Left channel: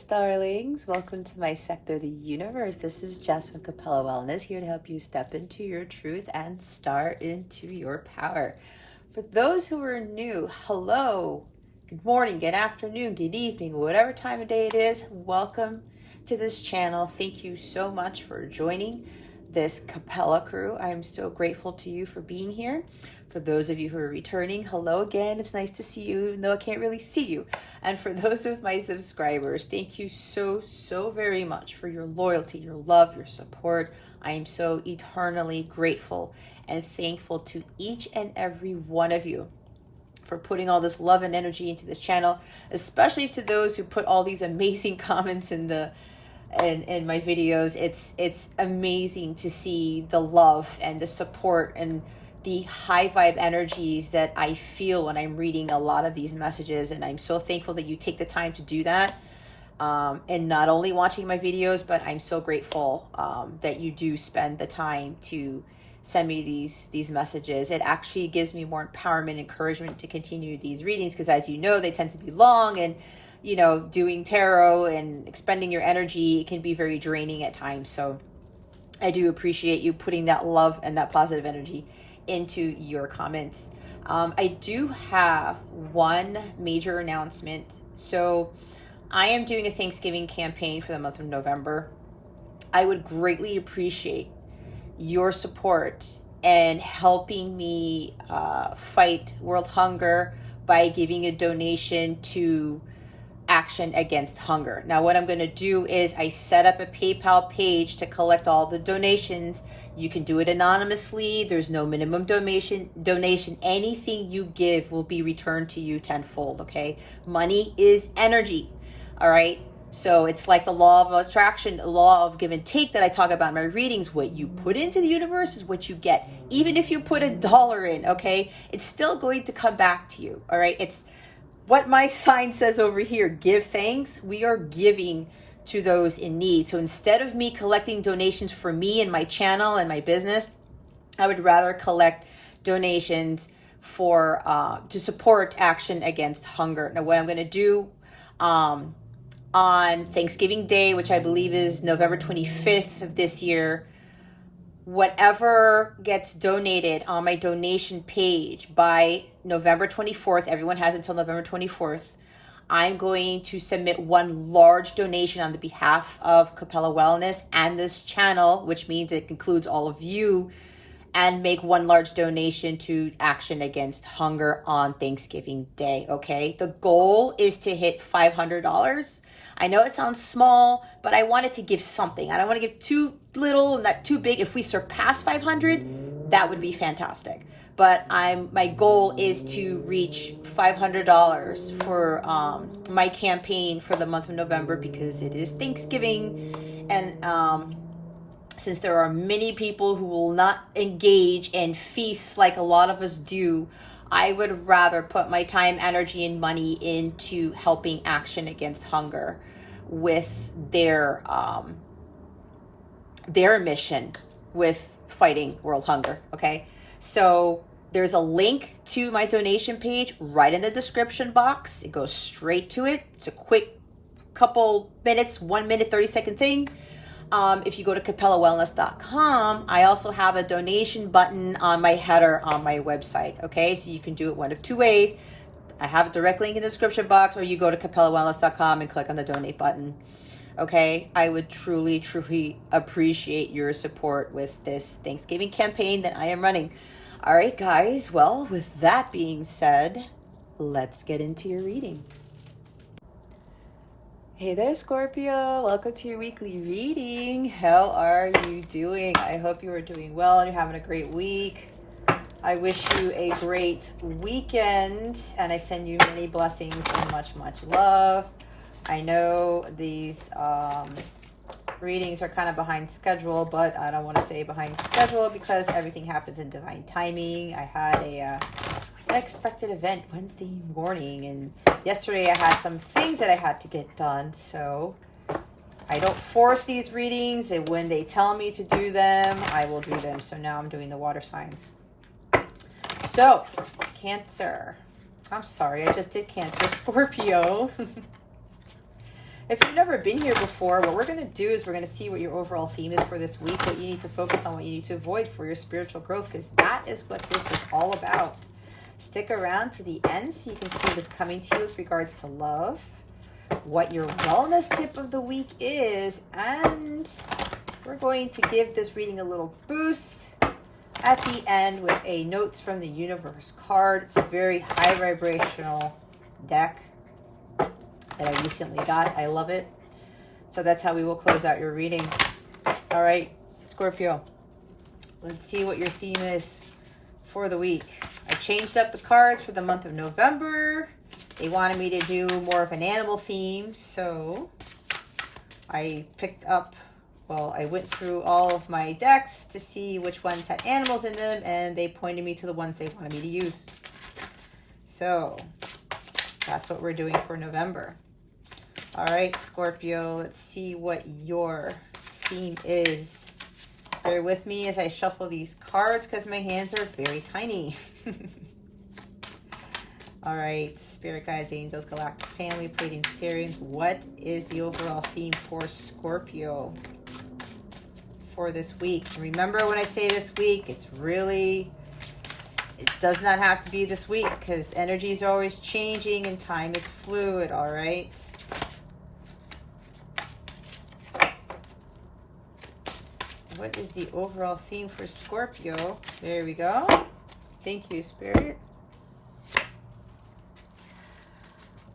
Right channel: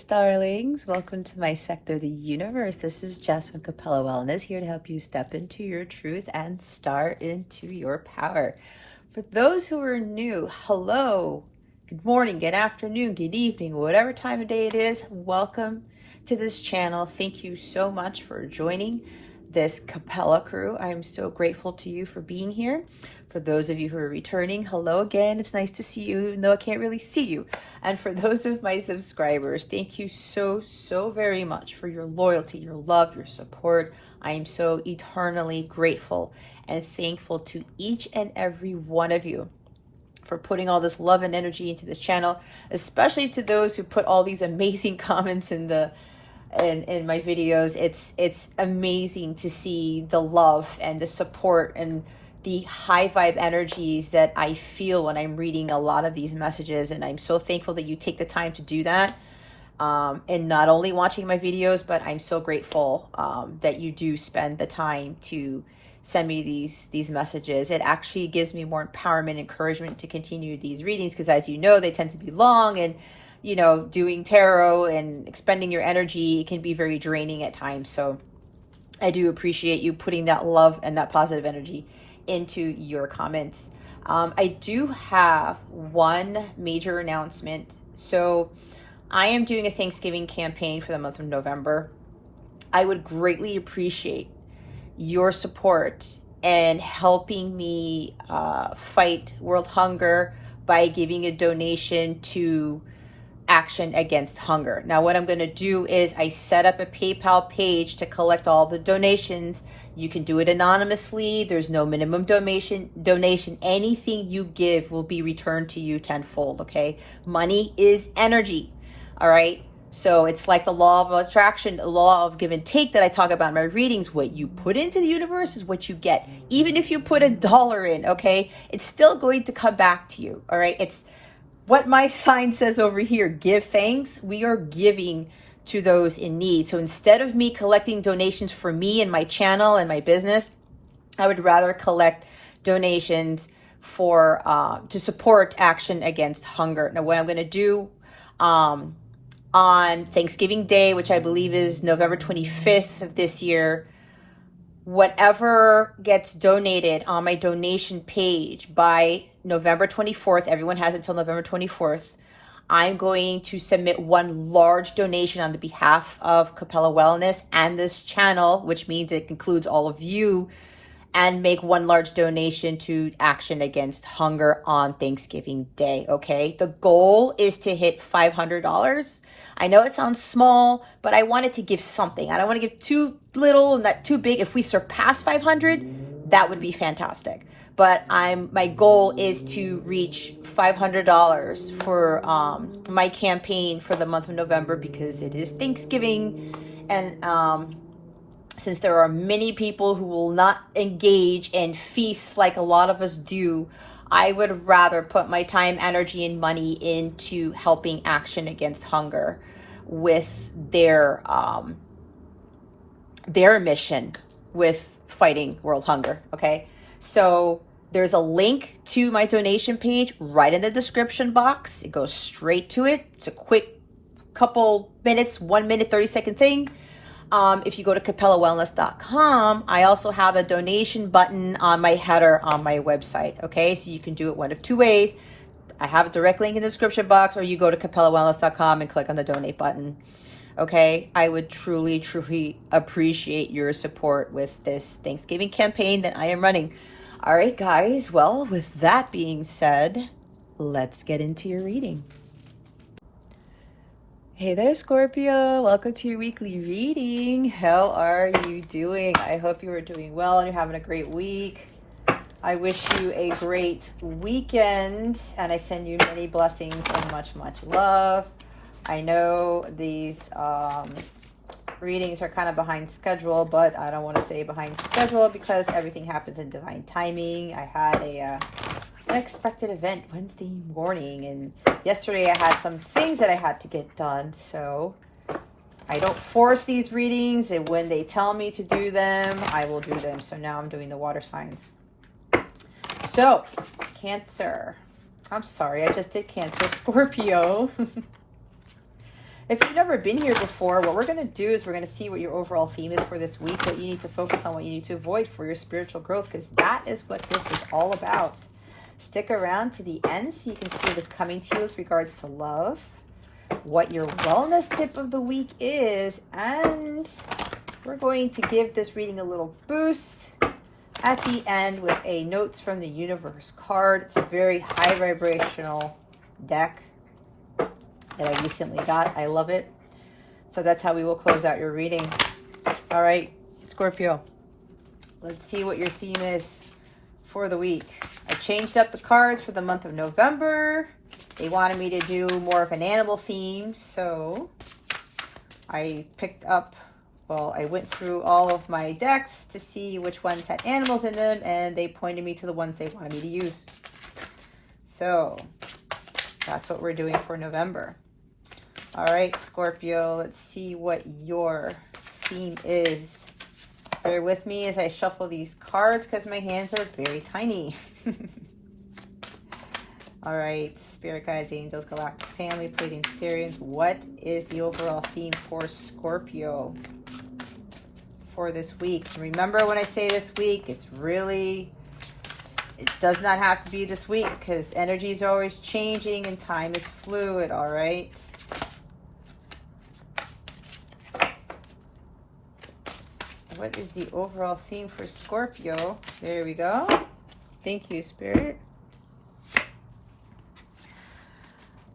universe, darlings. Welcome to my sector, the universe. This is Jess from Capella Wellness, here to help you step into your truth and start into your power. For those who are new, hello, good morning, good afternoon, good evening, whatever time of day it is, welcome to this channel. Thank you so much for joining this Capella crew. I'm so grateful to you for being here. For those of you who are returning, hello again. It's nice to see you, even though I can't really see you. And for those of my subscribers, thank you so very much for your loyalty, your love, your support. I am so eternally grateful and thankful to each and every one of you for putting all this love and energy into this channel, especially to those who put all these amazing comments in my videos. It's amazing to see the love and the support and the high vibe energies that I feel when I'm reading a lot of these messages. And I'm so thankful that you take the time to do that. And not only watching my videos, but I'm so grateful that you do spend the time to send me these messages. It actually gives me more empowerment, encouragement to continue these readings, because as you know, they tend to be long, and you know, doing tarot and expending your energy can be very draining at times. So I do appreciate you putting that love and that positive energy into your comments. I do have one major announcement. So I am doing a Thanksgiving campaign for the month of November. I would greatly appreciate your support and helping me fight world hunger by giving a donation to Action Against Hunger. Now, what I'm going to do is I set up a PayPal page to collect all the donations. You can do it anonymously. There's no minimum donation. Anything you give will be returned to you tenfold, okay? Money is energy, all right? So it's like the law of attraction, the law of give and take that I talk about in my readings. What you put into the universe is what you get. Even if you put $1 in, okay? It's still going to come back to you, all right? It's what my sign says over here, give thanks. We are giving to those in need. So instead of me collecting donations for me and my channel and my business, I would rather collect donations for to support Action Against Hunger. Now, what I'm going to do on Thanksgiving Day, which I believe is November 25th of this year, whatever gets donated on my donation page by November 24th, everyone has until November 24th, I'm going to submit one large donation on the behalf of Capella Wellness and this channel, which means it includes all of you, and make one large donation to Action Against Hunger on Thanksgiving Day, okay? The goal is to hit $500. I know it sounds small, but I wanted to give something. I don't want to give too little, not too big. If we surpass 500, that would be fantastic. But my goal is to reach $500 for my campaign for the month of November, because it is Thanksgiving, and since there are many people who will not engage in feasts like a lot of us do, I would rather put my time, energy, and money into helping Action Against Hunger with their mission with fighting world hunger, okay? So there's a link to my donation page right in the description box. It goes straight to it. It's a quick couple minutes, 1 minute, 30-second thing. If you go to capellawellness.com, I also have a donation button on my header on my website, okay? So you can do it one of two ways. I have a direct link in the description box, or you go to capellawellness.com and click on the donate button, okay? I would truly appreciate your support with this Thanksgiving campaign that I am running. All right, guys. Well, with that being said, let's get into your reading. Hey there, Scorpio. Welcome to your weekly reading. How are you doing? I hope you are doing well and you're having a great week. I wish you a great weekend, and I send you many blessings and much love. I know these readings are kind of behind schedule, but I don't want to say behind schedule because everything happens in divine timing. I had an unexpected event Wednesday morning, and yesterday I had some things that I had to get done, so I don't force these readings, and when they tell me to do them, I will do them. So now I'm doing the water signs. So, Cancer. I'm sorry, I just did Cancer. Scorpio. If you've never been here before, what we're going to do is we're going to see what your overall theme is for this week, what you need to focus on, what you need to avoid for your spiritual growth, because that is what this is all about. Stick around to the end so you can see what's coming to you with regards to love, what your wellness tip of the week is, and we're going to give this reading a little boost at the end with a Notes from the Universe card. It's a very high vibrational deck that I recently got. I love it. So that's how we will close out your reading. All right, Scorpio, let's see what your theme is for the week. I changed up the cards for the month of November. They wanted me to do more of an animal theme, so I picked up, well, I went through all of my decks to see which ones had animals in them, and they pointed me to the ones they wanted me to use. So that's what we're doing for November. All right, Scorpio, let's see what your theme is. Bear with me as I shuffle these cards because my hands are very tiny. All right, Spirit Guides, Angels, Galactic Family, Pleiadian Sirians. What is the overall theme for Scorpio for this week? Remember, when I say this week, it does not have to be this week because energies are always changing and time is fluid, all right? What is the overall theme for Scorpio? There we go. Thank you, Spirit.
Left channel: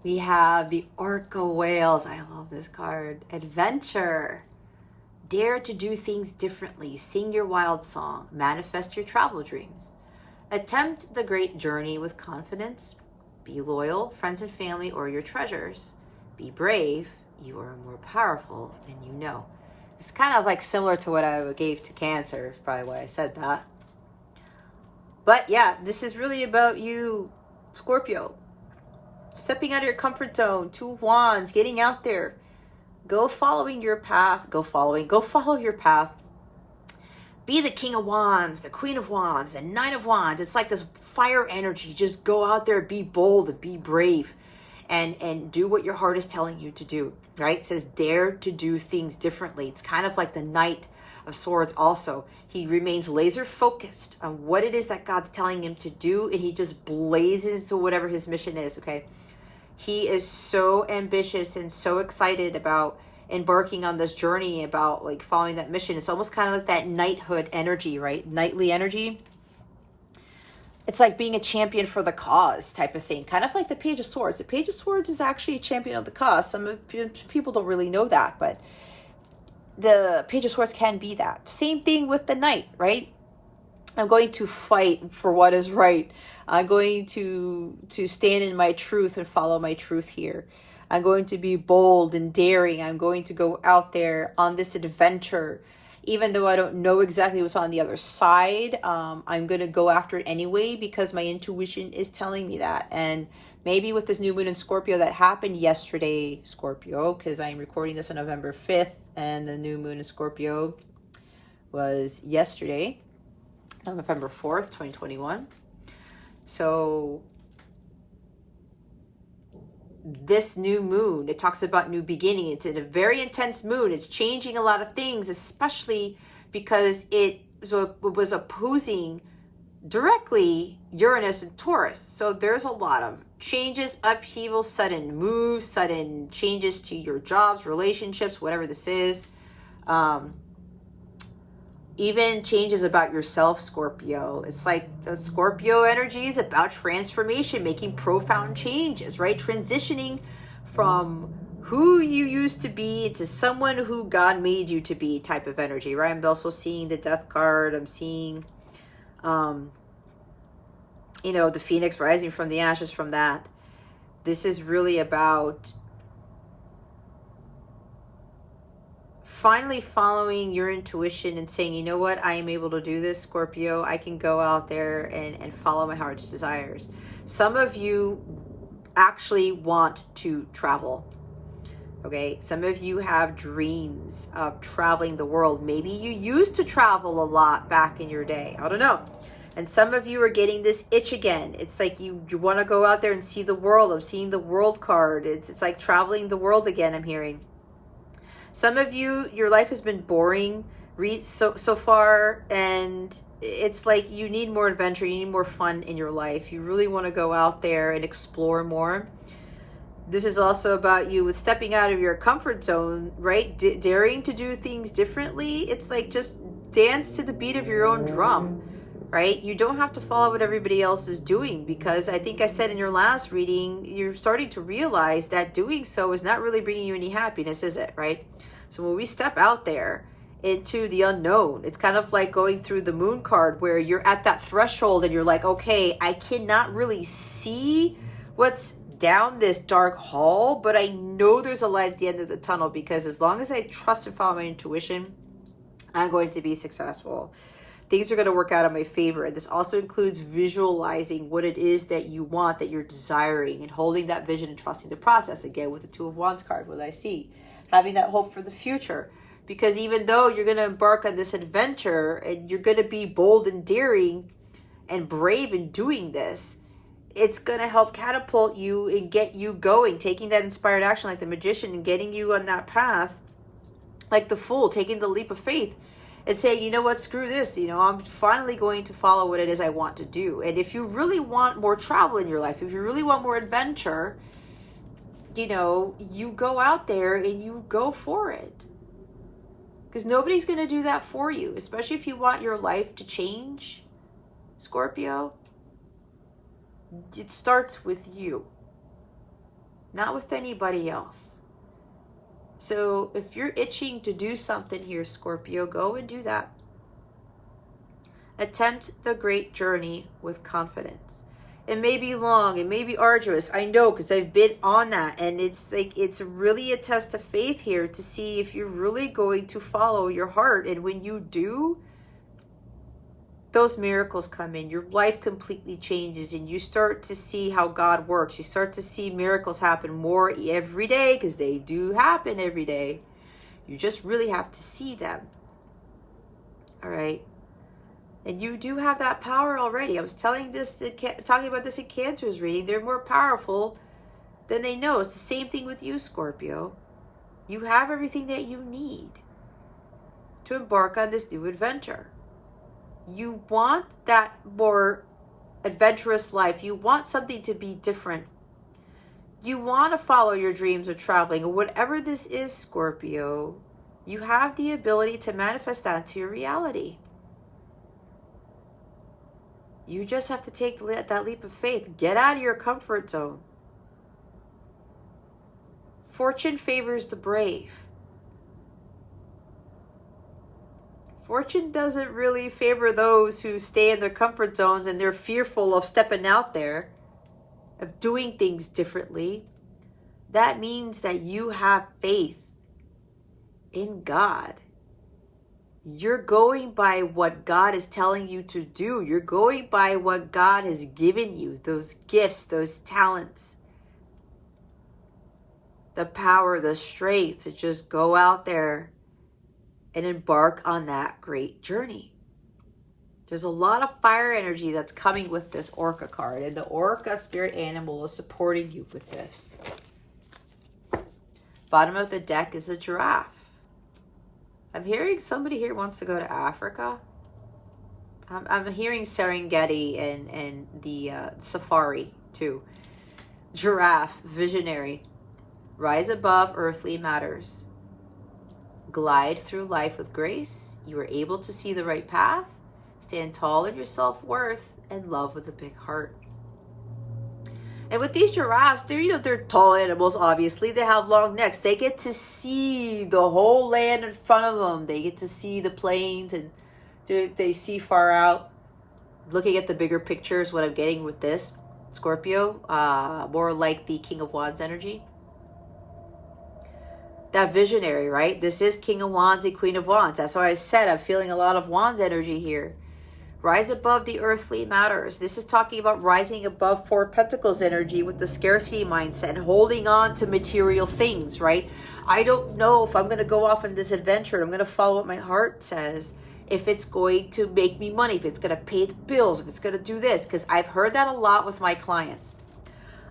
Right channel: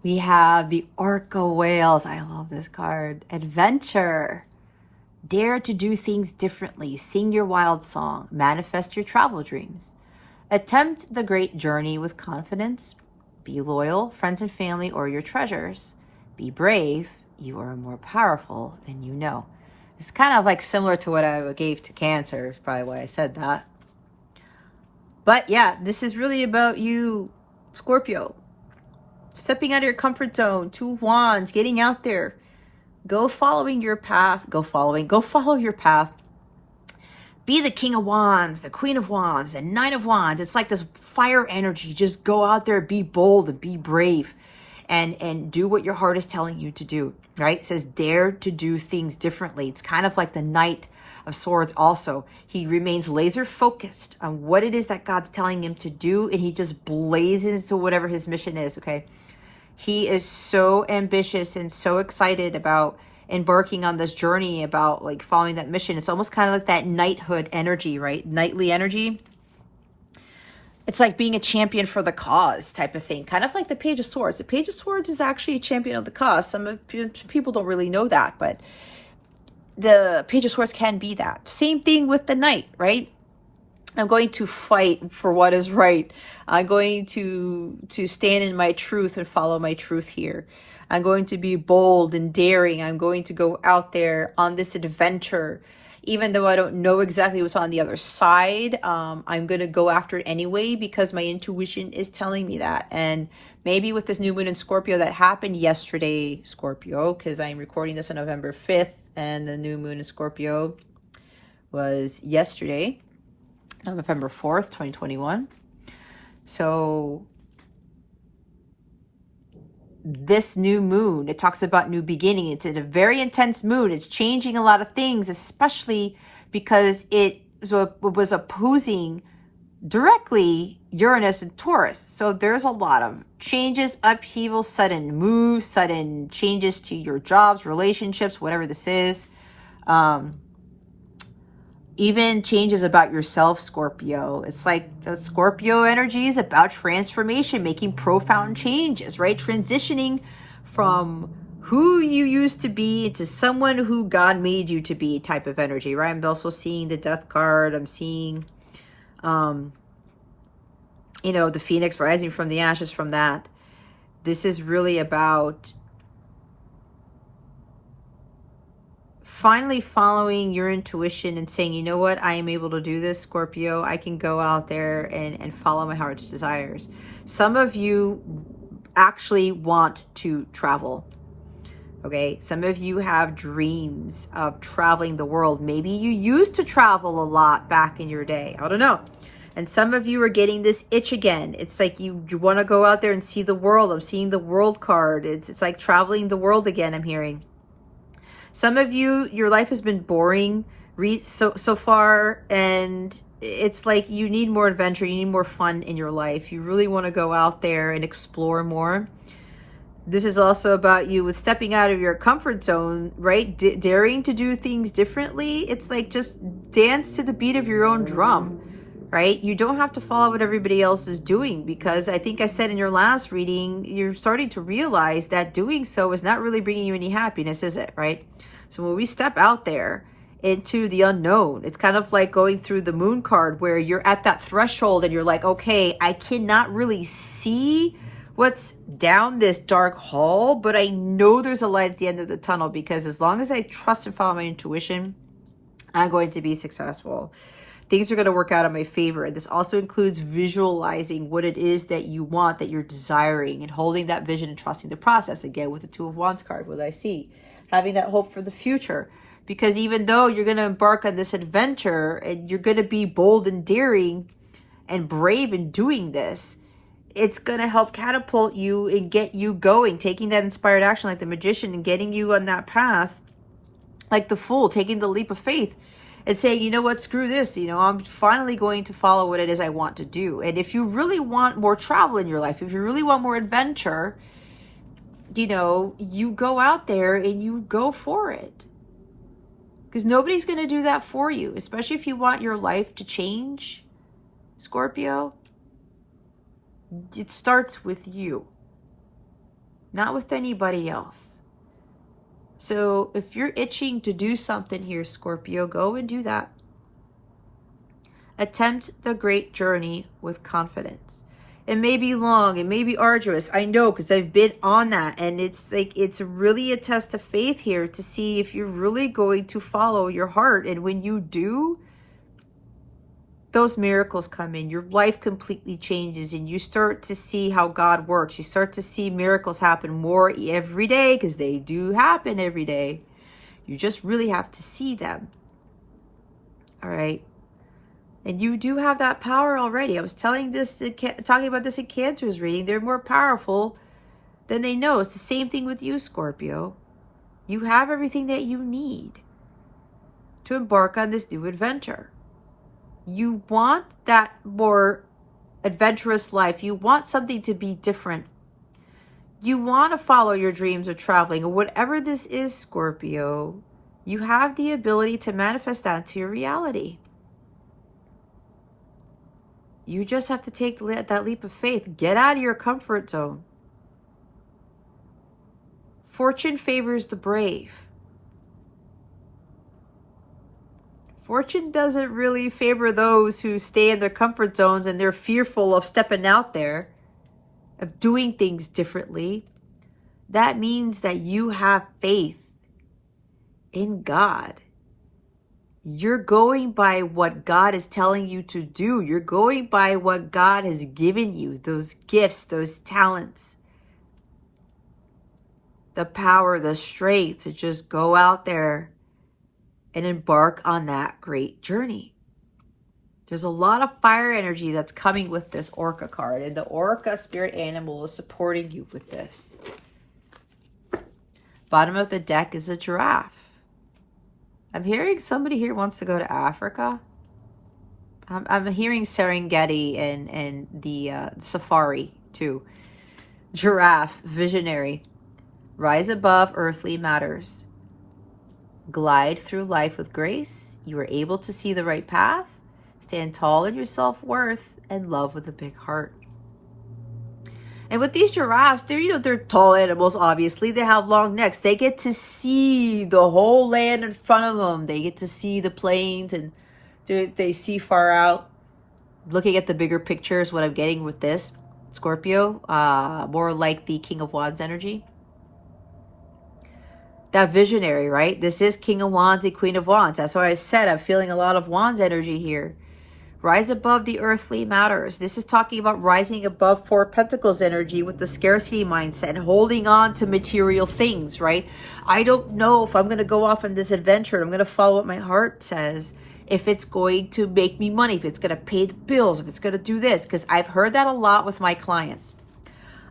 We have the Orca Whales. I love this card. Adventure. Dare to do things differently. Sing your wild song. Manifest your travel dreams. Attempt the great journey with confidence. Be loyal, friends and family, or your treasures. Be brave. You are more powerful than you know. It's kind of like similar to what I gave to Cancer. Is probably why I said that. But yeah, this is really about you, Scorpio. Stepping out of your comfort zone. 2 of Wands. Getting out there. Go following your path. Go follow your path. Be the King of Wands, the Queen of Wands, the Knight of Wands. It's like this fire energy. Just go out there, be bold and be brave. And do what your heart is telling you to do, right? It says dare to do things differently. It's kind of like the Knight of Swords also. He remains laser focused on what it is that God's telling him to do, and he just blazes to whatever his mission is, okay? He is so ambitious and so excited about embarking on this journey, about like following that mission. It's almost kind of like that knighthood energy, right? Knightly energy. It's like being a champion for the cause type of thing. Kind of like the Page of Swords. The Page of Swords is actually a champion of the cause. Some people don't really know that, but the Page of Swords can be that. Same thing with the Knight, right? I'm going to fight for what is right. I'm going to stand in my truth and follow my truth here. I'm going to be bold and daring. I'm going to go out there on this adventure. Even though I don't know exactly what's on the other side, I'm going to go after it anyway because my intuition is telling me that. And maybe with this new moon in Scorpio that happened yesterday, Scorpio, because I'm recording this on November 5th and the new moon in Scorpio was yesterday, November 4th, 2021. So this new moon, it talks about new beginning. It's in a very intense mood. It's changing a lot of things, especially because it was opposing directly Uranus and Taurus. So there's a lot of changes, upheaval, sudden moves, sudden changes to your jobs, relationships, whatever this is. Even changes about yourself, Scorpio. It's like the Scorpio energy is about transformation, making profound changes, right? Transitioning from who you used to be to someone who God made you to be type of energy, right? I'm also seeing the Death card. I'm seeing, the Phoenix rising from the ashes from that. This is really about finally following your intuition and saying, you know what, I am able to do this, Scorpio. I can go out there and follow my heart's desires. Some of you actually want to travel. Okay, some of you have dreams of traveling the world. Maybe you used to travel a lot back in your day. I don't know. And some of you are getting this itch again. It's like you want to go out there and see the world. I'm seeing the world card. It's like traveling the world again, I'm hearing. Some of you, your life has been boring so far, and it's like you need more adventure. You need more fun in your life. You really want to go out there and explore more. This is also about you with stepping out of your comfort zone, right? Daring to do things differently. It's like just dance to the beat of your own drum, right? You don't have to follow what everybody else is doing, because I think I said in your last reading, you're starting to realize that doing so is not really bringing you any happiness, is it, right? So when we step out there into the unknown, it's kind of like going through the moon card, where you're at that threshold and you're like, okay, I cannot really see what's down this dark hall, but I know there's a light at the end of the tunnel, because as long as I trust and follow my intuition, I'm going to be successful. Things are going to work out in my favor. And this also includes visualizing what it is that you want, that you're desiring, and holding that vision and trusting the process. Again, with the Two of Wands card, what I see, having that hope for the future. Because even though you're going to embark on this adventure and you're going to be bold and daring and brave in doing this, it's going to help catapult you and get you going, taking that inspired action like the Magician and getting you on that path like the Fool, taking the leap of faith and saying, you know what, screw this, I'm finally going to follow what it is I want to do. And if you really want more travel in your life, if you really want more adventure, you go out there and you go for it. Because nobody's going to do that for you, especially if you want your life to change, Scorpio. It starts with you, not with anybody else. So if you're itching to do something here, Scorpio, go and do that. Attempt the great journey with confidence. It may be long, it may be arduous. I know, because I've been on that, and it's really a test of faith here to see if you're really going to follow your heart. And when you do, those miracles come in. Your life completely changes, and you start to see how God works. You start to see miracles happen more every day, because they do happen every day. You just really have to see them. All right. And you do have that power already. I was talking about this in Cancer's reading. They're more powerful than they know. It's the same thing with you, Scorpio. You have everything that you need to embark on this new adventure. You want that more adventurous life. You want something to be different. You want to follow your dreams of traveling. And whatever this is, Scorpio, you have the ability to manifest that to your reality. You just have to take that leap of faith. Get out of your comfort zone. Fortune favors the brave. Fortune doesn't really favor those who stay in their comfort zones and they're fearful of stepping out there, of doing things differently. That means that you have faith in God. You're going by what God is telling you to do. You're going by what God has given you, those gifts, those talents, the power, the strength to just go out there and embark on that great journey. There's a lot of fire energy that's coming with this Orca card, and the Orca spirit animal is supporting you with this. Bottom of the deck is a giraffe. I'm hearing somebody here wants to go to Africa. I'm hearing Serengeti and the safari too. Giraffe, visionary. Rise above earthly matters. Glide through life with grace. You are able to see the right path. Stand tall in your self-worth and love with a big heart. And with these giraffes, they're tall animals, obviously. They have long necks. They get to see the whole land in front of them. They get to see the plains, and they see far out. Looking at the bigger picture is what I'm getting with this. Scorpio, more like the King of Wands energy. That visionary, right? This is King of Wands and Queen of Wands. That's why I said I'm feeling a lot of Wands energy here. Rise above the earthly matters. This is talking about rising above Four Pentacles energy with the scarcity mindset and holding on to material things, right? I don't know if I'm going to go off on this adventure. I'm going to follow what my heart says. if it's going to make me money, if it's going to pay the bills, if it's going to do this, because I've heard that a lot with my clients.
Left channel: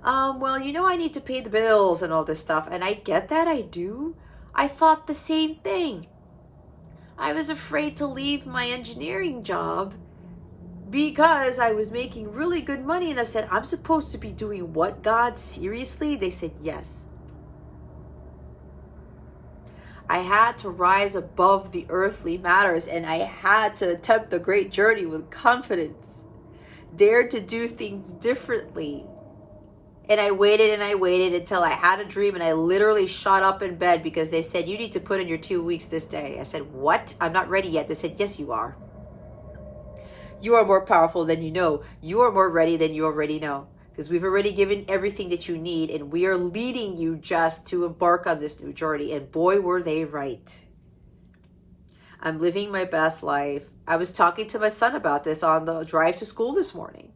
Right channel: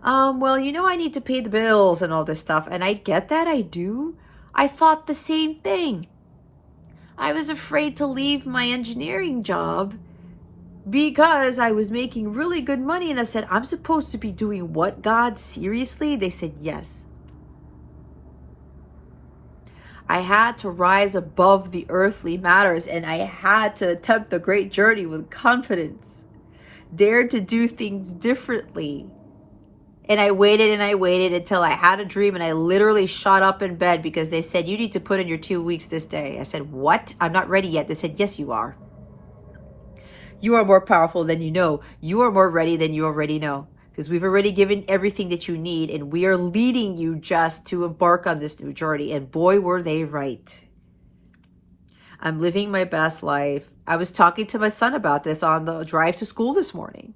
Well, you know, I need to pay the bills and all this stuff. And I get that, I do. I thought the same thing. I was afraid to leave my engineering job because I was making really good money. And I said, I'm supposed to be doing what, God? Seriously? They said, yes. I had to rise above the earthly matters, and I had to attempt the great journey with confidence. Dare to do things differently. And I waited until I had a dream, and I literally shot up in bed because they said, you need to put in your 2 weeks this day. I said, what? I'm not ready yet. They said, yes, you are. You are more powerful than you know. You are more ready than you already know. Because we've already given everything that you need, and we are leading you just to embark on this new journey. And boy, were they right. I'm living my best life. I was talking to my son about this on the drive to school this morning.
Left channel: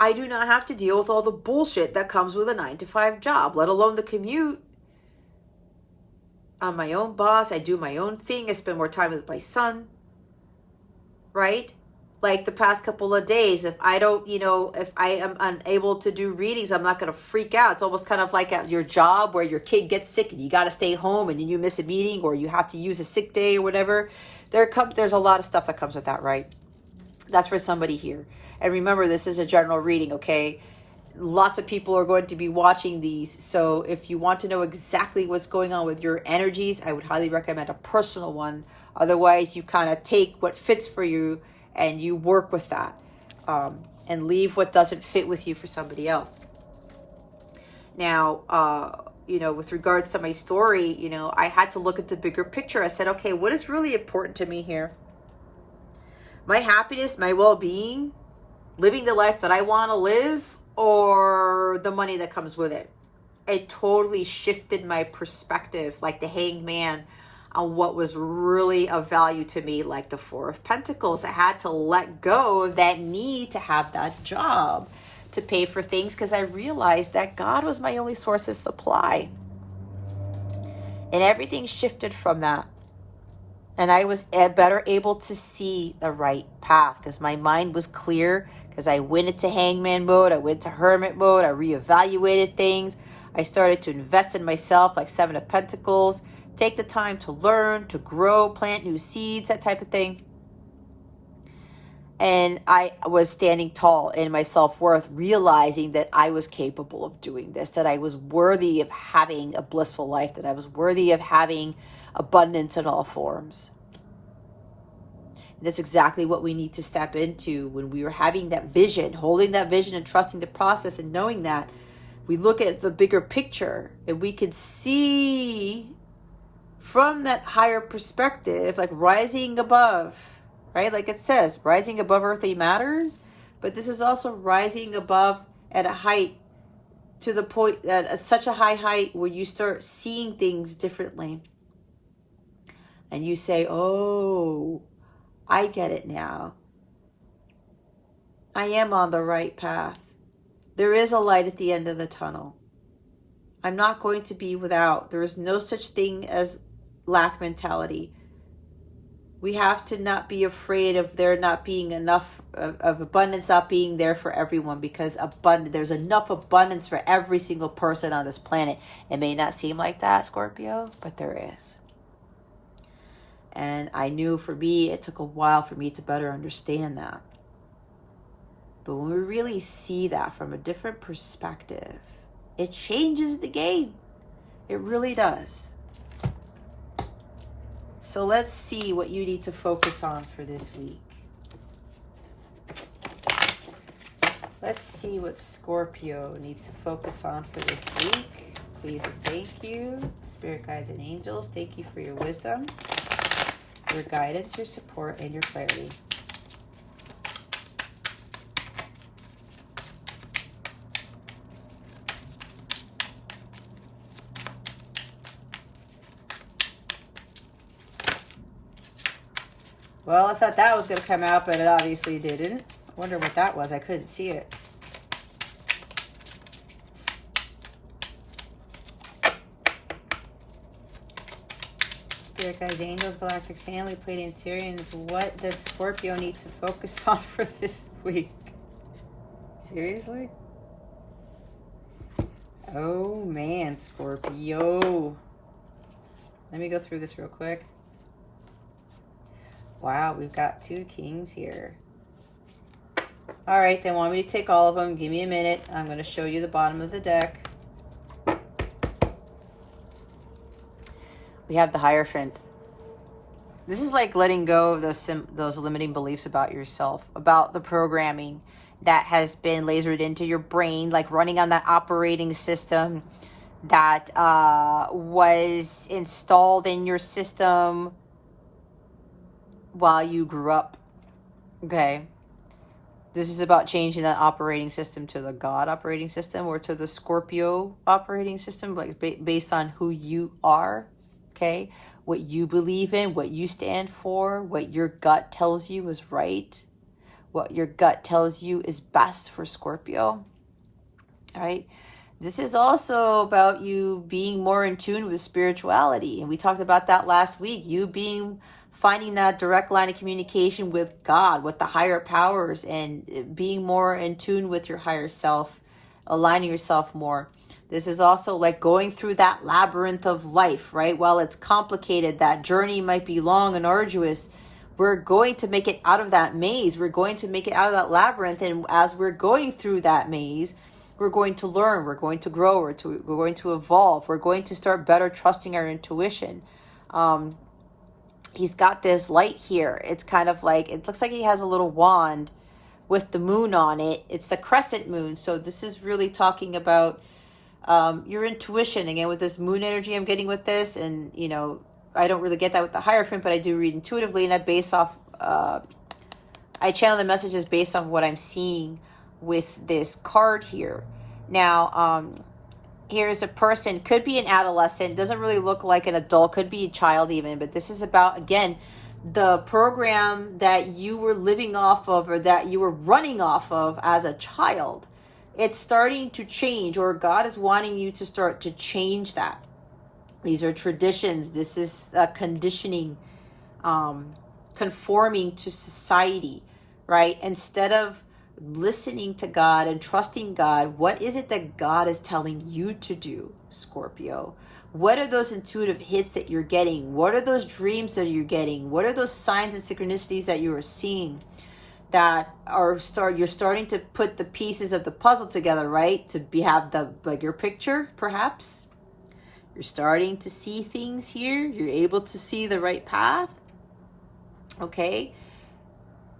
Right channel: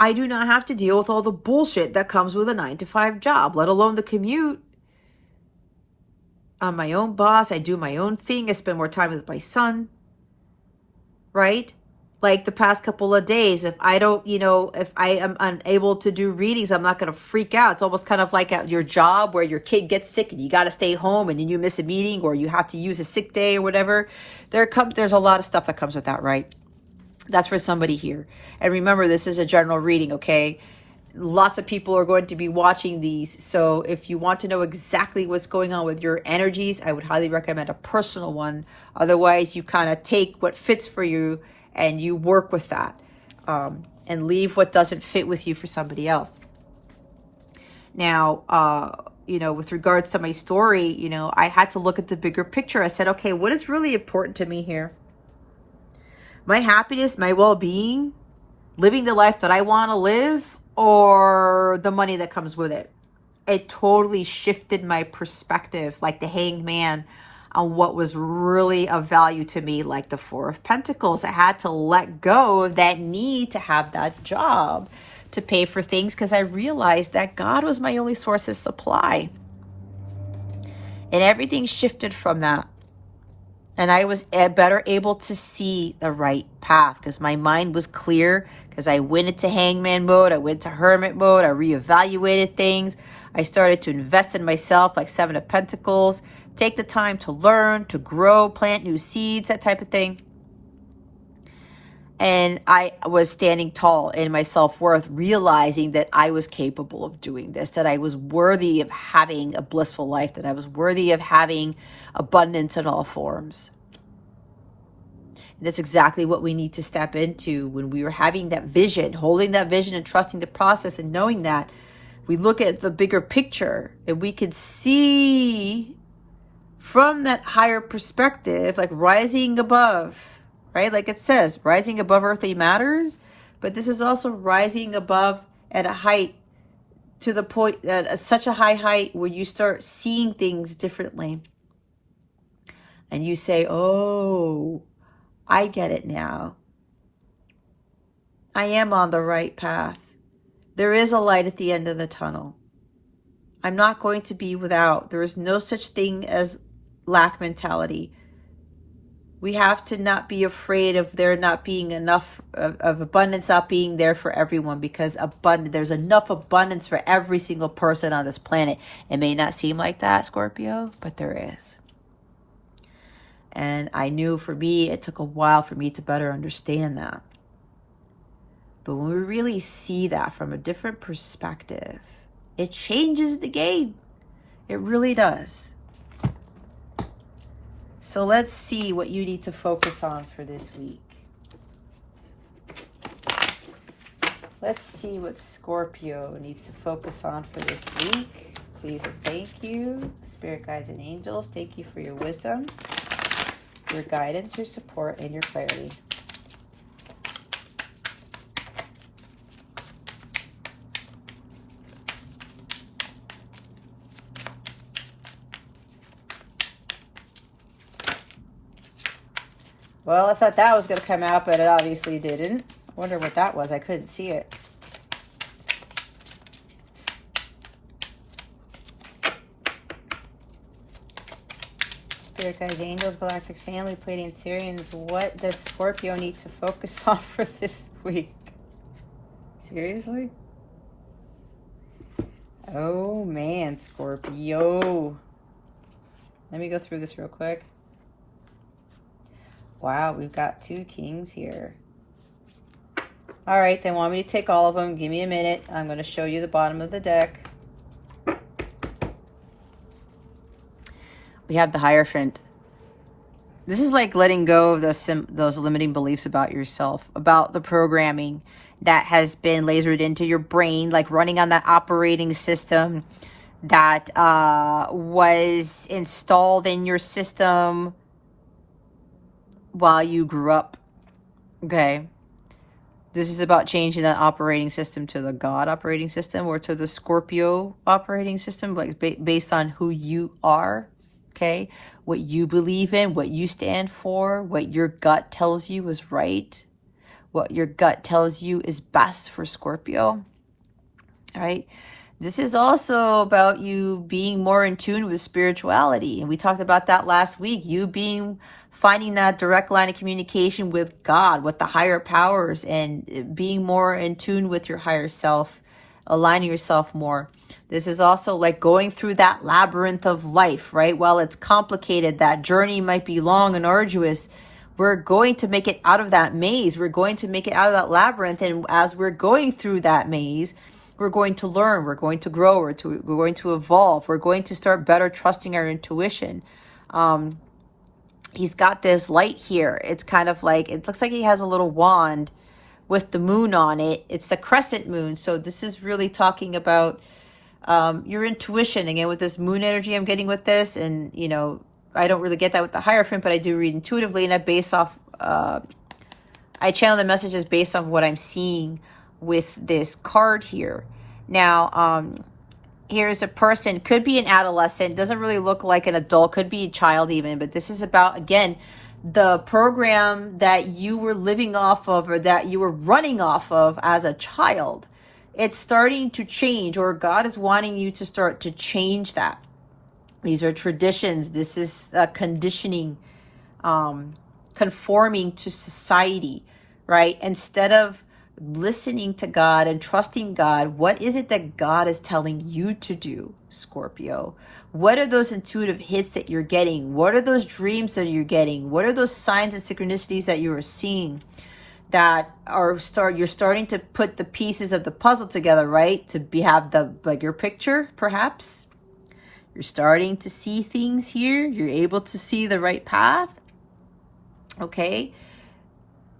I do not have to deal with all the bullshit that comes with a 9-to-5 job, let alone the commute. I'm my own boss. I do my own thing. I spend more time with my son. Right? Like the past couple of days, if I don't, if I am unable to do readings, I'm not going to freak out. It's almost kind of like at your job where your kid gets sick and you got to stay home and then you miss a meeting or you have to use a sick day or whatever. There's a lot of stuff that comes with that, right? That's for somebody here. And remember, this is a general reading, okay? Lots of people are going to be watching these. So if you want to know exactly what's going on with your energies, I would highly recommend a personal one. Otherwise, you kind of take what fits for you and you work with that, and leave what doesn't fit with you for somebody else. Now, with regards to my story, I had to look at the bigger picture. I said, okay, what is really important to me here? My happiness, my well-being, living the life that I want to live, or the money that comes with it? It totally shifted my perspective, like the Hanged Man, on what was really of value to me, like the Four of Pentacles. I had to let go of that need to have that job to pay for things because I realized that God was my only source of supply. And everything shifted from that. And I was better able to see the right path because my mind was clear, because I went into hangman mode, I went to hermit mode, I reevaluated things. I started to invest in myself, like Seven of Pentacles, take the time to learn, to grow, plant new seeds, that type of thing. And I was standing tall in my self-worth, realizing that I was capable of doing this, that I was worthy of having a blissful life, that I was worthy of having abundance in all forms. And that's exactly what we need to step into when we were having that vision, holding that vision and trusting the process and knowing that we look at the bigger picture and we can see from that higher perspective, like rising above, right? Like it says, rising above earthly matters, but this is also rising above at a height, to the point that at such a high height where you start seeing things differently. And you say, oh, I get it now. I am on the right path. There is a light at the end of the tunnel. I'm not going to be without. There is no such thing as lack mentality. We have to not be afraid of there not being enough of abundance not being there for everyone, because there's enough abundance for every single person on this planet. It may not seem like that, Scorpio, but there is. And I knew for me, it took a while for me to better understand that. But when we really see that from a different perspective, it changes the game. It really does. So let's see what you need to focus on for this week. Let's see what Scorpio needs to focus on for this week. Please and thank you. Spirit guides and angels, thank you for your wisdom, your guidance, your support, and your clarity. Well, I thought that was going to come out, but it obviously didn't. I wonder what that was. I couldn't see it. Spirit guides, angels, galactic family, Pleiadian Syrians. What does Scorpio need to focus on for this week? Seriously? Oh man, Scorpio. Let me go through this real quick. Wow, we've got 2 kings here. All right, they want me to take all of them. Give me a minute. I'm going to show you the bottom of the deck. We have the Hierophant. This is like letting go of those limiting beliefs about yourself, about the programming that has been lasered into your brain, like running on that operating system that was installed in your system while you grew up. Okay. This is about changing that operating system to the God operating system, or to the Scorpio operating system, like based on who you are. Okay, what you believe in, what you stand for, what your gut tells you is right, what your gut tells you is best for Scorpio. All right. This is also about you being more in tune with spirituality. And we talked about that last week. You finding that direct line of communication with God, with the higher powers, and being more in tune with your higher self, aligning yourself more. This is also like going through that labyrinth of life, right? While it's complicated, that journey might be long and arduous, we're going to make it out of that maze. We're going to make it out of that labyrinth. And as we're going through that maze, we're going to learn, we're going to grow, we're going to evolve, we're going to start better trusting our intuition. He's got this light here. It's kind of like, it looks like he has a little wand with the moon on it. It's the crescent moon. So this is really talking about your intuition. Again, with this moon energy I'm getting with this, and you know, I don't really get that with the Hierophant, but I do read intuitively, and I base off, I channel the messages based off what I'm seeing with this card here. Now, here's a person, could be an adolescent, doesn't really look like an adult, could be a child even, but this is about, again, the program that you were living off of, or that you were running off of as a child. It's starting to change, or God is wanting you to start to change that. These are traditions. This is conditioning, conforming to society, right? Instead of listening to God and trusting God, what is it that God is telling you to do, Scorpio? What are those intuitive hits that you're getting? What are those dreams that you're getting? What are those signs and synchronicities that you are seeing that are you're starting to put the pieces of the puzzle together, right? To have the bigger picture, perhaps. You're starting to see things here. You're able to see the right path. Okay.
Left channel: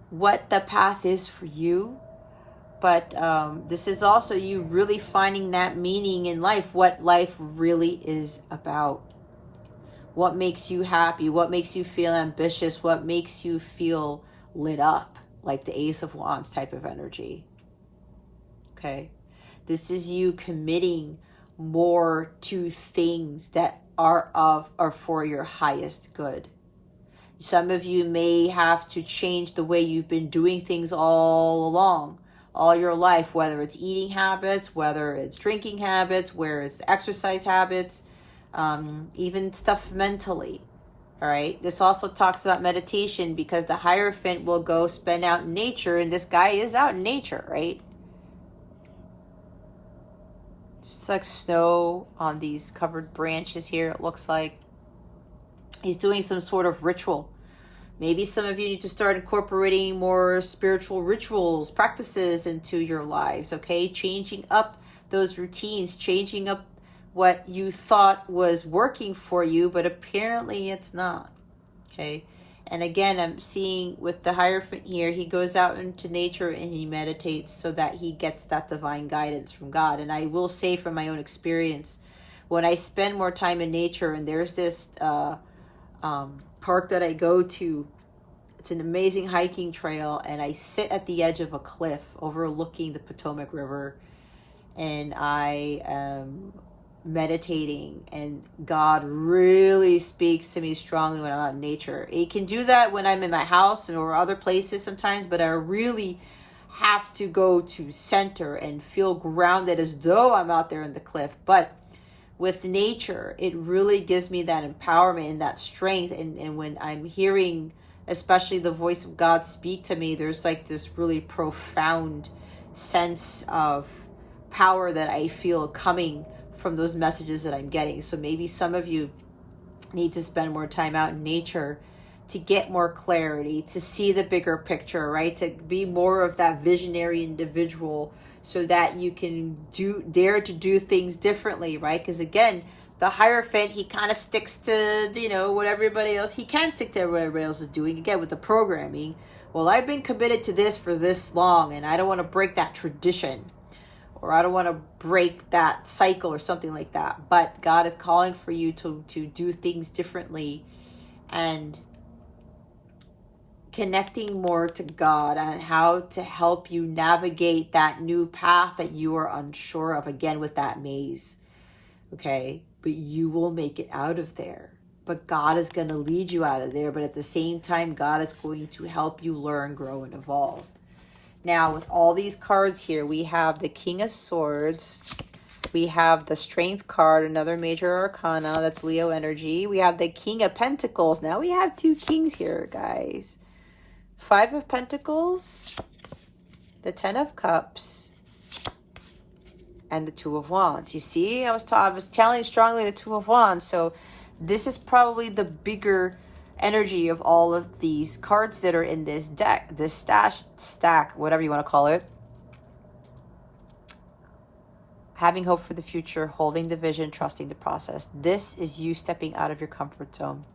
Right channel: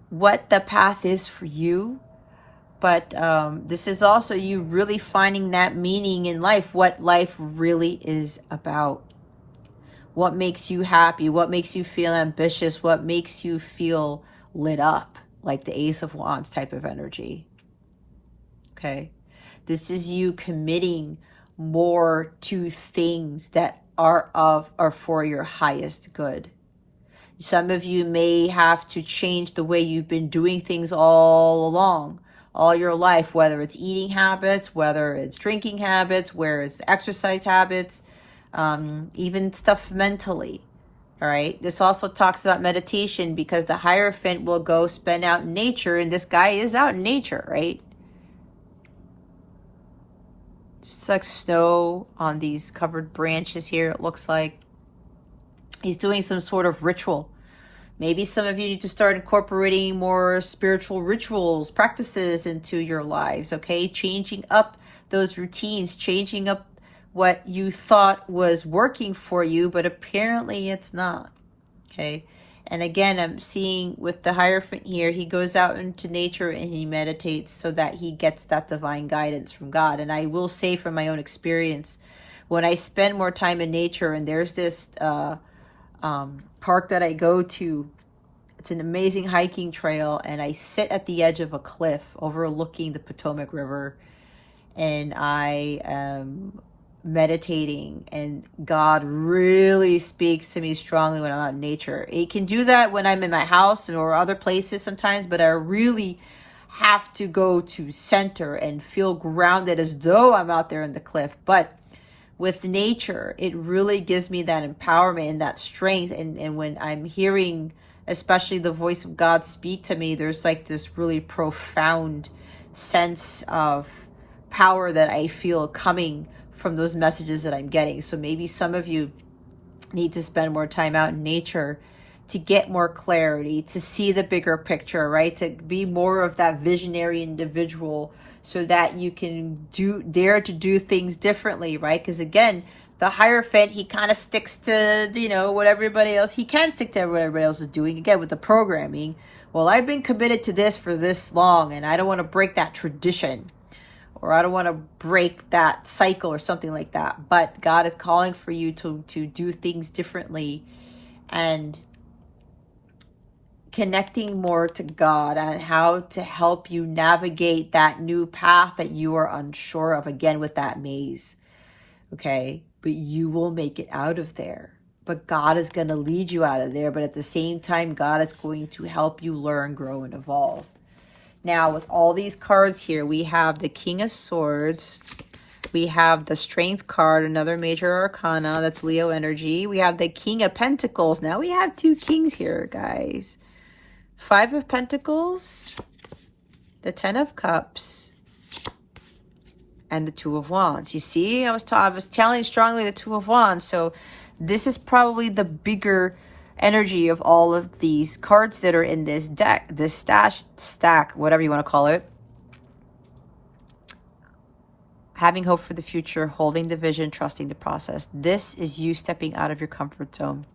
What the path is for you. But this is also you really finding that meaning in life, what life really is about. What makes you happy? What makes you feel ambitious? What makes you feel lit up? Like the Ace of Wands type of energy. Okay. This is you committing more to things that are for your highest good. Some of you may have to change the way you've been doing things all along, all your life, whether it's eating habits, whether it's drinking habits, whether it's exercise habits, even stuff mentally. All right. This also talks about meditation, because the Hierophant will go spend out in nature, and this guy is out in nature, right? Just like snow on these covered branches here, it looks like. He's doing some sort of ritual. Maybe some of you need to start incorporating more spiritual rituals, practices into your lives, okay? Changing up those routines, changing up what you thought was working for you, but apparently it's not, okay? And again, I'm seeing with the Hierophant here, he goes out into nature and he meditates so that he gets that divine guidance from God. And I will say from my own experience, when I spend more time in nature, and there's this park that I go to, it's an amazing hiking trail, and I sit at the edge of a cliff overlooking the Potomac River, and I am meditating, and God really speaks to me strongly when I'm out in nature. It can do that when I'm in my house or other places sometimes, but I really have to go to center and feel grounded as though I'm out there in the cliff. But with nature, it really gives me that empowerment and that strength. And when I'm hearing, especially the voice of God speak to me, there's like this really profound sense of power that I feel coming from those messages that I'm getting. So maybe some of you need to spend more time out in nature to get more clarity, to see the bigger picture, right? To be more of that visionary individual so that you can dare to do things differently, right? Because again, the Hierophant, he kind of sticks to, what everybody else, he can stick to what everybody else is doing. Again, with the programming, well, I've been committed to this for this long and I don't want to break that tradition, or I don't want to break that cycle or something like that. But God is calling for you to do things differently and connecting more to God and how to help you navigate that new path that you are unsure of, again, with that maze. Okay? But you will make it out of there. But God is going to lead you out of there. But at the same time, God is going to help you learn, grow, and evolve. Now, with all these cards here, we have the King of Swords. We have the Strength card, another major arcana. That's Leo energy. We have the King of Pentacles. Now we have two kings here, guys. Five of Pentacles, the Ten of Cups, and the Two of Wands. You see, I was telling you strongly the Two of Wands. So this is probably the bigger energy of all of these cards that are in this deck, this stack, whatever you want to call it. Having hope for the future, holding the vision, trusting the process. This is you stepping out of your comfort zone.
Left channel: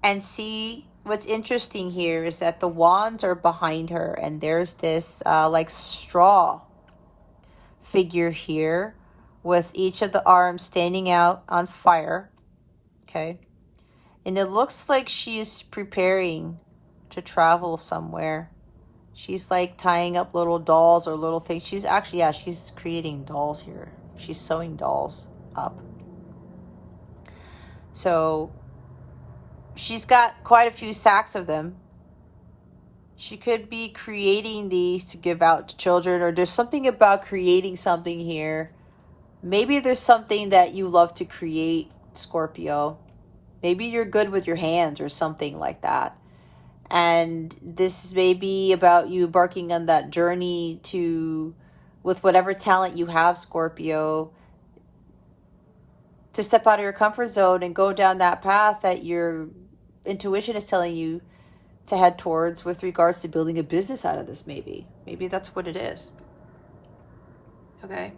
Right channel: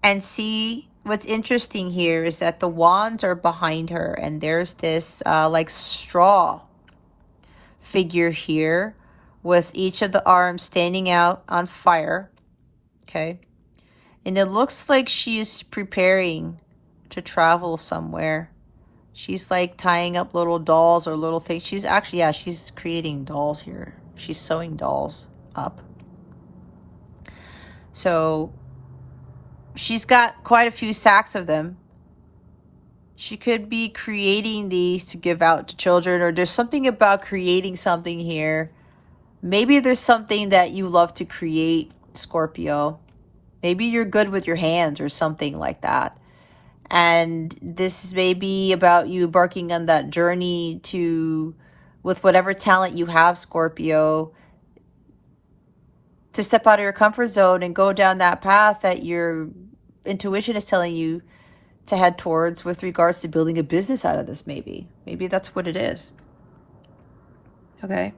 And see, what's interesting here is that the wands are behind her, and there's this like straw figure here with each of the arms standing out on fire. Okay. And it looks like she's preparing to travel somewhere. She's like tying up little dolls or little things. She's actually, yeah, she's creating dolls here. She's sewing dolls up. So she's got quite a few sacks of them. She could be creating these to give out to children, or there's something about creating something here. Maybe there's something that you love to create, Scorpio. Maybe you're good with your hands or something like that. And this is maybe about you embarking on that journey with whatever talent you have, Scorpio, to step out of your comfort zone and go down that path that your intuition is telling you to head towards with regards to building a business out of this. Maybe that's what it is. Okay.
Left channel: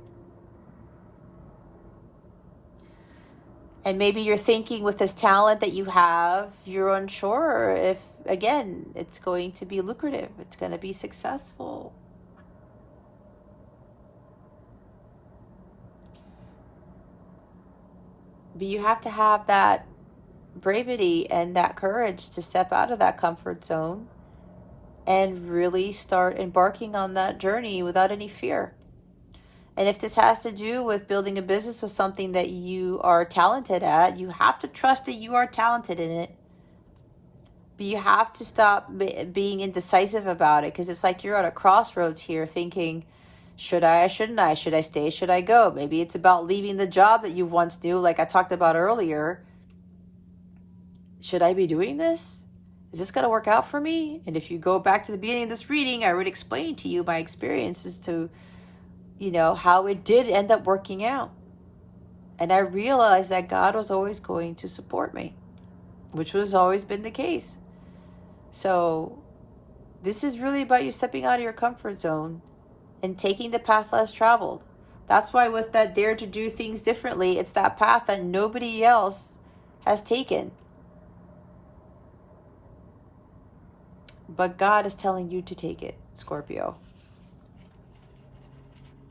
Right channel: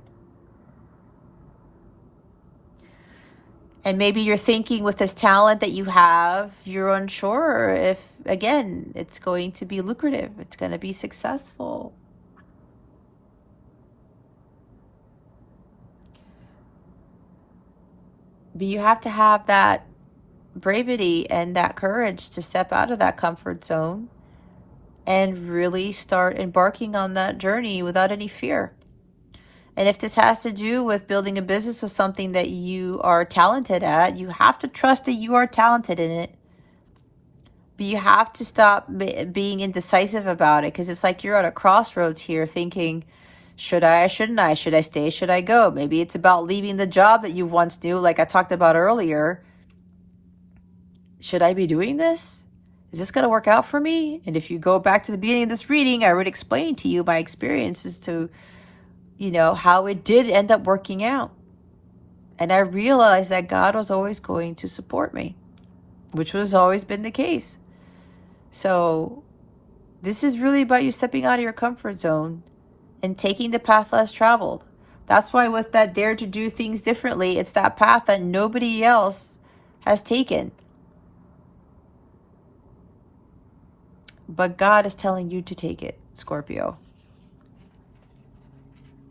And maybe you're thinking with this talent that you have, you're unsure if, again, it's going to be lucrative. It's going to be successful. But you have to have that bravery and that courage to step out of that comfort zone and really start embarking on that journey without any fear. And if this has to do with building a business with something that you are talented at, you have to trust that you are talented in it. But you have to stop being indecisive about it, because it's like you're at a crossroads here thinking, should I, shouldn't I? Should I stay? Should I go? Maybe it's about leaving the job that you once knew, like I talked about earlier. Should I be doing this? Is this going to work out for me? And if you go back to the beginning of this reading, I already explained to you my experiences to how it did end up working out. And I realized that God was always going to support me, which has always been the case. So this is really about you stepping out of your comfort zone and taking the path less traveled. That's why with that dare to do things differently, it's that path that nobody else has taken. But God is telling you to take it, Scorpio.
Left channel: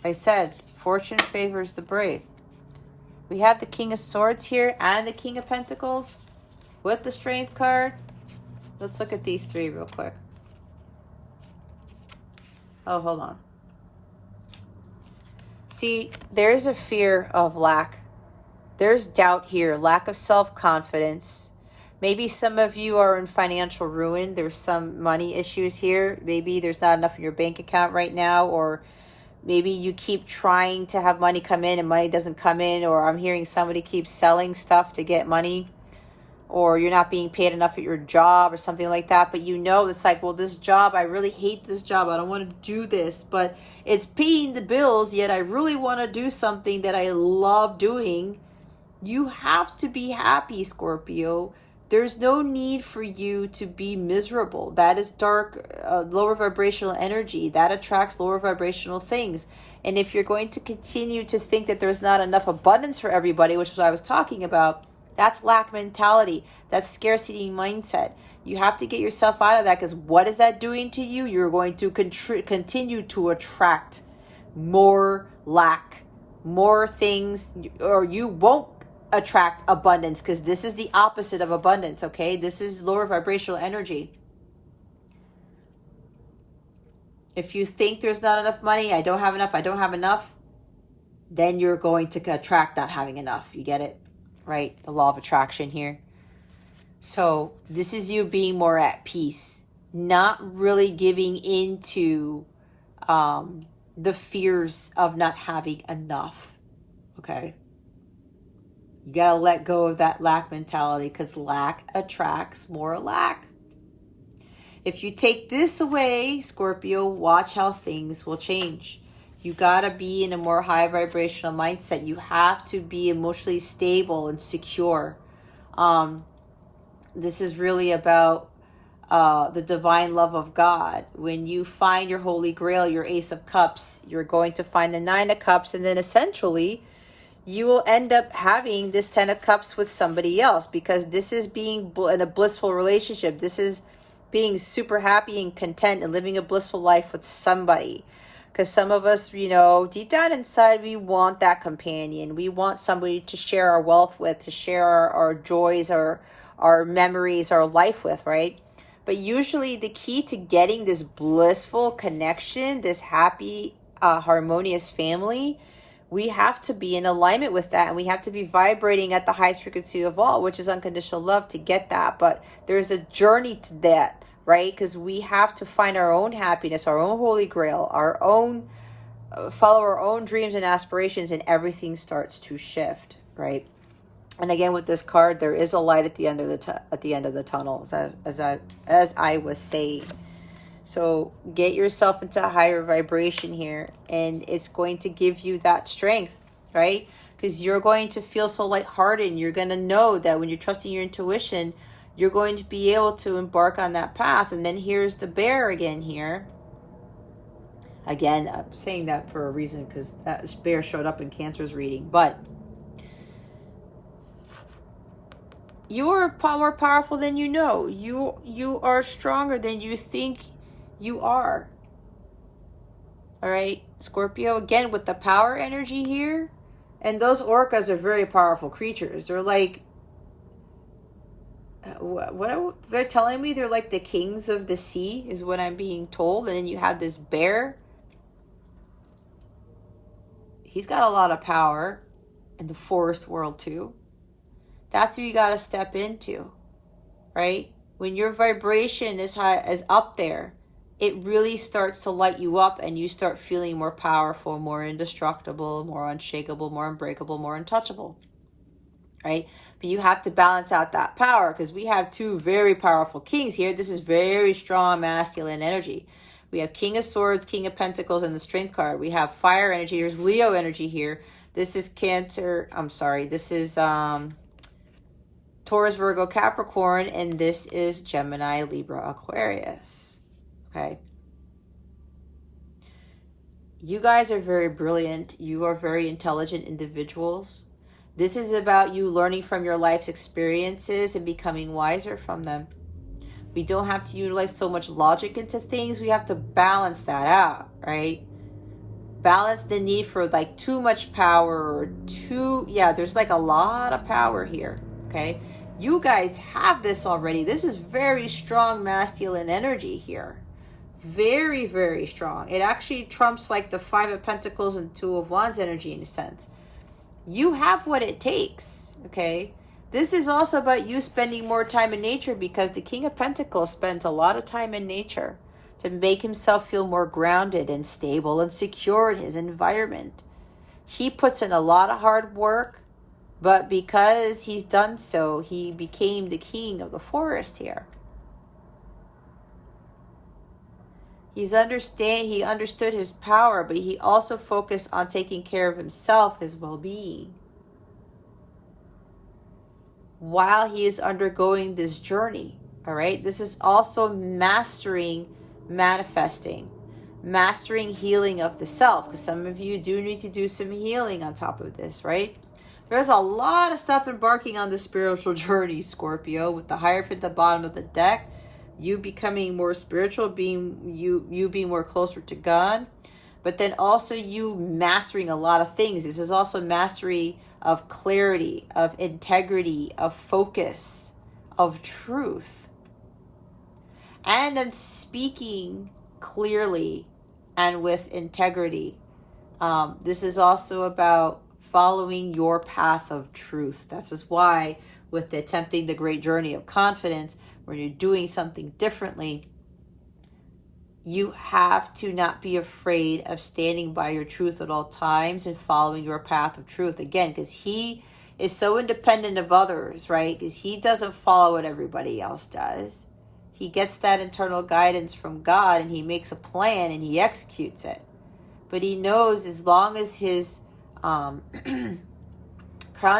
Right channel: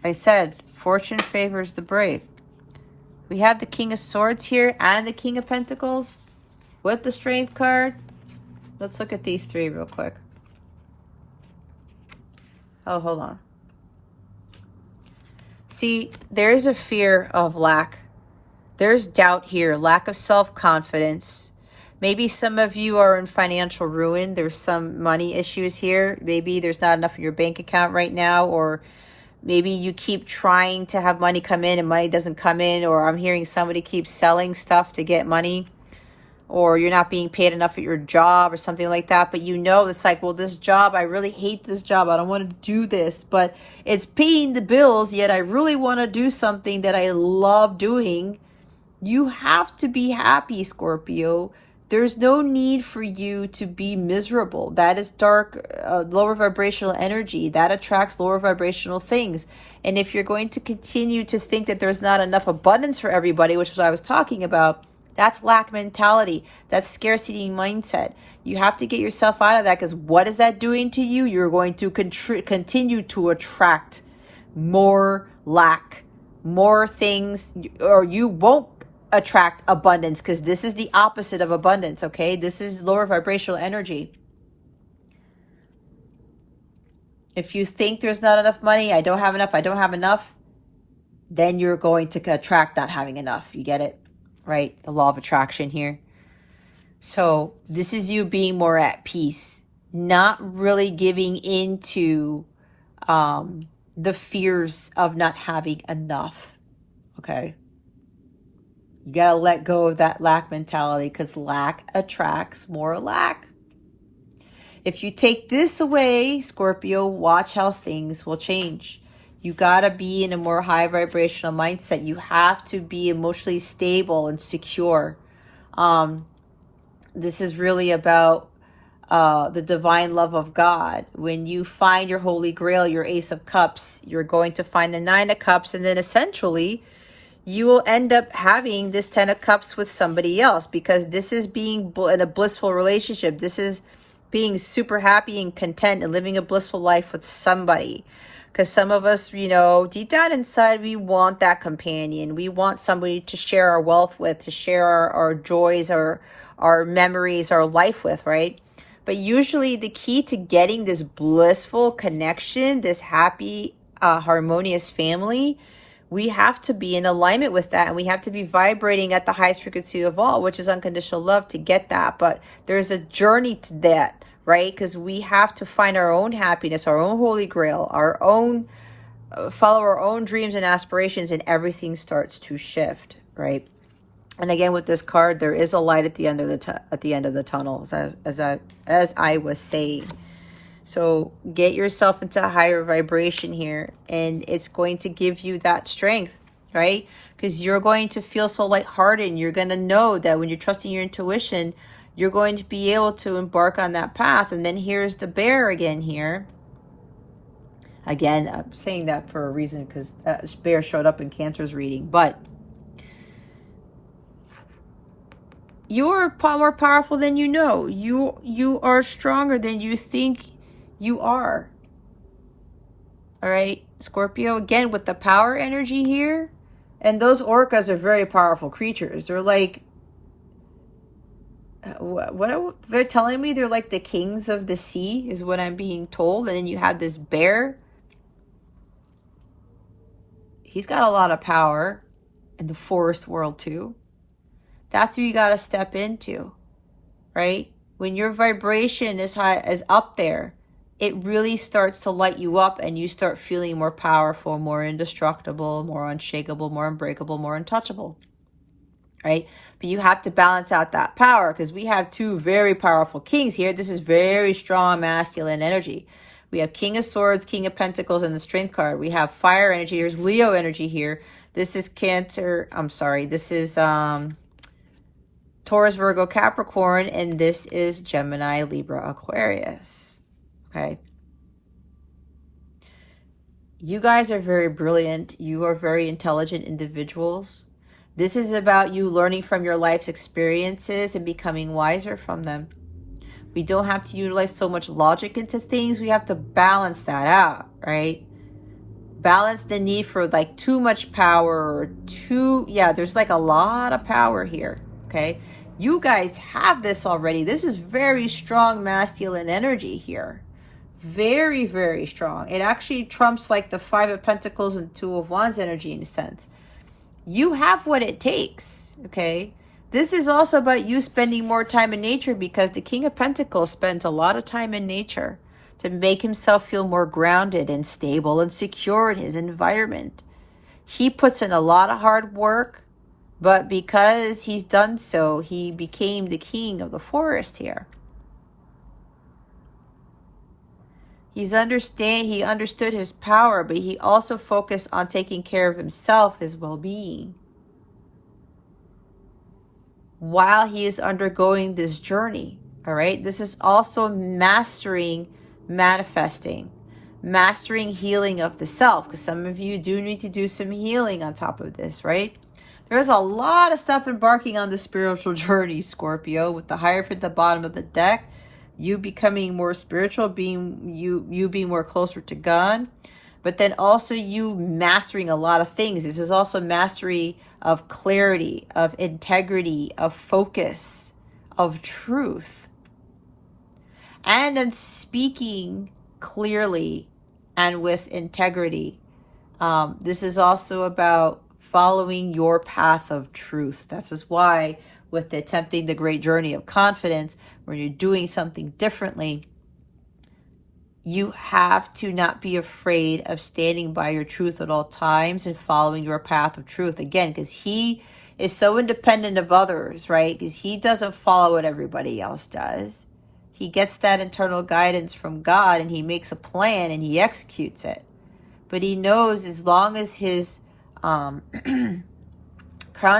I said, fortune favors the brave. We have the King of Swords here and the King of Pentacles with the Strength card. Let's look at these three real quick. Oh, hold on. See, there's a fear of lack. There's doubt here, lack of self-confidence. Maybe some of you are in financial ruin. There's some money issues here. Maybe there's not enough in your bank account right now, or Maybe you keep trying to have money come in and money doesn't come in, or I'm hearing somebody keeps selling stuff to get money, or you're not being paid enough at your job or something like that. But you know, it's like, well, this job, I really hate this job. I don't want to do this, but it's paying the bills, yet I really want to do something that I love doing. You have to be happy, Scorpio. There's no need for you to be miserable. That is dark, lower vibrational energy. That attracts lower vibrational things. And if you're going to continue to think that there's not enough abundance for everybody, which is what I was talking about, that's lack mentality. That's scarcity mindset. You have to get yourself out of that, because what is that doing to you? You're going to continue to attract more lack, more things, or you won't attract abundance, because this is the opposite of abundance. Okay, this is lower vibrational energy. If you think there's not enough money, I don't have enough, then you're going to attract not having enough. You get it, right? The law of attraction here. So this is you being more at peace, not really giving into the fears of not having enough. Okay, you gotta let go of that lack mentality, because lack attracts more lack. If you take this away, Scorpio, watch how things will change. You gotta be in a more high vibrational mindset. You have to be emotionally stable and secure. This is really about the divine love of God. When you find your Holy Grail, your Ace of Cups, you're going to find the Nine of Cups, and then essentially you will end up having this Ten of Cups with somebody else, because this is being in a blissful relationship. This is being super happy and content and living a blissful life with somebody. Because some of us, you know, deep down inside, we want that companion. We want somebody to share our wealth with, to share our joys, our memories, our life with, right? But usually the key to getting this blissful connection, this happy, harmonious family, we have to be in alignment with that, and we have to be vibrating at the highest frequency of all, which is unconditional love, to get that. But there's a journey to that, right? Because we have to find our own happiness, our own Holy Grail, our own, follow our own dreams and aspirations, and everything starts to shift, right? And again, with this card, there is a light at the end of the tunnel, as I was saying. So get yourself into a higher vibration here, and it's going to give you that strength, right? Because you're going to feel so lighthearted, and you're going to know that when you're trusting your intuition, you're going to be able to embark on that path. And then here's the bear again here. Again, I'm saying that for a reason, because that bear showed up in Cancer's reading. But you are more powerful than you know. You are stronger than you think you are. All right, Scorpio, again with the power energy here. And those orcas are very powerful creatures. They're like, what they're telling me, they're like the kings of the sea, is what I'm being told. And then you have this bear. He's got a lot of power in the forest world too. That's what you got to step into, right? When your vibration is high, is up there, it really starts to light you up, and you start feeling more powerful, more indestructible, more unshakable, more unbreakable, more untouchable, right? But you have to balance out that power, because we have two very powerful kings here. This is very strong masculine energy. We have King of Swords, King of Pentacles, and the Strength card. We have fire energy. Here's Leo energy here. This is Cancer. I'm sorry. This is Taurus, Virgo, Capricorn, and this is Gemini, Libra, Aquarius. Okay. You guys are very brilliant. You are very intelligent individuals. This is about you learning from your life's experiences and becoming wiser from them. We don't have to utilize so much logic into things. We have to balance that out, right? Balance the need for like too much power, or there's like a lot of power here, okay? You guys have this already. This is very strong masculine energy here. Very, very strong. It actually trumps like the Five of Pentacles and Two of Wands energy in a sense. You have what it takes, okay? This is also about you spending more time in nature, because the King of Pentacles spends a lot of time in nature. to make himself feel more grounded and stable and secure in his environment. He puts in a lot of hard work, but because he's done so, he became the king of the forest here. He understood his power, but he also focused on taking care of himself, his well-being, while he is undergoing this journey. All right, this is also mastering manifesting, mastering healing of the self, because some of you do need to do some healing on top of this, right? There's a lot of stuff embarking on the spiritual journey, Scorpio, with the Hierophant at the bottom of the deck, you becoming more spiritual, you being more closer to God, but then also you mastering a lot of things. This is also mastery of clarity, of integrity, of focus, of truth, and in speaking clearly and with integrity. This is also about following your path of truth. This is why with attempting the great journey of confidence, when you're doing something differently, you have to not be afraid of standing by your truth at all times and following your path of truth. Again, because he is so independent of others, right? Because he doesn't follow what everybody else does. He gets that internal guidance from God, and he makes a plan and he executes it. But he knows as long as his crown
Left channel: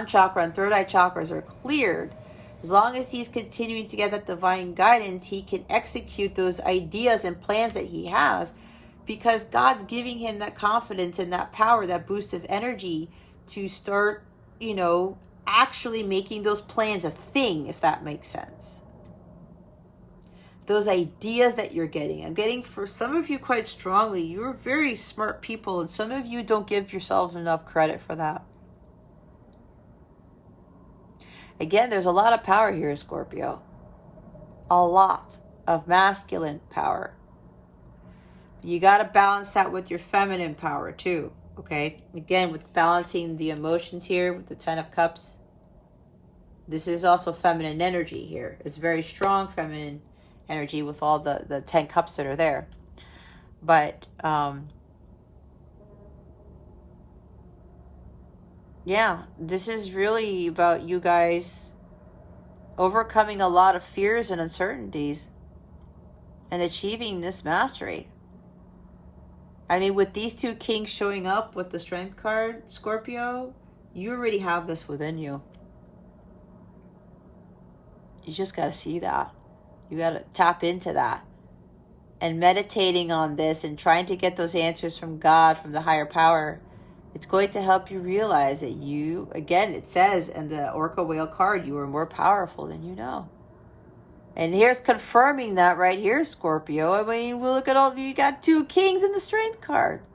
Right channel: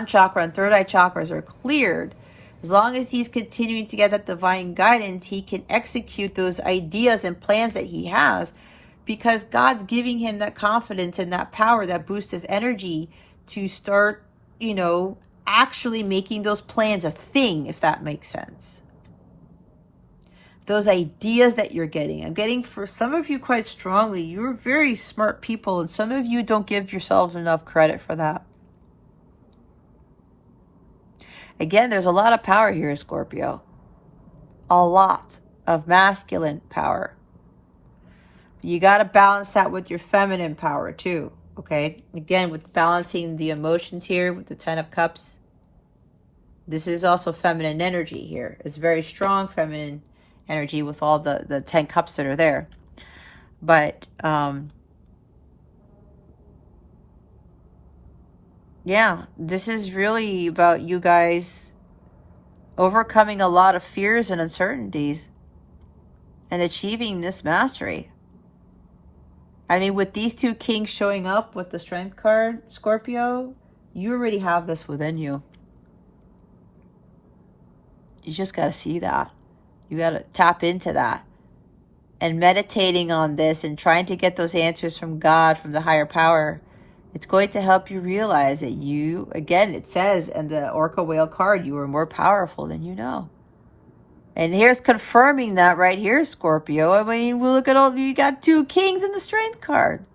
chakra and third eye chakras are cleared, as long as he's continuing to get that divine guidance, he can execute those ideas and plans that he has, because God's giving him that confidence and that power, that boost of energy to start, actually making those plans a thing, if that makes sense. Those ideas that you're getting, I'm getting for some of you quite strongly, you're very smart people, and some of you don't give yourselves enough credit for that. Again, there's a lot of power here, Scorpio. A lot of masculine power. You got to balance that with your feminine power too, okay? Again, with balancing the emotions here with the 10 of Cups. This is also feminine energy here. It's very strong feminine energy with all the 10 cups that are there. But, yeah, this is really about you guys overcoming a lot of fears and uncertainties and achieving this mastery. I mean, with these two kings showing up with the Strength card, Scorpio, you already have this within you. You just got to see that. You got to tap into that. And meditating on this and trying to get those answers from God, from the higher power, it's going to help you realize that you, again, it says in the Orca Whale card, you are more powerful than you know. And here's confirming that right here, Scorpio. I mean, we'll look at all, you got two kings in the Strength card.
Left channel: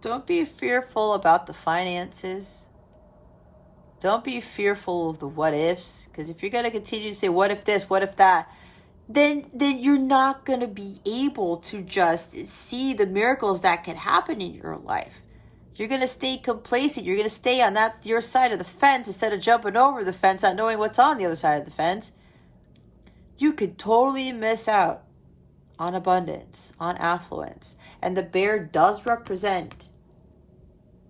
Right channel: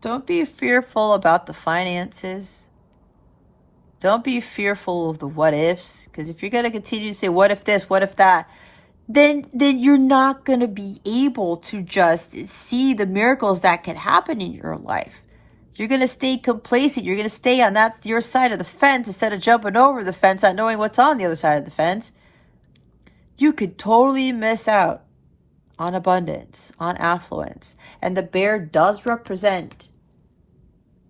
Don't be fearful about the finances. Don't be fearful of the what ifs, because if you're going to continue to say, what if this, what if that, then you're not going to be able to just see the miracles that can happen in your life. You're going to stay complacent. You're going to stay on your side of the fence instead of jumping over the fence, not knowing what's on the other side of the fence. You could totally miss out on abundance, on affluence. And the bear does represent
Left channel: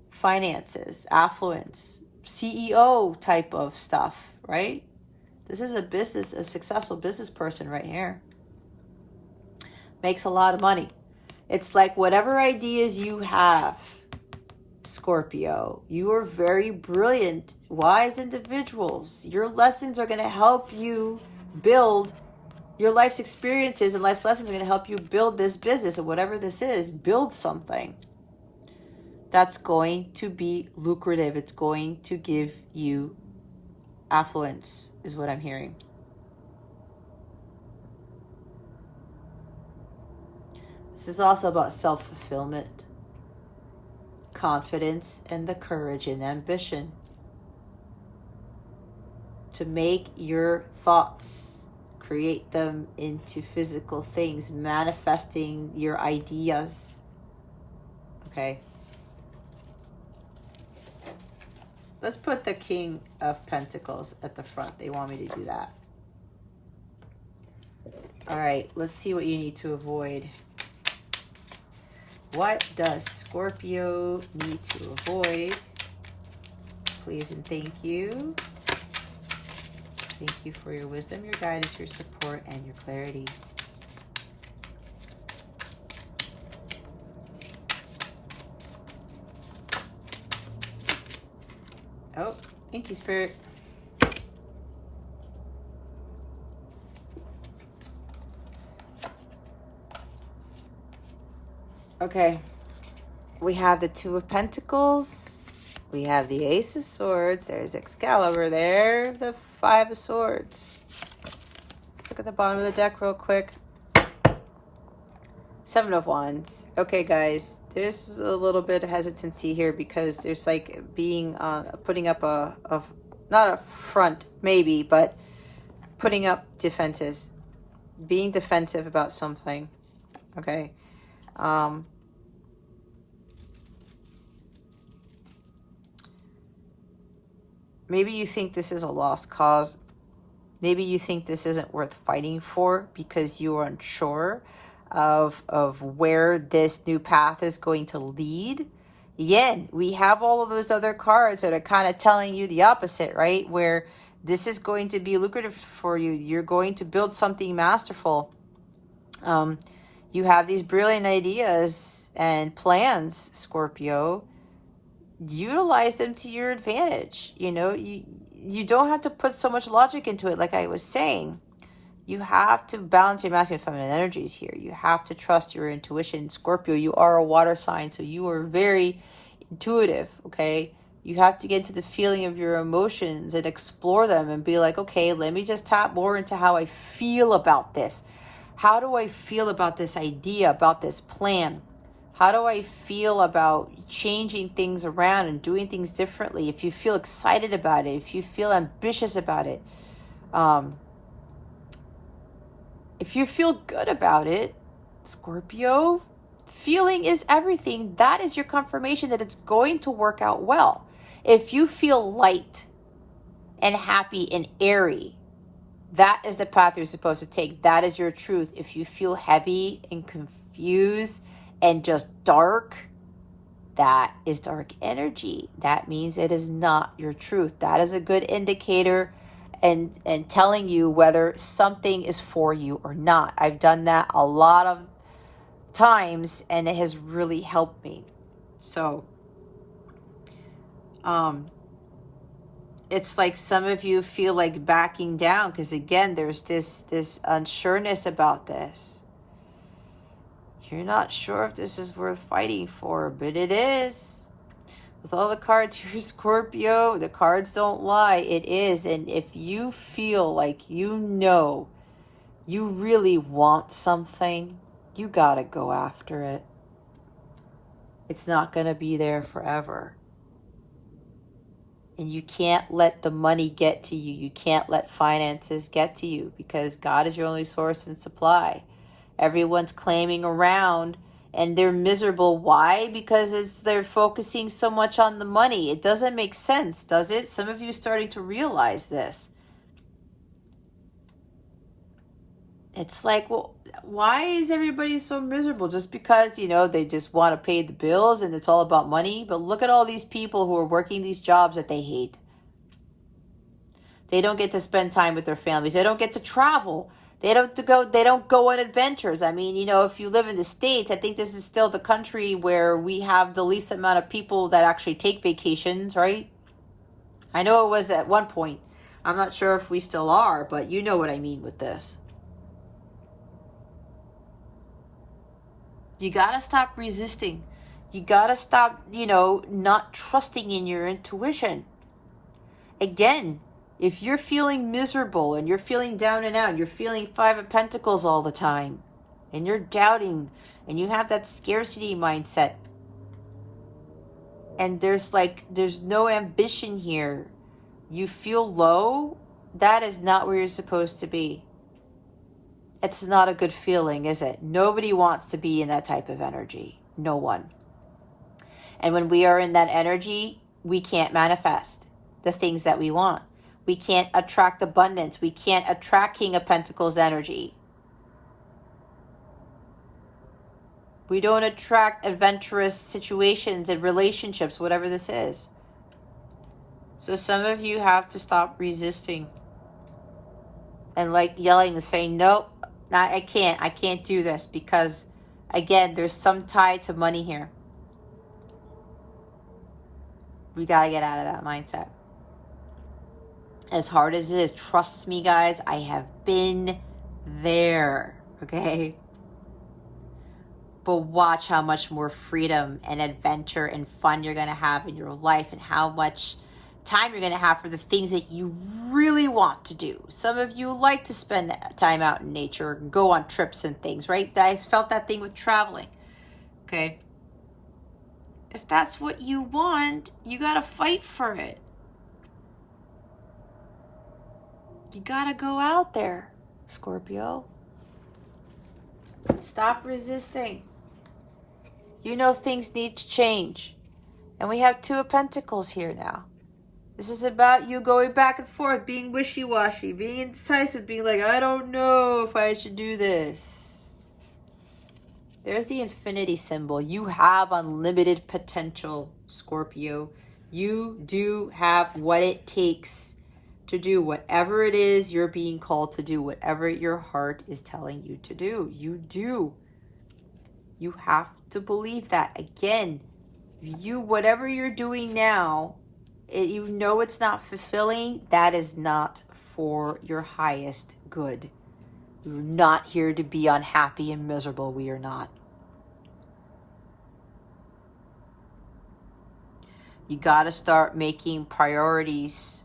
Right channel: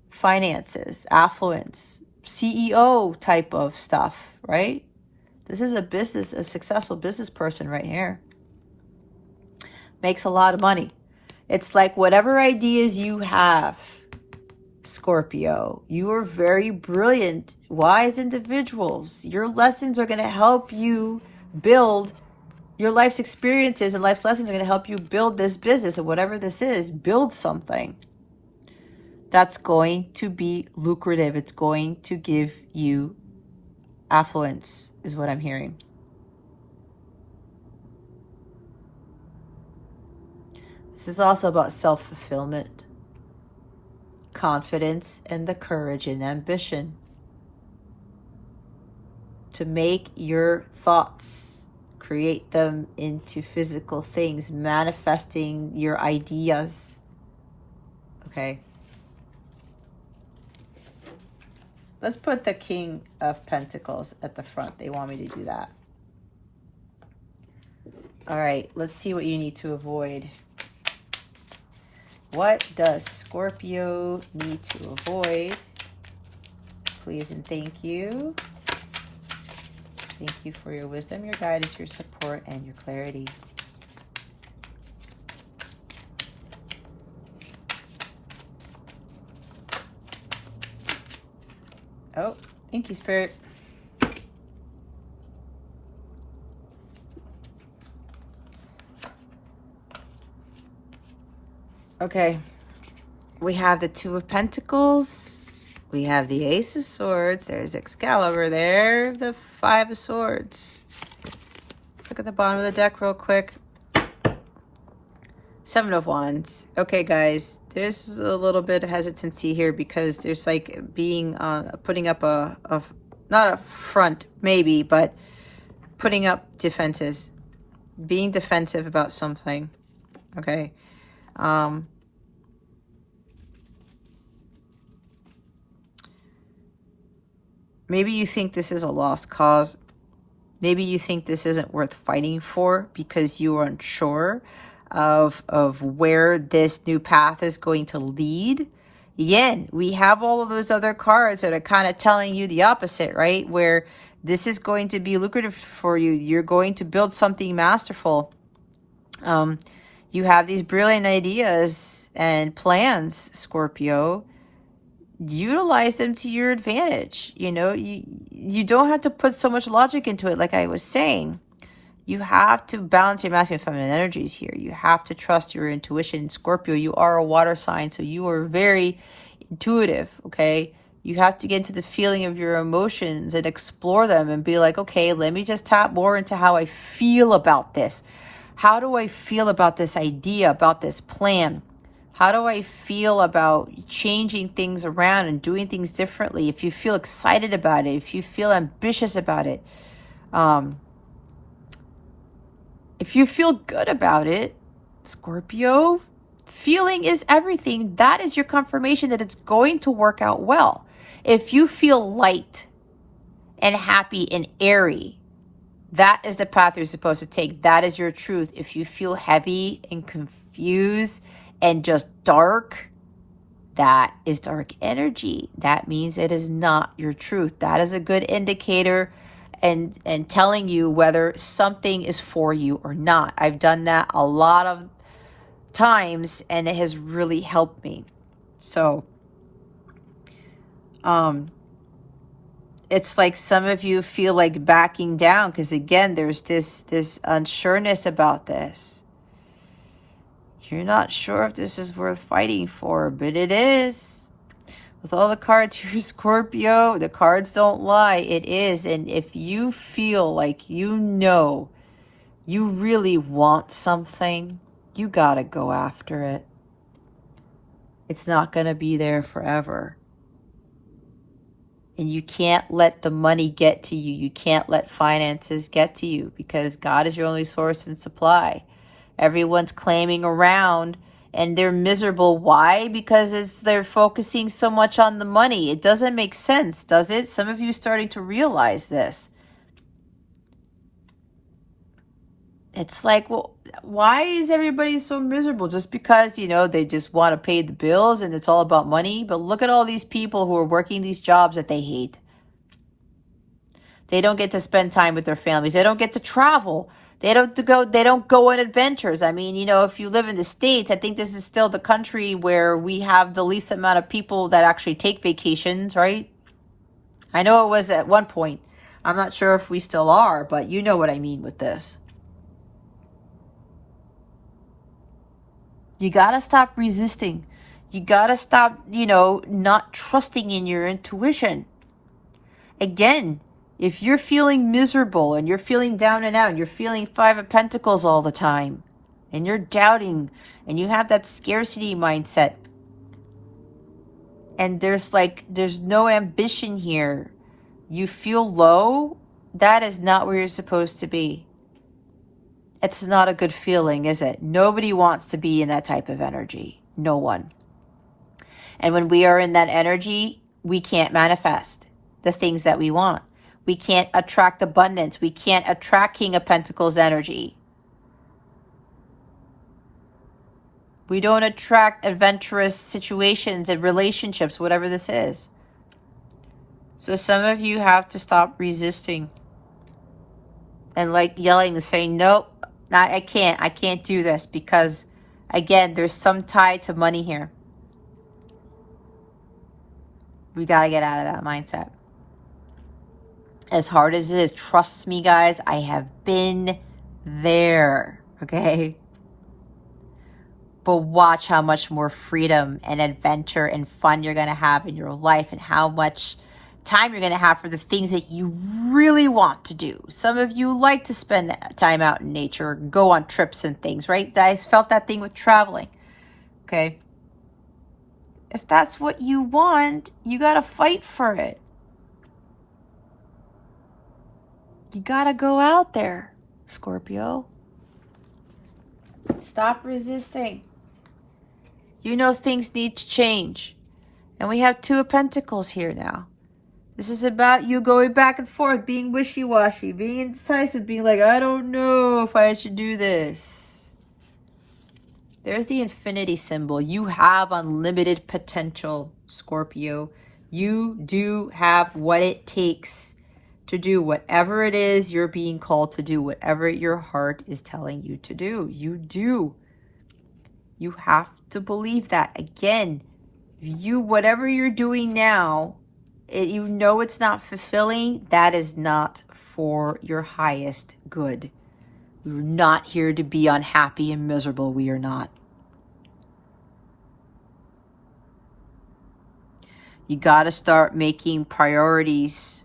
finances, affluence, CEO type of stuff, right? This is a successful business person right here. Makes a lot of money. It's like whatever ideas you have, Scorpio, you are very brilliant, wise individuals. Your lessons are going to help you build your life's experiences, and life's lessons are going to help you build this business, and whatever this is, build something that's going to be lucrative. It's going to give you affluence, is what I'm hearing. This is also about self-fulfillment, confidence, and the courage and ambition to make your thoughts, create them into physical things, manifesting your ideas. Okay. Let's put the King of Pentacles at the front. They want me to do that. All right, let's see what you need to avoid. What does Scorpio need to avoid? Please and thank you. Thank you for your wisdom, your guidance, your support, and your clarity. Oh, thank you, Spirit. Okay, we have the Two of Pentacles. We have the Ace of Swords. There's Excalibur there. The Five of Swords. Let's look at the bottom of the deck real quick. Seven of Wands. Okay, guys, there's a little bit of hesitancy here because there's like being putting up a not a front maybe, but putting up defenses, being defensive about something. Okay. Maybe you think this is a lost cause. Maybe you think this isn't worth fighting for because you aren't sure of where this new path is going to lead. Again, we have all of those other cards that are kind of telling you the opposite, right? Where this is going to be lucrative for you. You're going to build something masterful. You have these brilliant ideas and plans, Scorpio. Utilize them to your advantage. You know, you don't have to put so much logic into it, like I was saying. You have to balance your masculine and feminine energies here. You have to trust your intuition. Scorpio, you are a water sign, so you are very intuitive, okay? You have to get into the feeling of your emotions and explore them and be like, okay, let me just tap more into how I feel about this. How do I feel about this idea, about this plan? How do I feel about changing things around and doing things differently? If you feel excited about it, if you feel ambitious about it, if you feel good about it, Scorpio, feeling is everything. That is your confirmation that it's going to work out well. If you feel light and happy and airy, that is the path you're supposed to take. That is your truth. If you feel heavy and confused and just dark, that is dark energy. That means it is not your truth. That is a good indicator and telling you whether something is for you or not. I've done that a lot of times and it has really helped me. So it's like some of you feel like backing down because again there's this unsureness about this. You're not sure if this is worth fighting for, but it is. With all the cards here, Scorpio, the cards don't lie. It is. And if you feel like you know you really want something, you gotta go after it. It's not gonna be there forever. And you can't let the money get to you. You can't let finances get to you because God is your only source and supply. Everyone's claiming around and they're miserable. Why? Because they're focusing so much on the money. It doesn't make sense, does it? Some of you are starting to realize this. It's like, well, why is everybody so miserable? Just because, you know, they just want to pay the bills and it's all about money. But look at all these people who are working these jobs that they hate. They don't get to spend time with their families. They don't get to travel. They don't go on adventures. I mean, you know, if you live in the States, I think this is still the country where we have the least amount of people that actually take vacations, right? I know it was at one point. I'm not sure if we still are, but you know what I mean with this. You got to stop resisting. You got to stop, you know, not trusting in your intuition. Again, if you're feeling miserable and you're feeling down and out and you're feeling Five of Pentacles all the time and you're doubting and you have that scarcity mindset and there's no ambition here, you feel low, that is not where you're supposed to be. It's not a good feeling, is it? Nobody wants to be in that type of energy. No one. And when we are in that energy, we can't manifest the things that we want. We can't attract abundance. We can't attract King of Pentacles energy. We don't attract adventurous situations and relationships, whatever this is. So some of you have to stop resisting and like yelling and saying, nope, I can't do this, because again, there's some tie to money here. We got to get out of that mindset. As hard as it is, trust me, guys, I have been there, okay? But watch how much more freedom and adventure and fun you're going to have in your life, and how much time you're going to have for the things that you really want to do. Some of you like to spend time out in nature, go on trips and things, right? I felt that thing with traveling, okay? If that's what you want, you got to fight for it. You got to go out there, Scorpio. Stop resisting. You know things need to change. And we have Two of Pentacles here now. This is about you going back and forth, being wishy-washy, being indecisive, being like, I don't know if I should do this. There's the infinity symbol. You have unlimited potential, Scorpio. You do have what it takes to do whatever it is you're being called to do, whatever your heart is telling you to do. You do. You have to believe that. Again, whatever you're doing now, you know it's not fulfilling. That is not for your highest good. We're not here to be unhappy and miserable. We are not. You got to start making priorities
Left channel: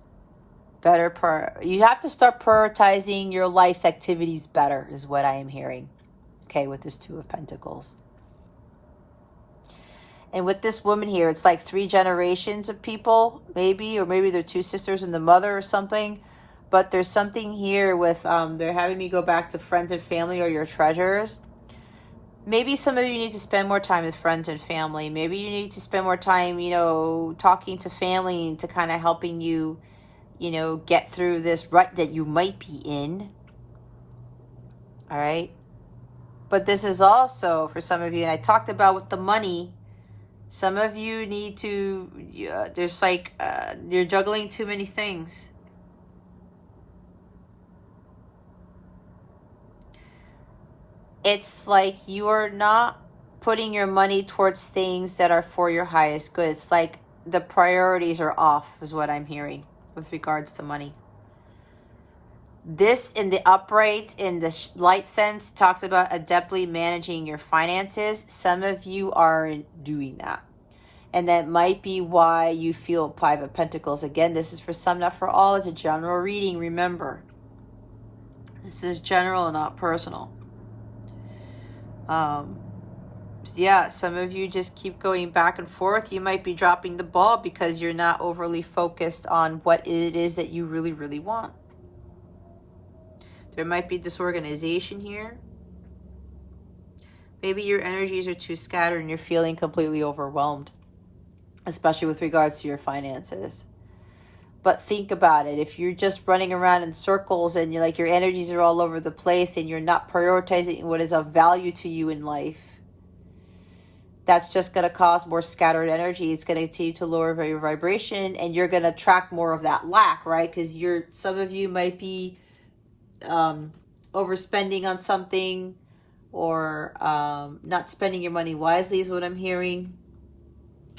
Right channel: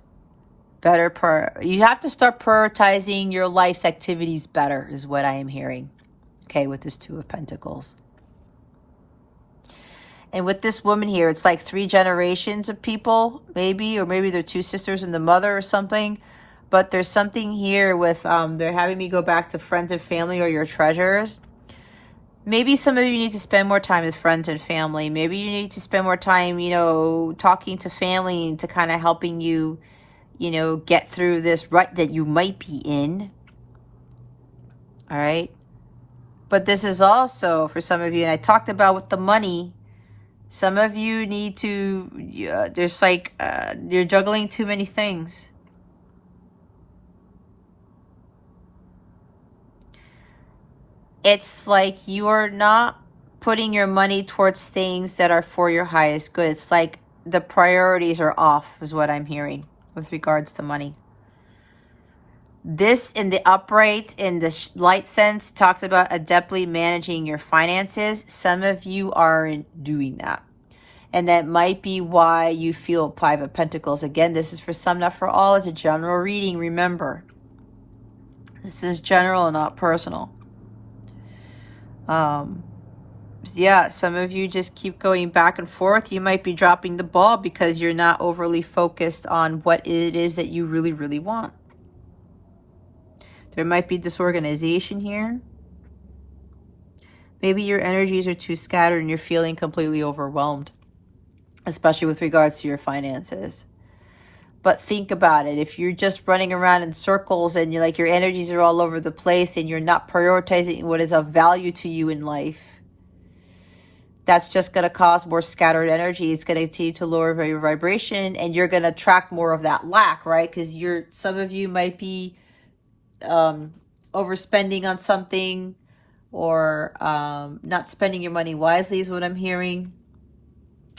better. You have to start prioritizing your life's activities better, is what I am hearing. Okay, with this Two of Pentacles. And with this woman here, it's like 3 generations of people, maybe, or maybe they're 2 sisters and the mother or something. But there's something here with, they're having me go back to friends and family or your treasures. Maybe some of you need to spend more time with friends and family. Maybe you need to spend more time, you know, talking to family to kind of helping you, you know, get through this rut that you might be in. All right. But this is also for some of you, and I talked about with the money, some of you need to, there's like, you're juggling too many things. It's like you're not putting your money towards things that are for your highest good. It's like the priorities are off, is what I'm hearing with regards to money. This in the upright, in the light sense, talks about adeptly managing your finances. Some of you are doing that. And that might be why you feel 5 of Pentacles. Again, this is for some, not for all. It's a general reading, remember. This is general, not personal. Yeah, some of you just keep going back and forth. You might be dropping the ball because you're not overly focused on what it is that you really, really want. There might be disorganization here. Maybe your energies are too scattered and you're feeling completely overwhelmed, especially with regards to your finances. But think about it. If you're just running around in circles and you're like your energies are all over the place and you're not prioritizing what is of value to you in life, that's just going to cause more scattered energy. It's going to continue to lower your vibration, and you're going to attract more of that lack, right? Because some of you might be overspending on something, or not spending your money wisely is what I'm hearing.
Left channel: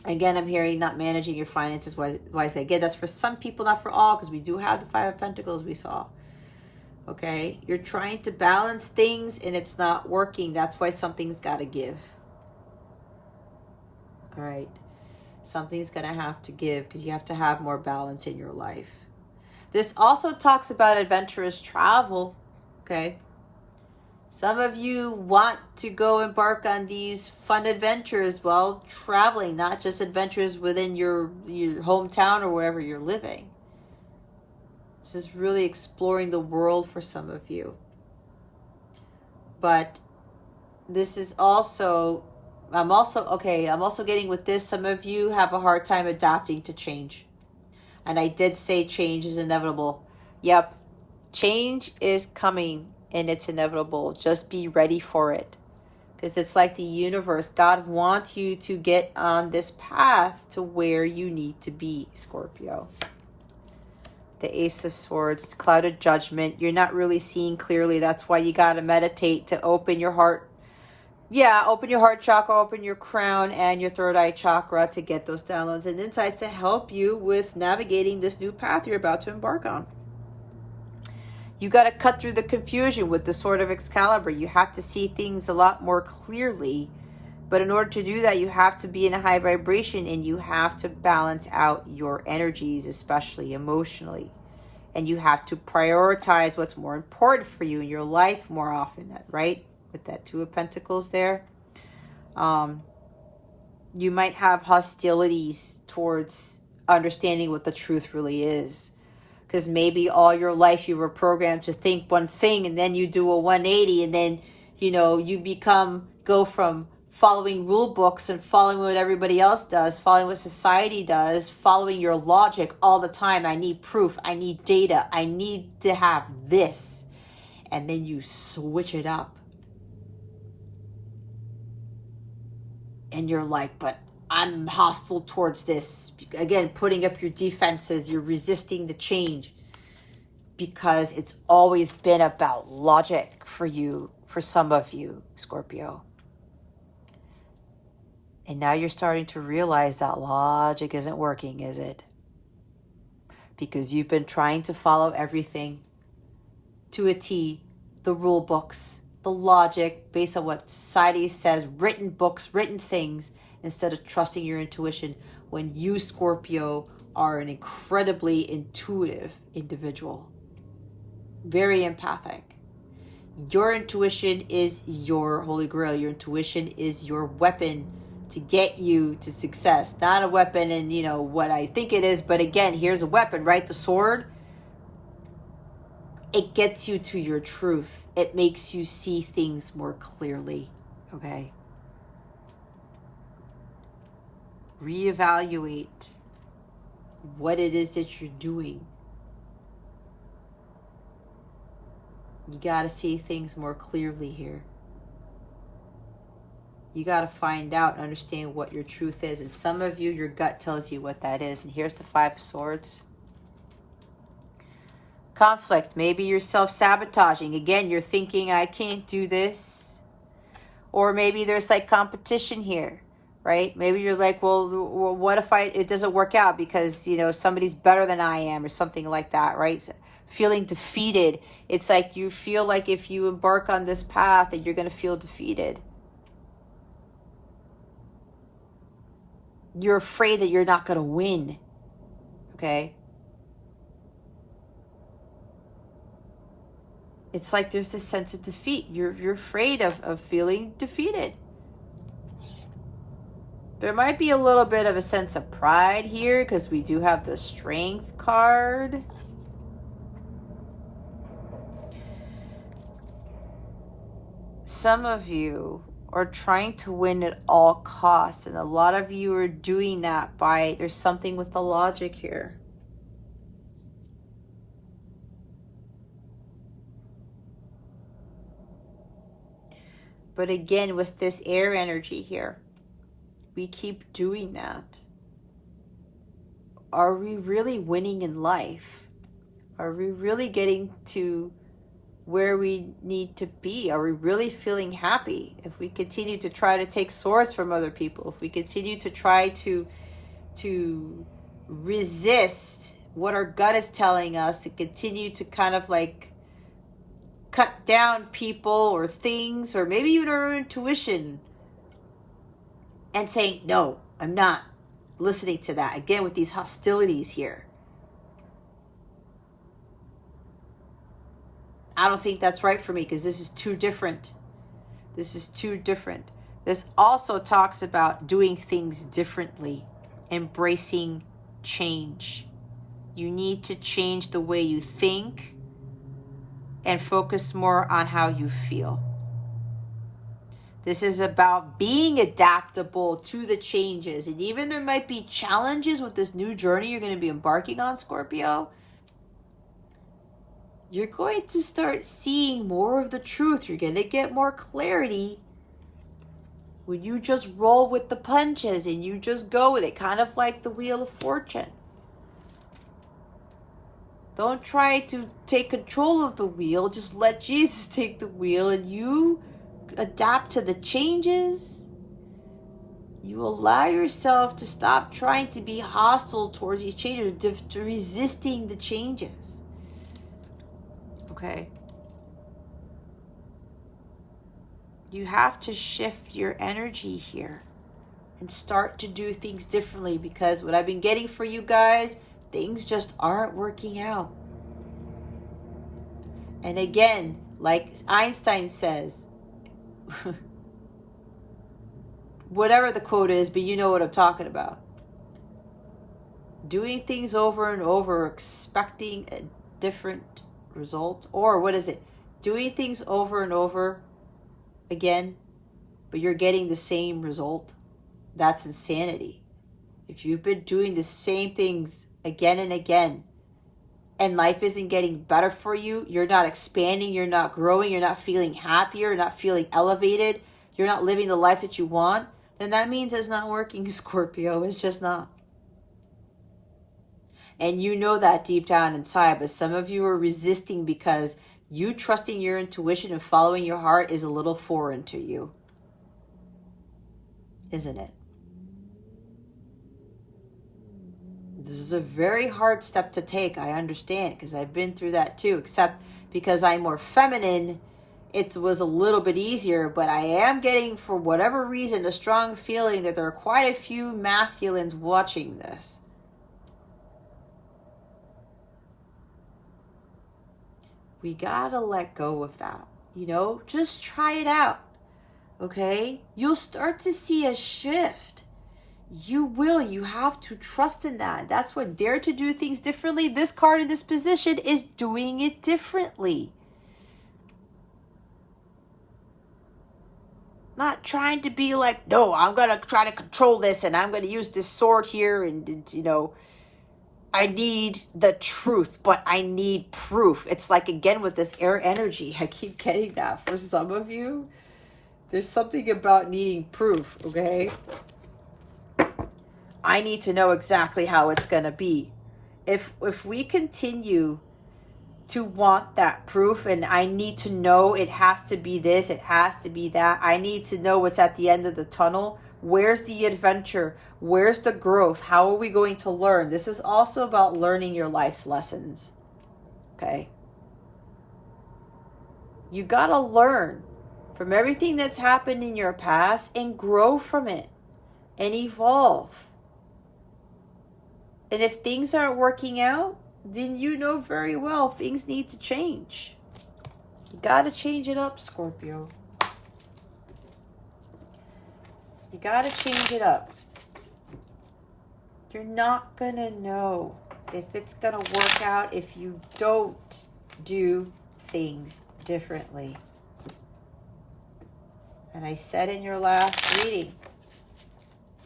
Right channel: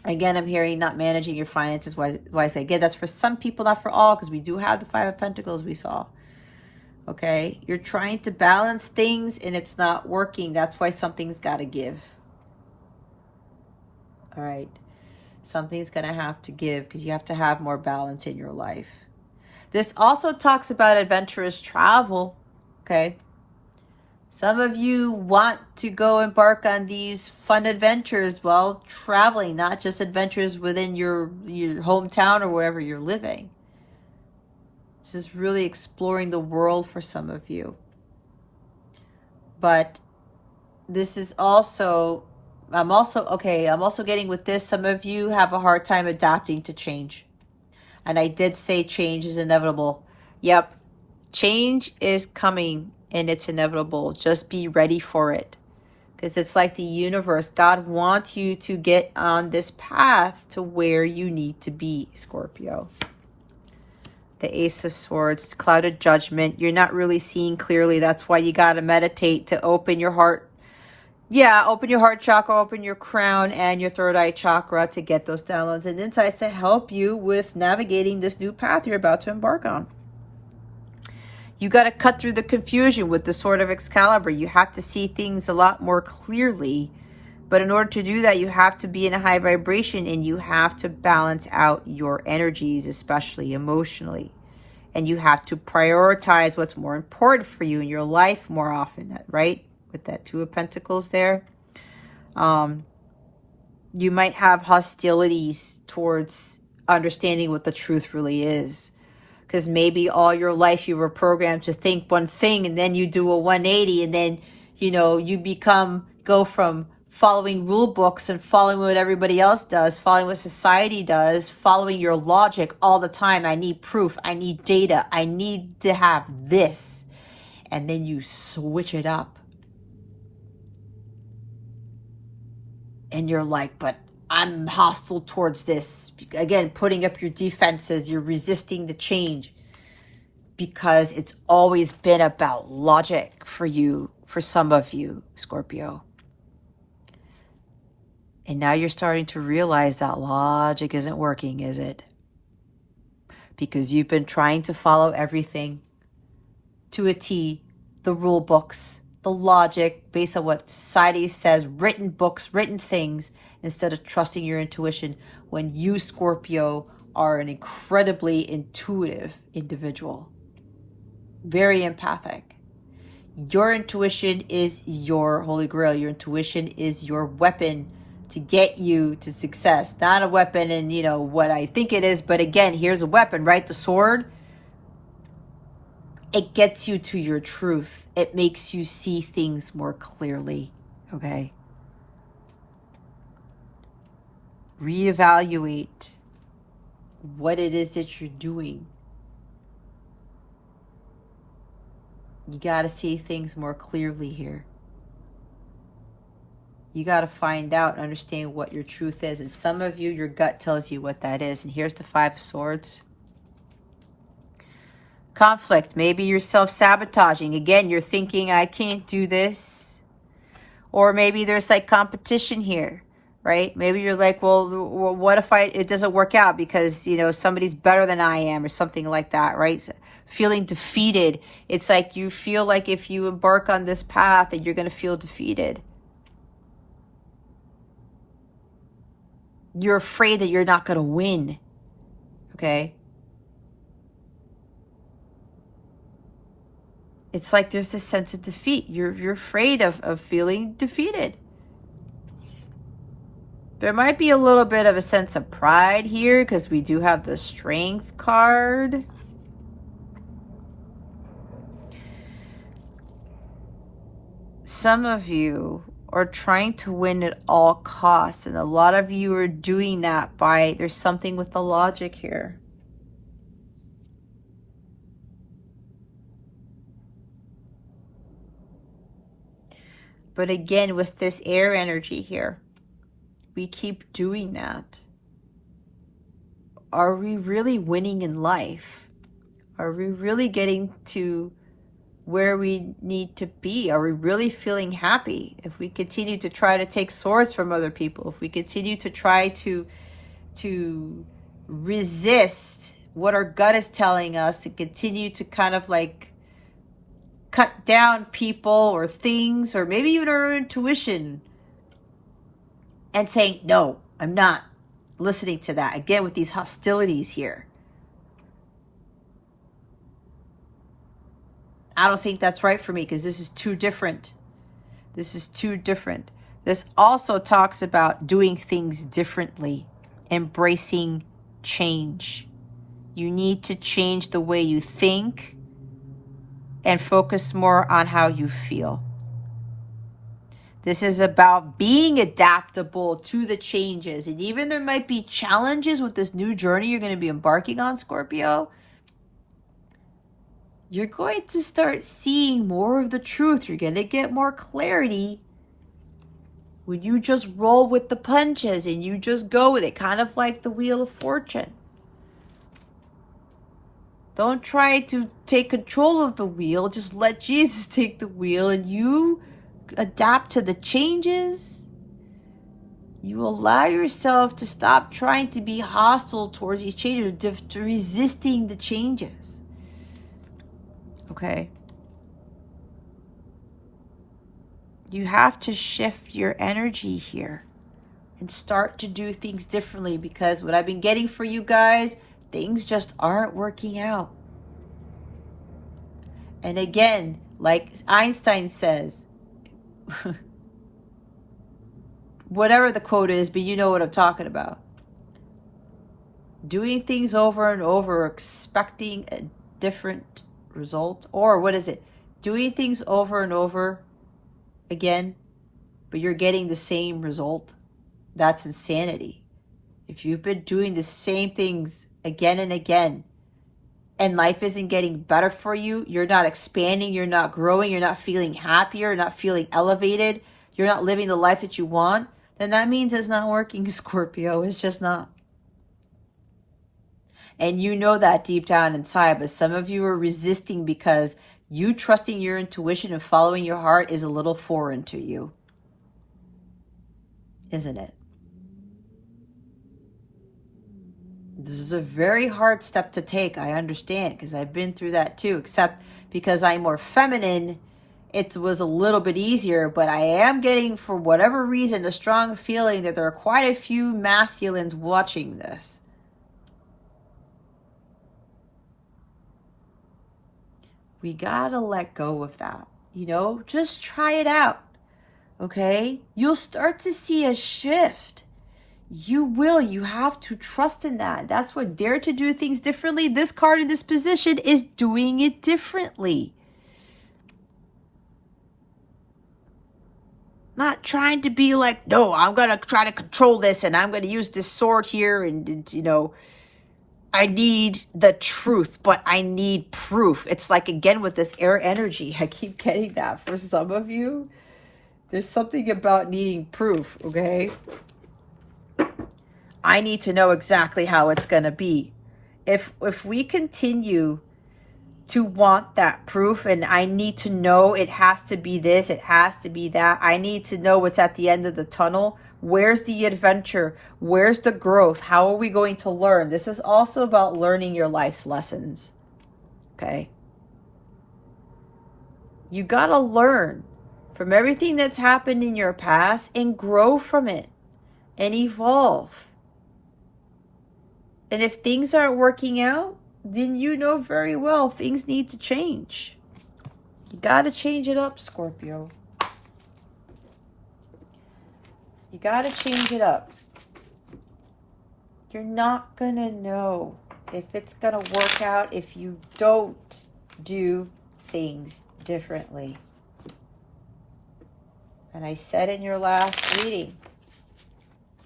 Again, I'm hearing not managing your finances wisely. Again, that's for some people, not for all, because we do have the 5 of Pentacles we saw. Okay? You're trying to balance things and it's not working. That's why something's got to give. All right? Something's going to have to give because you have to have more balance in your life. This also talks about adventurous travel. Okay? Some of you want to go embark on these fun adventures while traveling, not just adventures within your hometown or wherever you're living. This is really exploring the world for some of you. But this is also, I'm also getting with this, some of you have a hard time adapting to change. And I did say change is inevitable. Yep, change is coming. And it's inevitable. Just be ready for it. Because it's like the universe. God wants you to get on this path to where you need to be, Scorpio. The Ace of Swords, clouded judgment. You're not really seeing clearly. That's why you got to meditate to open your heart. Yeah, open your heart chakra, open your crown and your third eye chakra to get those downloads and insights to help you with navigating this new path you're about to embark on. You got to cut through the confusion with the Sword of Excalibur. You have to see things a lot more clearly. But in order to do that, you have to be in a high vibration and you have to balance out your energies, especially emotionally. And you have to prioritize what's more important for you in your life more often, right? With that Two of Pentacles there. You might have hostilities towards understanding what the truth really is. Because maybe all your life you were programmed to think one thing and then you do a 180 and then, you know, you go from following rule books and following what everybody else does, following what society does, following your logic all the time. I need proof. I need data. I need to have this. And then you switch it up. And you're like, but I'm hostile towards this. Again, putting up your defenses, you're resisting the change because it's always been about logic for you, for some of you, Scorpio. And now you're starting to realize that logic isn't working, is it? Because you've been trying to follow everything to a T, the rule books, the logic based on what society says, written books, written things, instead of trusting your intuition when you, Scorpio, are an incredibly intuitive individual. Very empathic. Your intuition is your holy grail. Your intuition is your weapon to get you to success. Not a weapon and, you know, what I think it is, but again, here's a weapon, right? The sword. It gets you to your truth. It makes you see things more clearly, okay? Reevaluate what it is that you're doing. You got to see things more clearly here. You got to find out and understand what your truth is. And some of you, your gut tells you what that is. And here's the Five of Swords. Conflict. Maybe you're self-sabotaging. Again, you're thinking, I can't do this. Or maybe there's like competition here, right? Maybe you're like, well, what if it doesn't work out because, you know, somebody's better than I am or something like that, right? So feeling defeated. It's like you feel like if you embark on this path that you're going to feel defeated. You're afraid that you're not going to win, okay? It's like there's this sense of defeat. You're afraid of feeling defeated. There might be a little bit of a sense of pride here because we do have the Strength card. Some of you are trying to win at all costs, and a lot of you are doing that by, there's something with the logic here. But again, with this air energy here, we keep doing that. Are we really winning in life? Are we really getting to where we need to be? Are we really feeling happy? If we continue to try to take swords from other people, if we continue to try to resist what our gut is telling us and continue to kind of like cut down people or things, or maybe even our intuition, and saying, no, I'm not listening to that. Again, with these hostilities here. I don't think that's right for me because this is too different. This is too different. This also talks about doing things differently, embracing change. You need to change the way you think and focus more on how you feel. This is about being adaptable to the changes. And even there might be challenges with this new journey you're going to be embarking on, Scorpio. You're going to start seeing more of the truth. You're going to get more clarity when you just roll with the punches and you just go with it, kind of like the Wheel of Fortune. Don't try to take control of the wheel. Just let Jesus take the wheel and you adapt to the changes. You allow yourself to stop trying to be hostile towards these changes, to resisting the changes. Okay? You have to shift your energy here and start to do things differently, because what I've been getting for you guys, things just aren't working out. And again, like Einstein says, whatever the quote is, but you know what I'm talking about. Doing things over and over, expecting a different result. Or what is it? Doing things over and over again, but you're getting the same result. That's insanity. If you've been doing the same things again and again, and life isn't getting better for you, you're not expanding, you're not growing, you're not feeling happier, you're not feeling elevated, you're not living the life that you want, then that means it's not working, Scorpio. It's just not. And you know that deep down inside, but some of you are resisting because you trusting your intuition and following your heart is a little foreign to you. Isn't it? This is a very hard step to take. I understand, because I've been through that too, except because I'm more feminine, it was a little bit easier, but I am getting, for whatever reason, a strong feeling that there are quite a few masculines watching this. We gotta let go of that. Just try it out. Okay? You'll start to see a shift. You will. You have to trust in that. That's what Dare to Do Things Differently. This card in this position is doing it differently. Not trying to be like, no, I'm going to try to control this and I'm going to use this sword here and I need the truth, but I need proof. It's like, again, with this air energy, I keep getting that for some of you. There's something about needing proof, okay? I need to know exactly how it's going to be. If we continue to want that proof, and I need to know it has to be this, it has to be that, I need to know what's at the end of the tunnel. Where's the adventure? Where's the growth? How are we going to learn? This is also about learning your life's lessons. Okay? You got to learn from everything that's happened in your past and grow from it and evolve. And if things aren't working out, then you know very well things need to change. You got to change it up, Scorpio. You got to change it up. You're not going to know if it's going to work out if you don't do things differently. And I said in your last reading,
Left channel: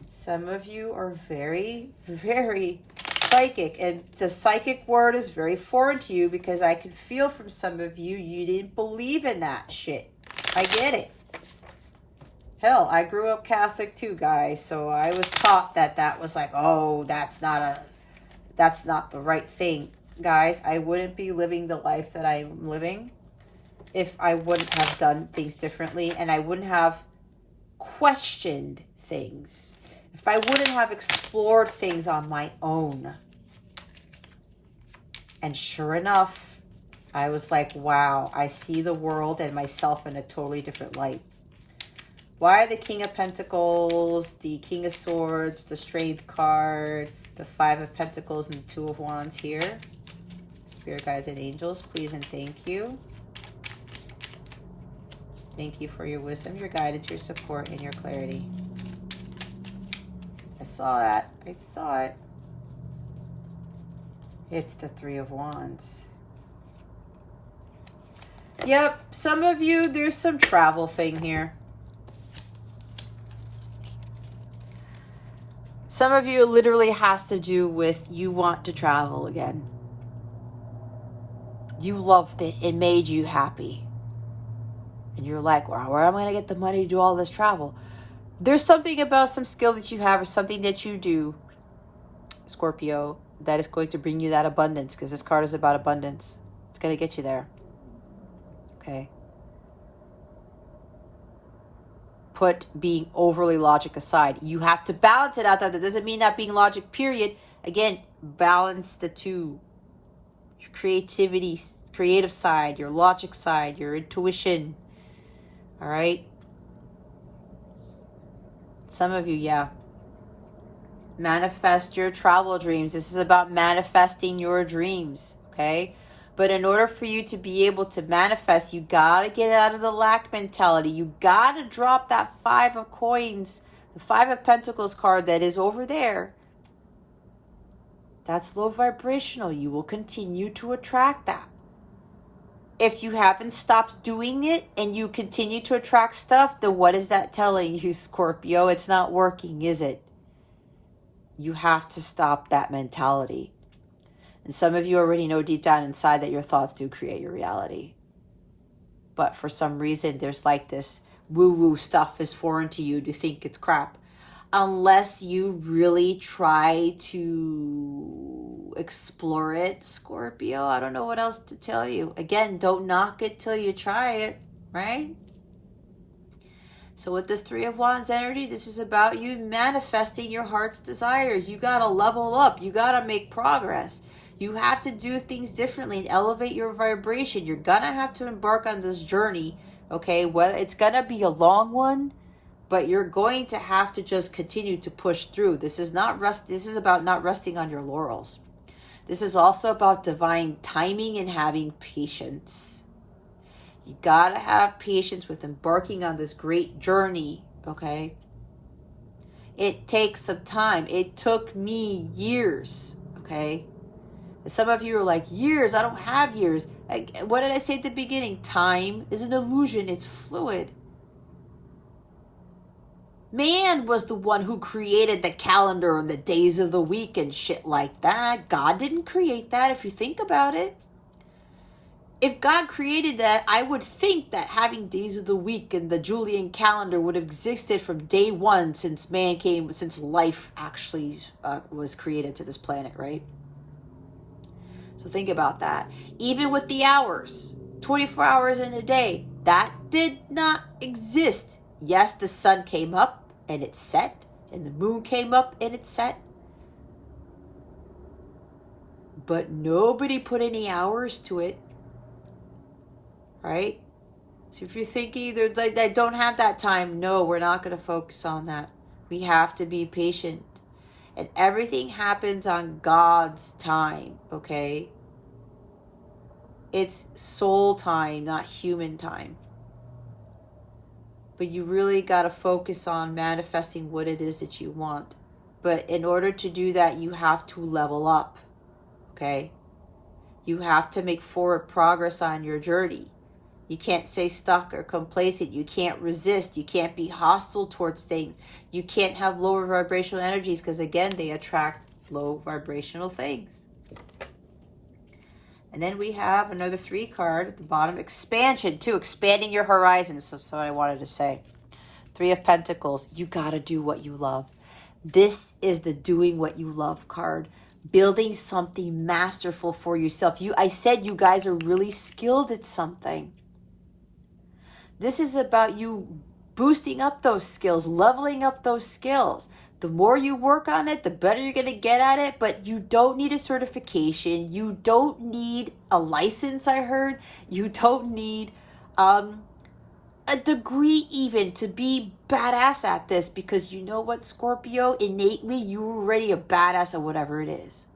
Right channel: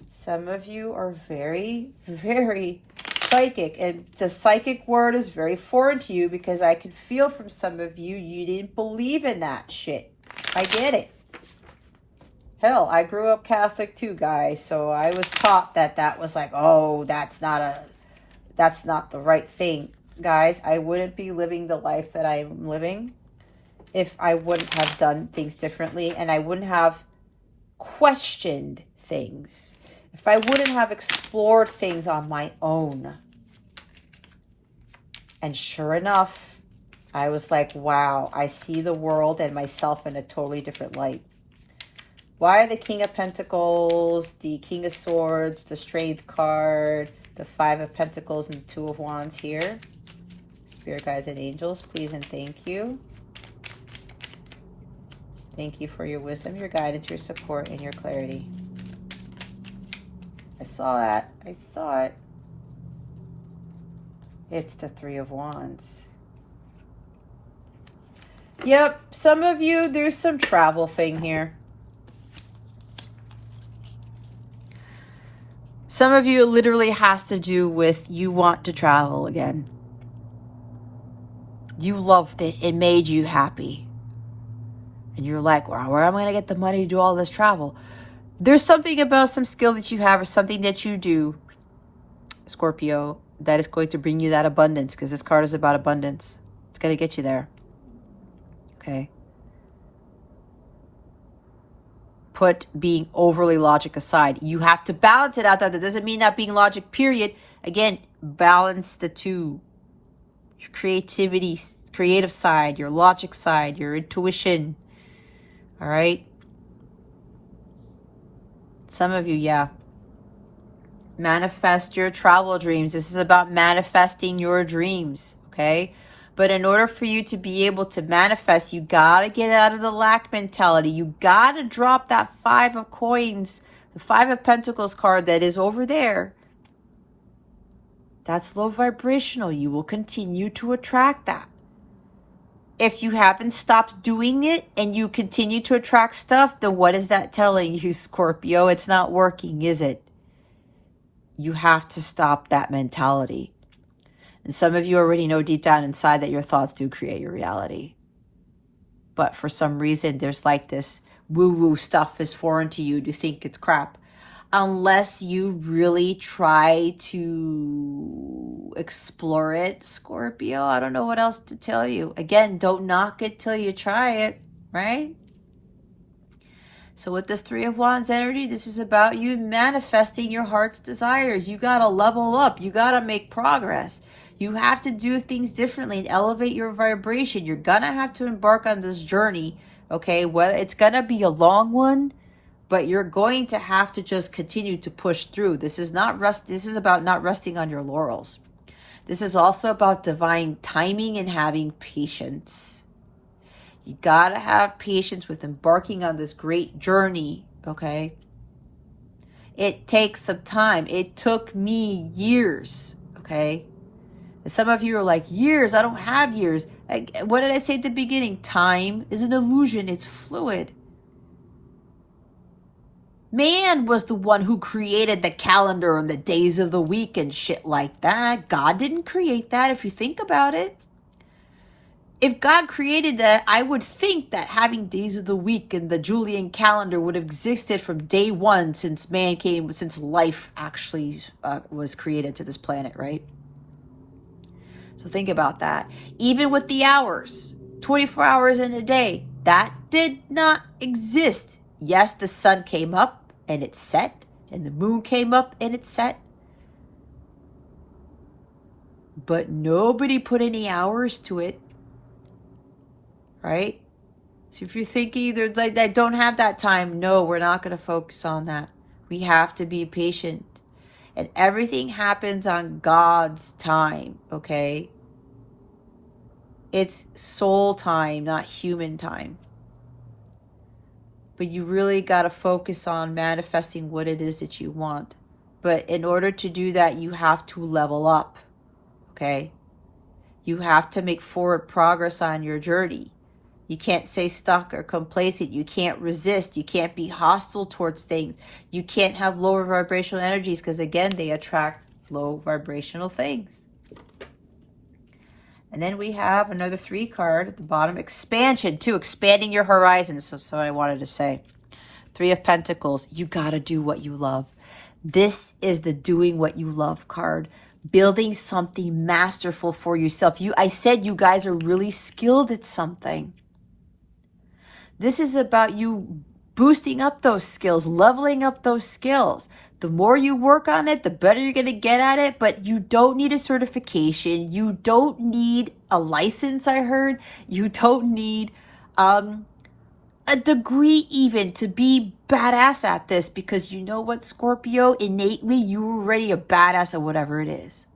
some of you are very, very psychic. And the psychic word is very foreign to you because I can feel from some of you, you didn't believe in that shit. I get it. Hell, I grew up Catholic too, guys. So I was taught that was like, oh, that's not the right thing. Guys, I wouldn't be living the life that I'm living if I wouldn't have done things differently and I wouldn't have questioned things. If I wouldn't have explored things on my own. And sure enough, I was like, wow, I see the world and myself in a totally different light. Why are the King of Pentacles, the King of Swords, the Strength card, the Five of Pentacles, and the Two of Wands here? Spirit guides and angels, please and thank you. Thank you for your wisdom, your guidance, your support, and your clarity. I saw that. I saw it. It's the Three of Wands. Yep, some of you, there's some travel thing here. Some of you, it literally has to do with you want to travel again. You loved it. It made you happy. And you're like, well, where am I going to get the money to do all this travel? There's something about some skill that you have or something that you do, Scorpio, that is going to bring you that abundance, because this card is about abundance. It's going to get you there. Okay. Put being overly logic aside. You have to balance it out there. That doesn't mean not being logic, period. Again, balance the two. Your creativity, creative side, your logic side, your intuition. All right? Some of you, yeah. Manifest your travel dreams. This is about manifesting your dreams, okay? But in order for you to be able to manifest, you got to get out of the lack mentality. You got to drop that 5 of coins, the 5 of Pentacles card that is over there. That's low vibrational. You will continue to attract that. If you haven't stopped doing it and you continue to attract stuff, then what is that telling you, Scorpio? It's not working, is it? You have to stop that mentality. And some of you already know deep down inside that your thoughts do create your reality. But for some reason, there's like this woo-woo stuff is foreign to you to think it's crap. Unless you really try to explore it, Scorpio, I don't know what else to tell you. Again, don't knock it till you try it, right? So with this 3 of Wands energy, this is about you manifesting your heart's desires. You got to level up. You got to make progress. You have to do things differently and elevate your vibration. You're going to have to embark on this journey, okay? Whether it's going to be a long one, but you're going to have to just continue to push through. This is about not resting on your laurels. This is also about divine timing and having patience. You got to have patience with embarking on this great journey, okay? It takes some time. It took me years, okay? And some of you are like, years? I don't have years. What did I say at the beginning? Time is an illusion. It's fluid. Man was the one who created the calendar and the days of the week and shit like that. God didn't create that, if you think about it. If God created that, I would think that having days of the week and the Julian calendar would have existed from day one since life actually was created to this planet, right? So think about that. Even with the hours, 24 hours in a day, that did not exist. Yes, the sun came up and it set, and the moon came up and it set. But nobody put any hours to it. Right? So if you're thinking either like that, don't have that time, no, we're not going to focus on that. We have to be patient. And everything happens on God's time, okay? It's soul time, not human time. But you really got to focus on manifesting what it is that you want. But in order to do that, you have to level up, okay? You have to make forward progress on your journey. You can't stay stuck or complacent. You can't resist. You can't be hostile towards things. You can't have lower vibrational energies because, again, they attract low vibrational things. And then we have another 3 card at the bottom. Expansion, too. Expanding your horizons. So what I wanted to say. 3 of Pentacles. You got to do what you love. This is the doing what you love card. Building something masterful for yourself. I said you guys are really skilled at something. This is about you boosting up those skills, leveling up those skills. The more you work on it, the better you're going to get at it, but you don't need a certification. You don't need a license, I heard. You don't need a degree even to be badass at this, because you know what, Scorpio? Innately, you're already a badass at whatever it is.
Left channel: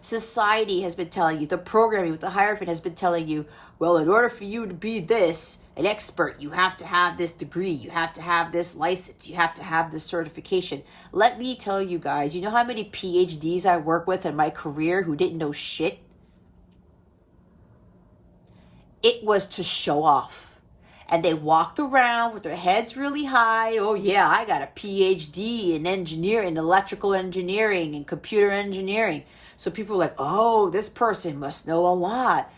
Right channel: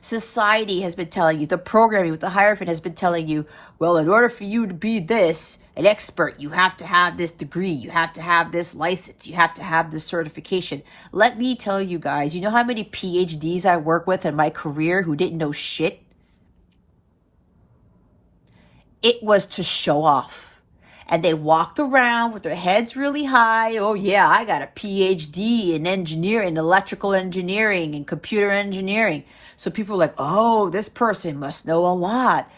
Society has been telling you, the programming with the Hierophant has been telling you, well, in order for you to be this, an expert, you have to have this degree, you have to have this license, you have to have this certification. Let me tell you guys, you know how many PhDs I work with in my career who didn't know shit? It was to show off. And they walked around with their heads really high. Oh yeah, I got a PhD in engineering, electrical engineering and computer engineering. So people are like, oh, this person must know a lot.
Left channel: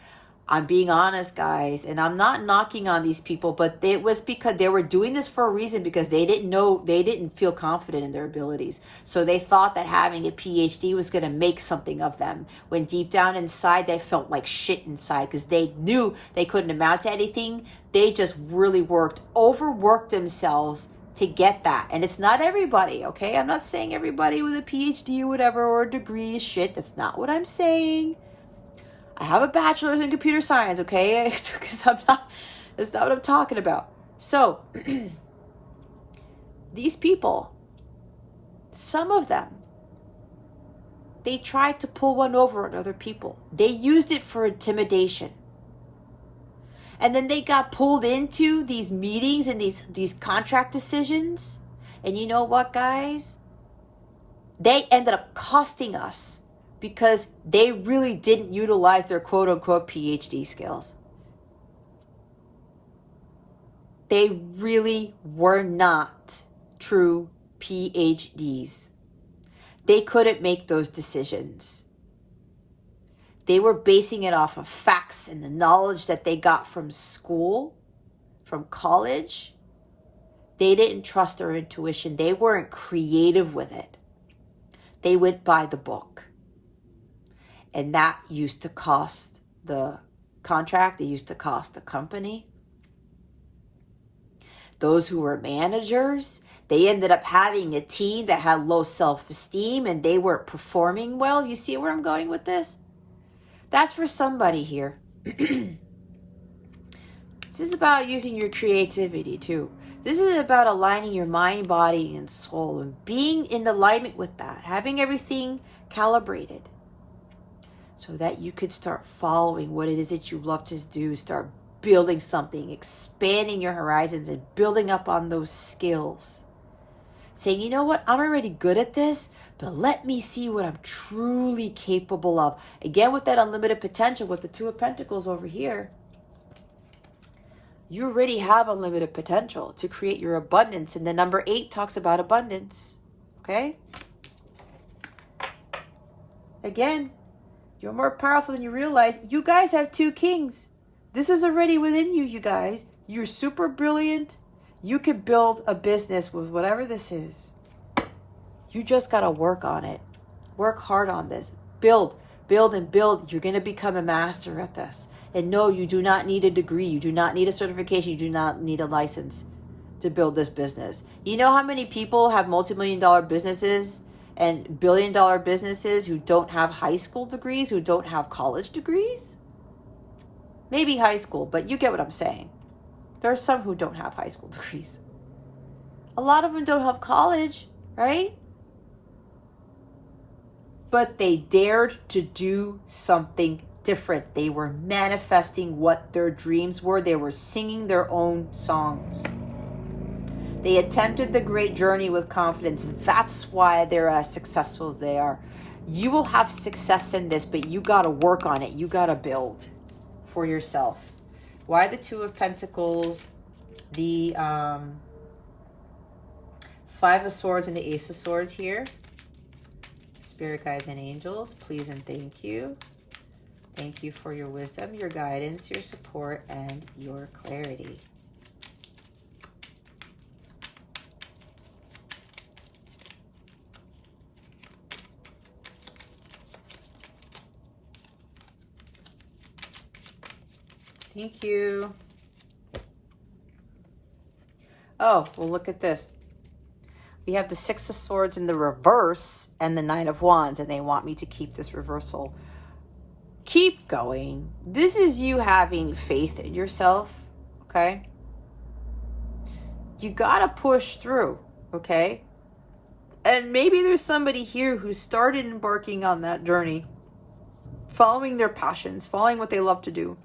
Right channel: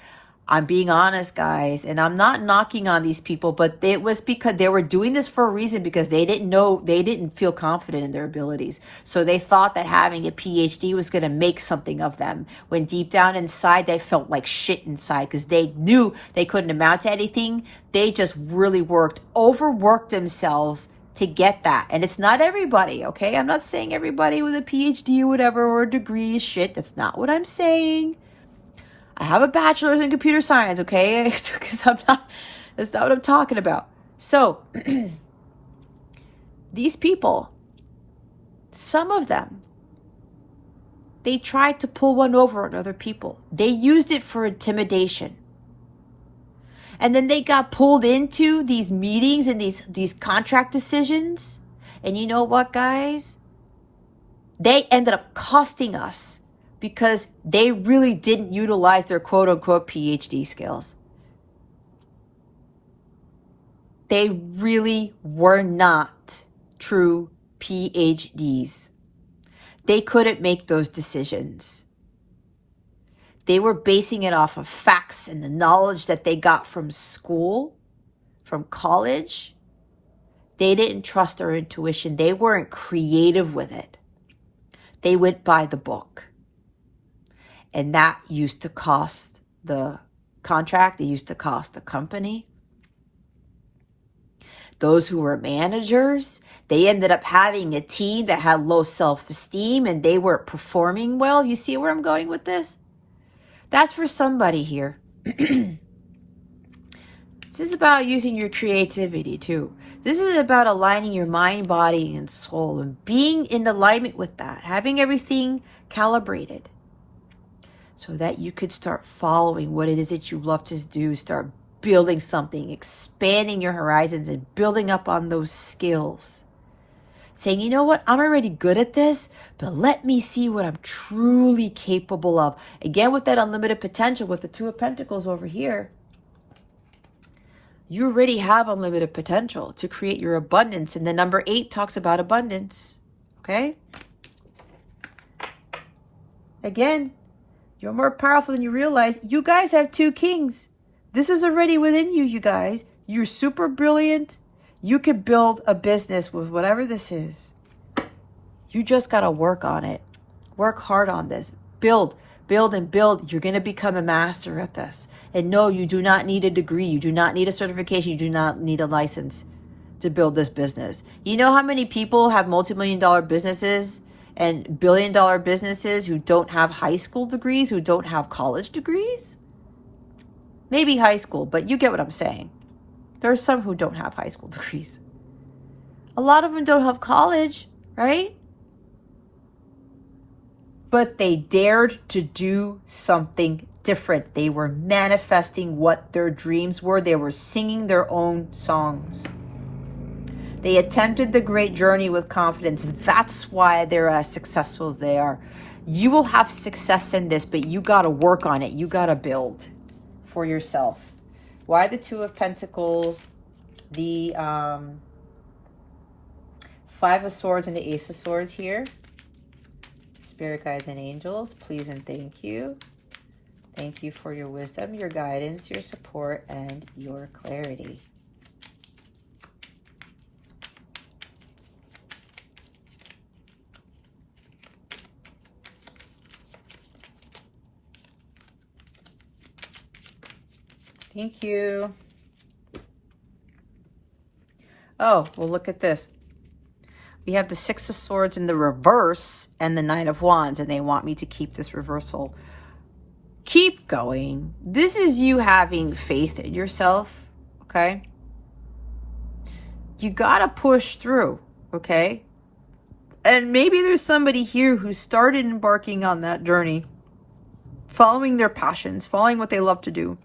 I'm being honest, guys, and I'm not knocking on these people, but it was because they were doing this for a reason, because they didn't feel confident in their abilities. So they thought that having a PhD was going to make something of them, when deep down inside they felt like shit inside, because they knew they couldn't amount to anything. They just really overworked themselves to get that. And it's not everybody, okay? I'm not saying everybody with a PhD or whatever, or a degree is shit. That's not what I'm saying. I have a bachelor's in computer science, okay? Because that's not what I'm talking about. So, these people, some of them, they tried to pull one over on other people. They used it for intimidation. And then they got pulled into these meetings and these contract decisions. And you know what, guys? They ended up costing us, because they really didn't utilize their quote-unquote PhD skills. They really were not true PhDs. They couldn't make those decisions. They were basing it off of facts and the knowledge that they got from school, from college. They didn't trust their intuition. They weren't creative with it. They went by the book. And that used to cost the contract. It used to cost the company. Those who were managers, they ended up having a team that had low self-esteem and they weren't performing well. You see where I'm going with this? That's for somebody here. This is about using your creativity too. This is about aligning your mind, body, and soul, and being in alignment with that, having everything calibrated, so that you could start following what it is that you love to do, start building something, expanding your horizons, and building up on those skills. Saying, you know what, I'm already good at this, but let me see what I'm truly capable of. Again, with that unlimited potential, with the Two of Pentacles over here, you already have unlimited potential to create your abundance. And the number 8 talks about abundance, okay? Again, you're more powerful than you realize. You guys have 2 kings. This is already within you, you guys. You're super brilliant. You could build a business with whatever this is. You just got to work on it. Work hard on this. Build, and build. You're going to become a master at this. And no, you do not need a degree. You do not need a certification. You do not need a license to build this business. You know how many people have multi-million-dollar businesses and billion-dollar businesses who don't have high school degrees, who don't have college degrees? Maybe high school, but you get what I'm saying. There are some who don't have high school degrees. A lot of them don't have college, right? But they dared to do something different. They were manifesting what their dreams were. They were singing their own songs. They attempted the great journey with confidence. That's why they're as successful as they are. You will have success in this, but you got to work on it. You got to build for yourself. Why the Two of Pentacles, the 5 of Swords, and the Ace of Swords here? Spirit guides and angels, please and thank you. Thank you for your wisdom, your guidance, your support, and your clarity. Thank you. Oh, well, look at this. We have the 6 of Swords in the reverse and the 9 of Wands, and they want me to keep this reversal. Keep going. This is you having faith in yourself, okay? You gotta push through, okay? And maybe there's somebody here who started embarking on that journey, following their passions, following what they love to do.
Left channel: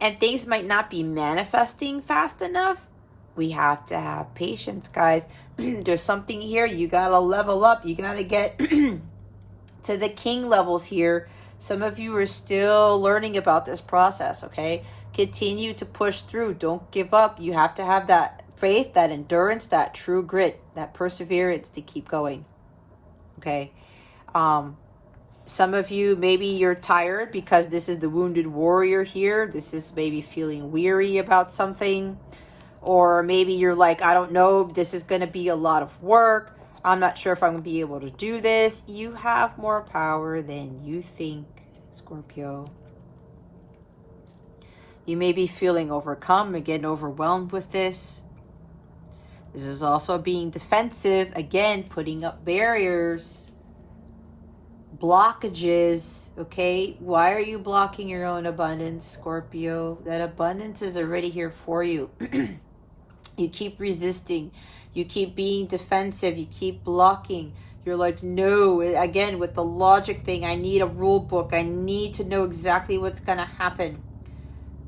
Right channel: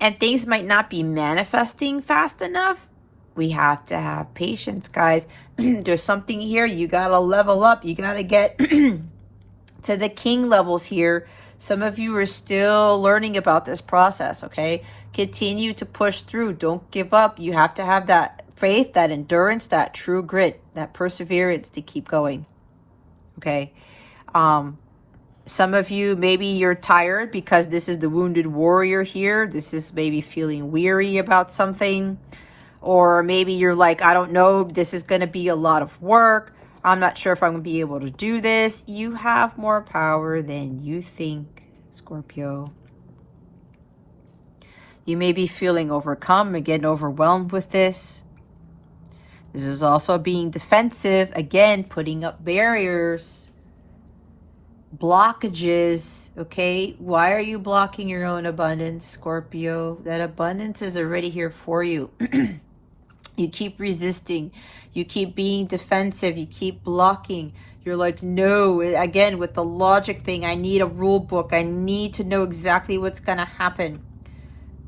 And things might not be manifesting fast enough. We have to have patience, guys. There's something here. You got to level up. You got to get to the king levels here. Some of you are still learning about this process, okay? Continue to push through. Don't give up. You have to have that faith, that endurance, that true grit, that perseverance to keep going, okay? Some of you, maybe you're tired because this is the wounded warrior here. This is maybe feeling weary about something. Or maybe you're like, I don't know, this is going to be a lot of work. I'm not sure if I'm going to be able to do this. You have more power than you think, Scorpio. You may be feeling overcome and getting overwhelmed with this. This is also being defensive. Again, putting up barriers, blockages, okay? Why are you blocking your own abundance, Scorpio? That abundance is already here for you. You keep resisting. You keep being defensive. You keep blocking. You're like, no, again, with the logic thing, I need a rule book. I need to know exactly what's going to happen.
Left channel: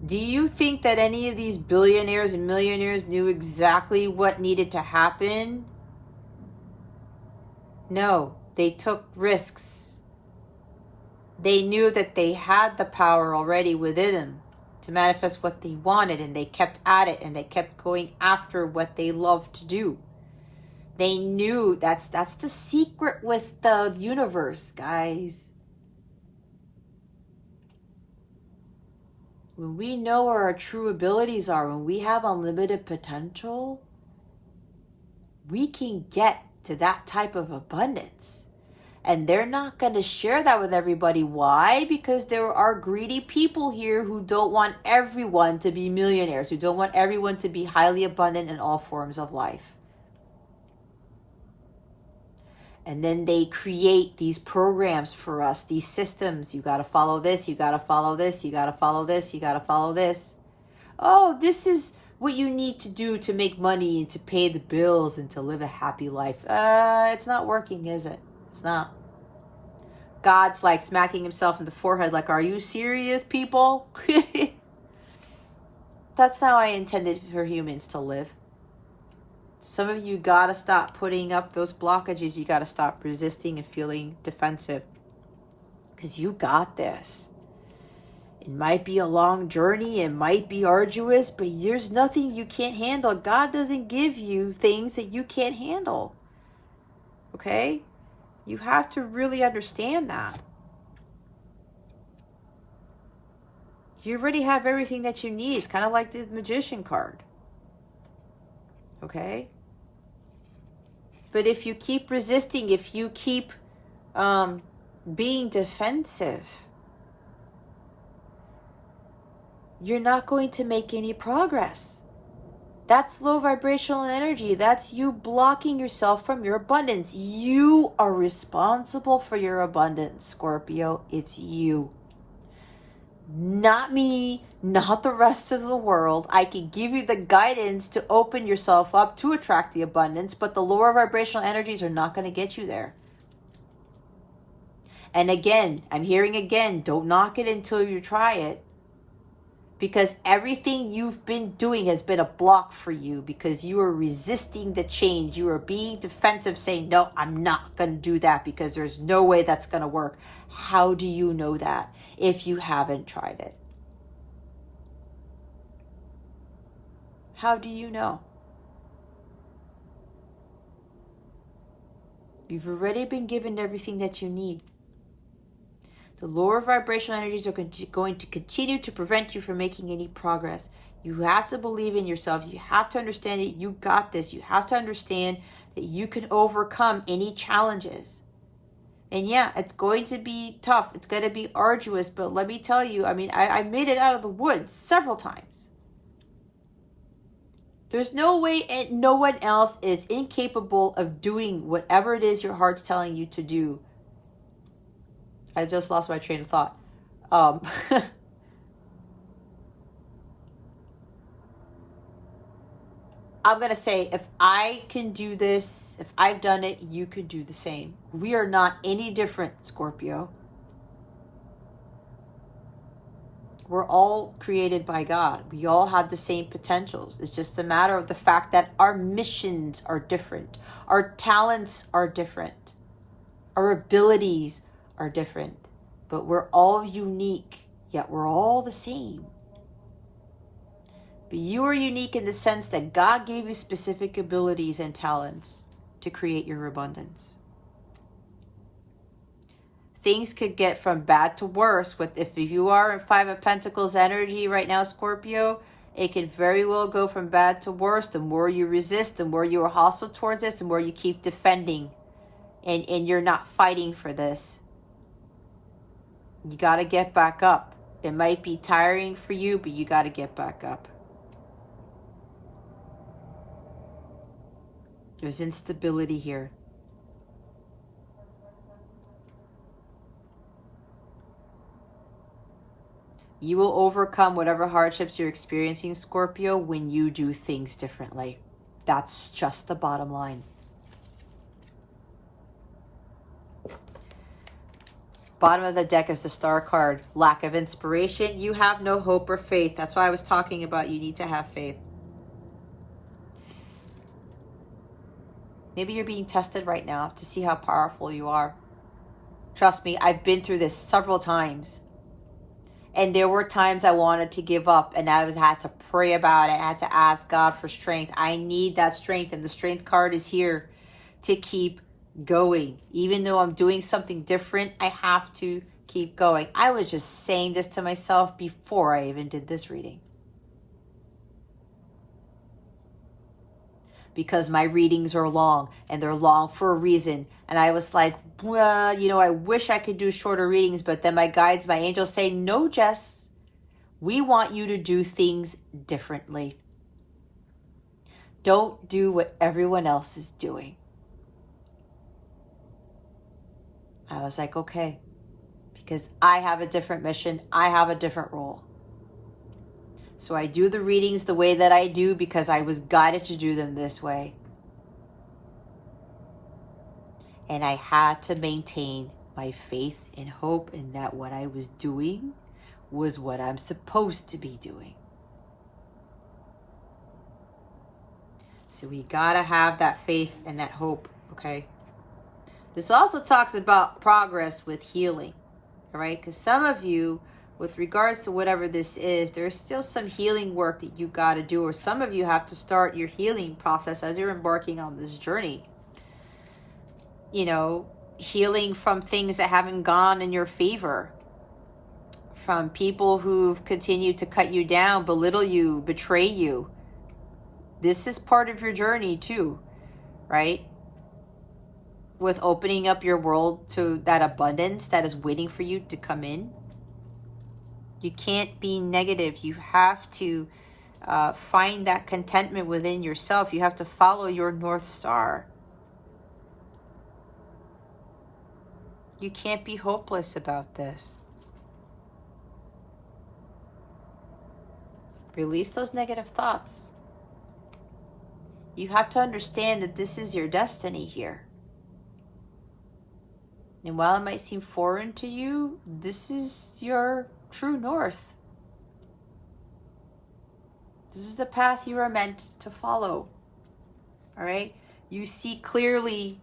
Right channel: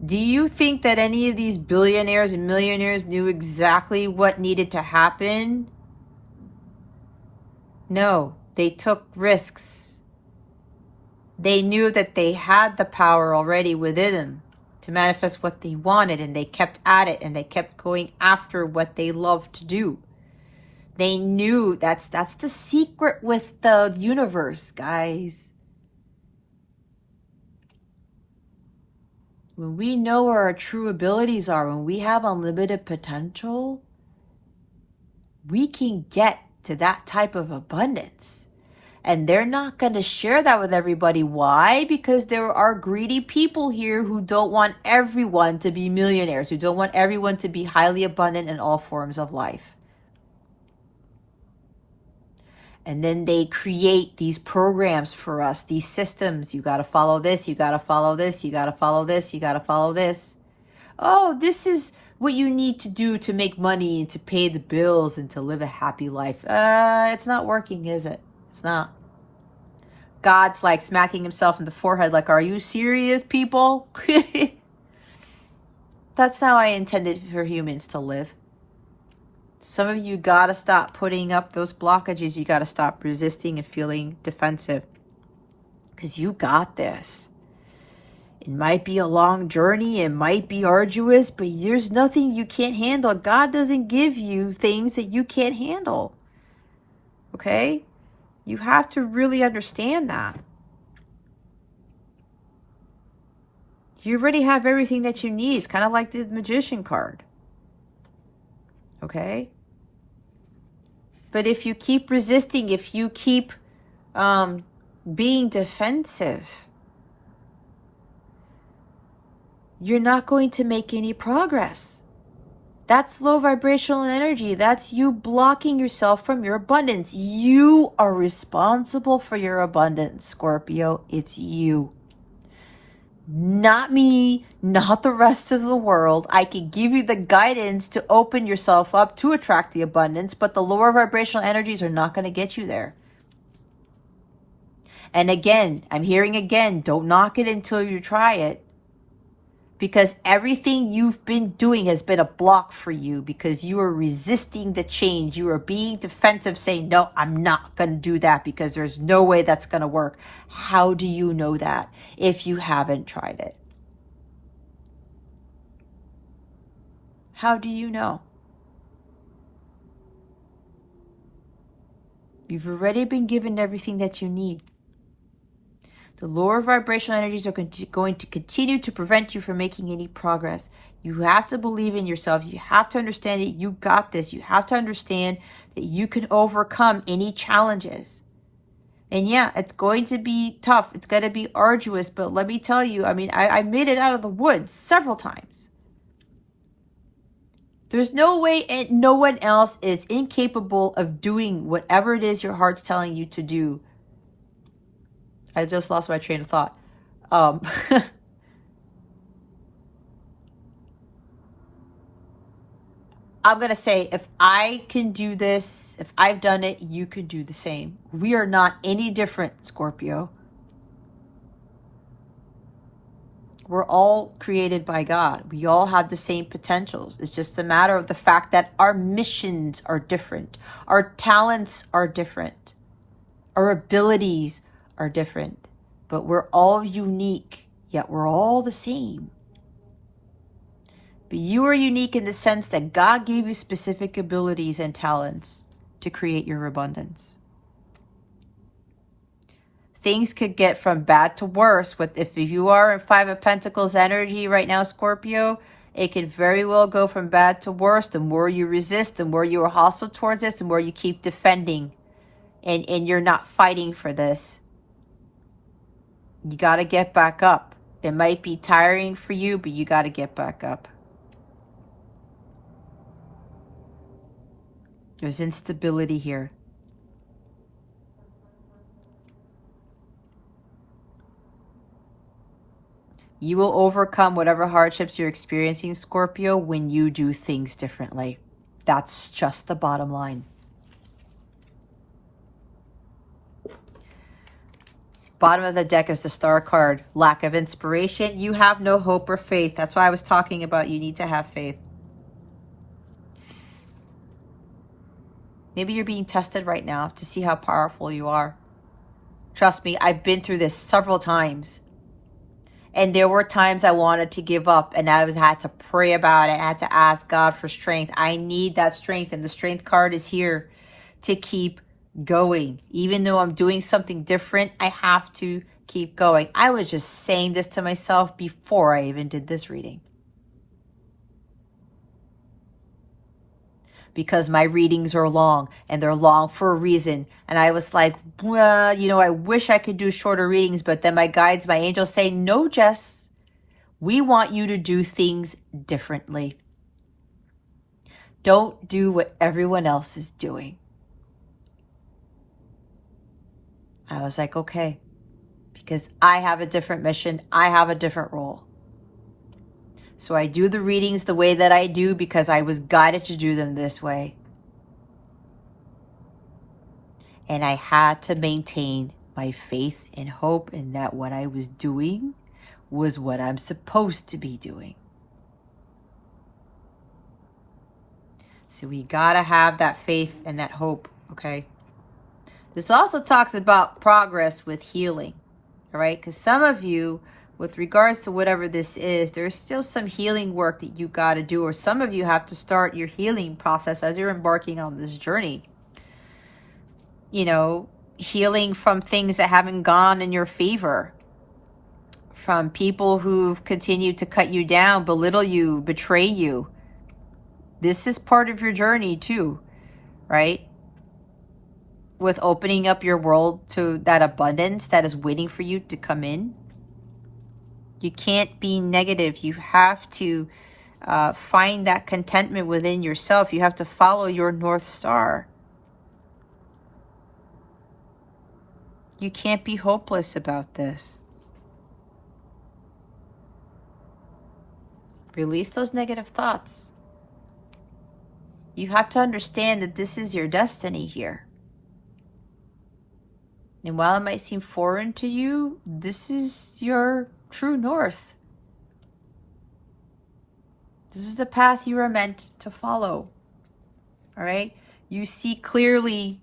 Do you think that any of these billionaires and millionaires knew exactly what needed to happen? No, they took risks. They knew that they had the power already within them to manifest what they wanted, and they kept at it, and they kept going after what they loved to do. They knew that's the secret with the universe, guys. When we know where our true abilities are, when we have unlimited potential, we can get to that type of abundance. And they're not going to share that with everybody. Why? Because there are greedy people here who don't want everyone to be millionaires, who don't want everyone to be highly abundant in all forms of life. And then they create these programs for us, these systems. You got to follow this, you got to follow this, you got to follow this, you got to follow this. Oh, this is what you need to do to make money and to pay the bills and to live a happy life. It's not working, is it? It's not. God's like smacking himself in the forehead like, are you serious, people? That's how I intended for humans to live. Some of you got to stop putting up those blockages. You got to stop resisting and feeling defensive. Because you got this. It might be a long journey. It might be arduous. But there's nothing you can't handle. God doesn't give you things that you can't handle. Okay? You have to really understand that. You already have everything that you need. It's kind of like the Magician card. Okay? But if you keep resisting, if you keep being defensive, you're not going to make any progress. That's low vibrational energy. That's you blocking yourself from your abundance. You are responsible for your abundance, Scorpio. It's you. Not me, not the rest of the world. I can give you the guidance to open yourself up to attract the abundance, but the lower vibrational energies are not going to get you there. And again, I'm hearing again, don't knock it until you try it. Because everything you've been doing has been a block for you because you are resisting the change. You are being defensive, saying, no, I'm not going to do that because there's no way that's going to work. How do you know that if you haven't tried it? How do you know? You've already been given everything that you need. The lower vibrational energies are going to continue to prevent you from making any progress. You have to believe in yourself. You have to understand that you got this. You have to understand that you can overcome any challenges. And yeah, it's going to be tough. It's going to be arduous. But let me tell you, I made it out of the woods several times. There's no way, and no one else is incapable of doing whatever it is your heart's telling you to do. I just lost my train of thought. I'm going to say, if I can do this, if I've done it, you can do the same. We are not any different, Scorpio. We're all created by God. We all have the same potentials. It's just a matter of the fact that our missions are different. Our talents are different. Our abilities are different, but we're all unique, yet we're all the same. But you are unique in the sense that God gave you specific abilities and talents to create your abundance. things could get from bad to worse. With if you are in Five of Pentacles energy right now, Scorpio, it could very well go from bad to worse. The more you resist, the more you are hostile towards this, the more you keep defending, and you're not fighting for this. You got to get back up. It might be tiring for you, but you got to get back up. There's instability here. You will overcome whatever hardships you're experiencing, Scorpio, when you do things differently. That's just the bottom line. Bottom of the deck is the Star card. Lack of inspiration. You have no hope or faith. That's why I was talking about you need to have faith. Maybe you're being tested right now to see how powerful you are. Trust me, I've been through this several times. And there were times I wanted to give up, and I had to pray about it. I had to ask God for strength. I need that strength, and the strength card is here to keep going. Even though I'm doing something different, I have to keep going. I was just saying this to myself before I even did this reading. Because my readings are long, and they're long for a reason. And I was like, well, you know, I wish I could do shorter readings, but then my guides, my angels say, no, Jess, we want you to do things differently. Don't do what everyone else is doing. I was like, okay, because I have a different mission. I have a different role. So I do the readings the way that I do because I was guided to do them this way. And I had to maintain my faith and hope in that what I was doing was what I'm supposed to be doing. So we gotta have that faith and that hope, okay? This also talks about progress with healing, all right? Because some of you, with regards to whatever this is, there's still some healing work that you got to do, or some of you have to start your healing process as you're embarking on this journey. You know, healing from things that haven't gone in your favor, from people who've continued to cut you down, belittle you, betray you. This is part of your journey too, right? With opening up your world to that abundance that is waiting for you to come in. You can't be negative. You have to find that contentment within yourself. You have to follow your North Star. You can't be hopeless about this. Release those negative thoughts. You have to understand that this is your destiny here. And while it might seem foreign to you, this is your true north. This is the path you are meant to follow. All right? You see clearly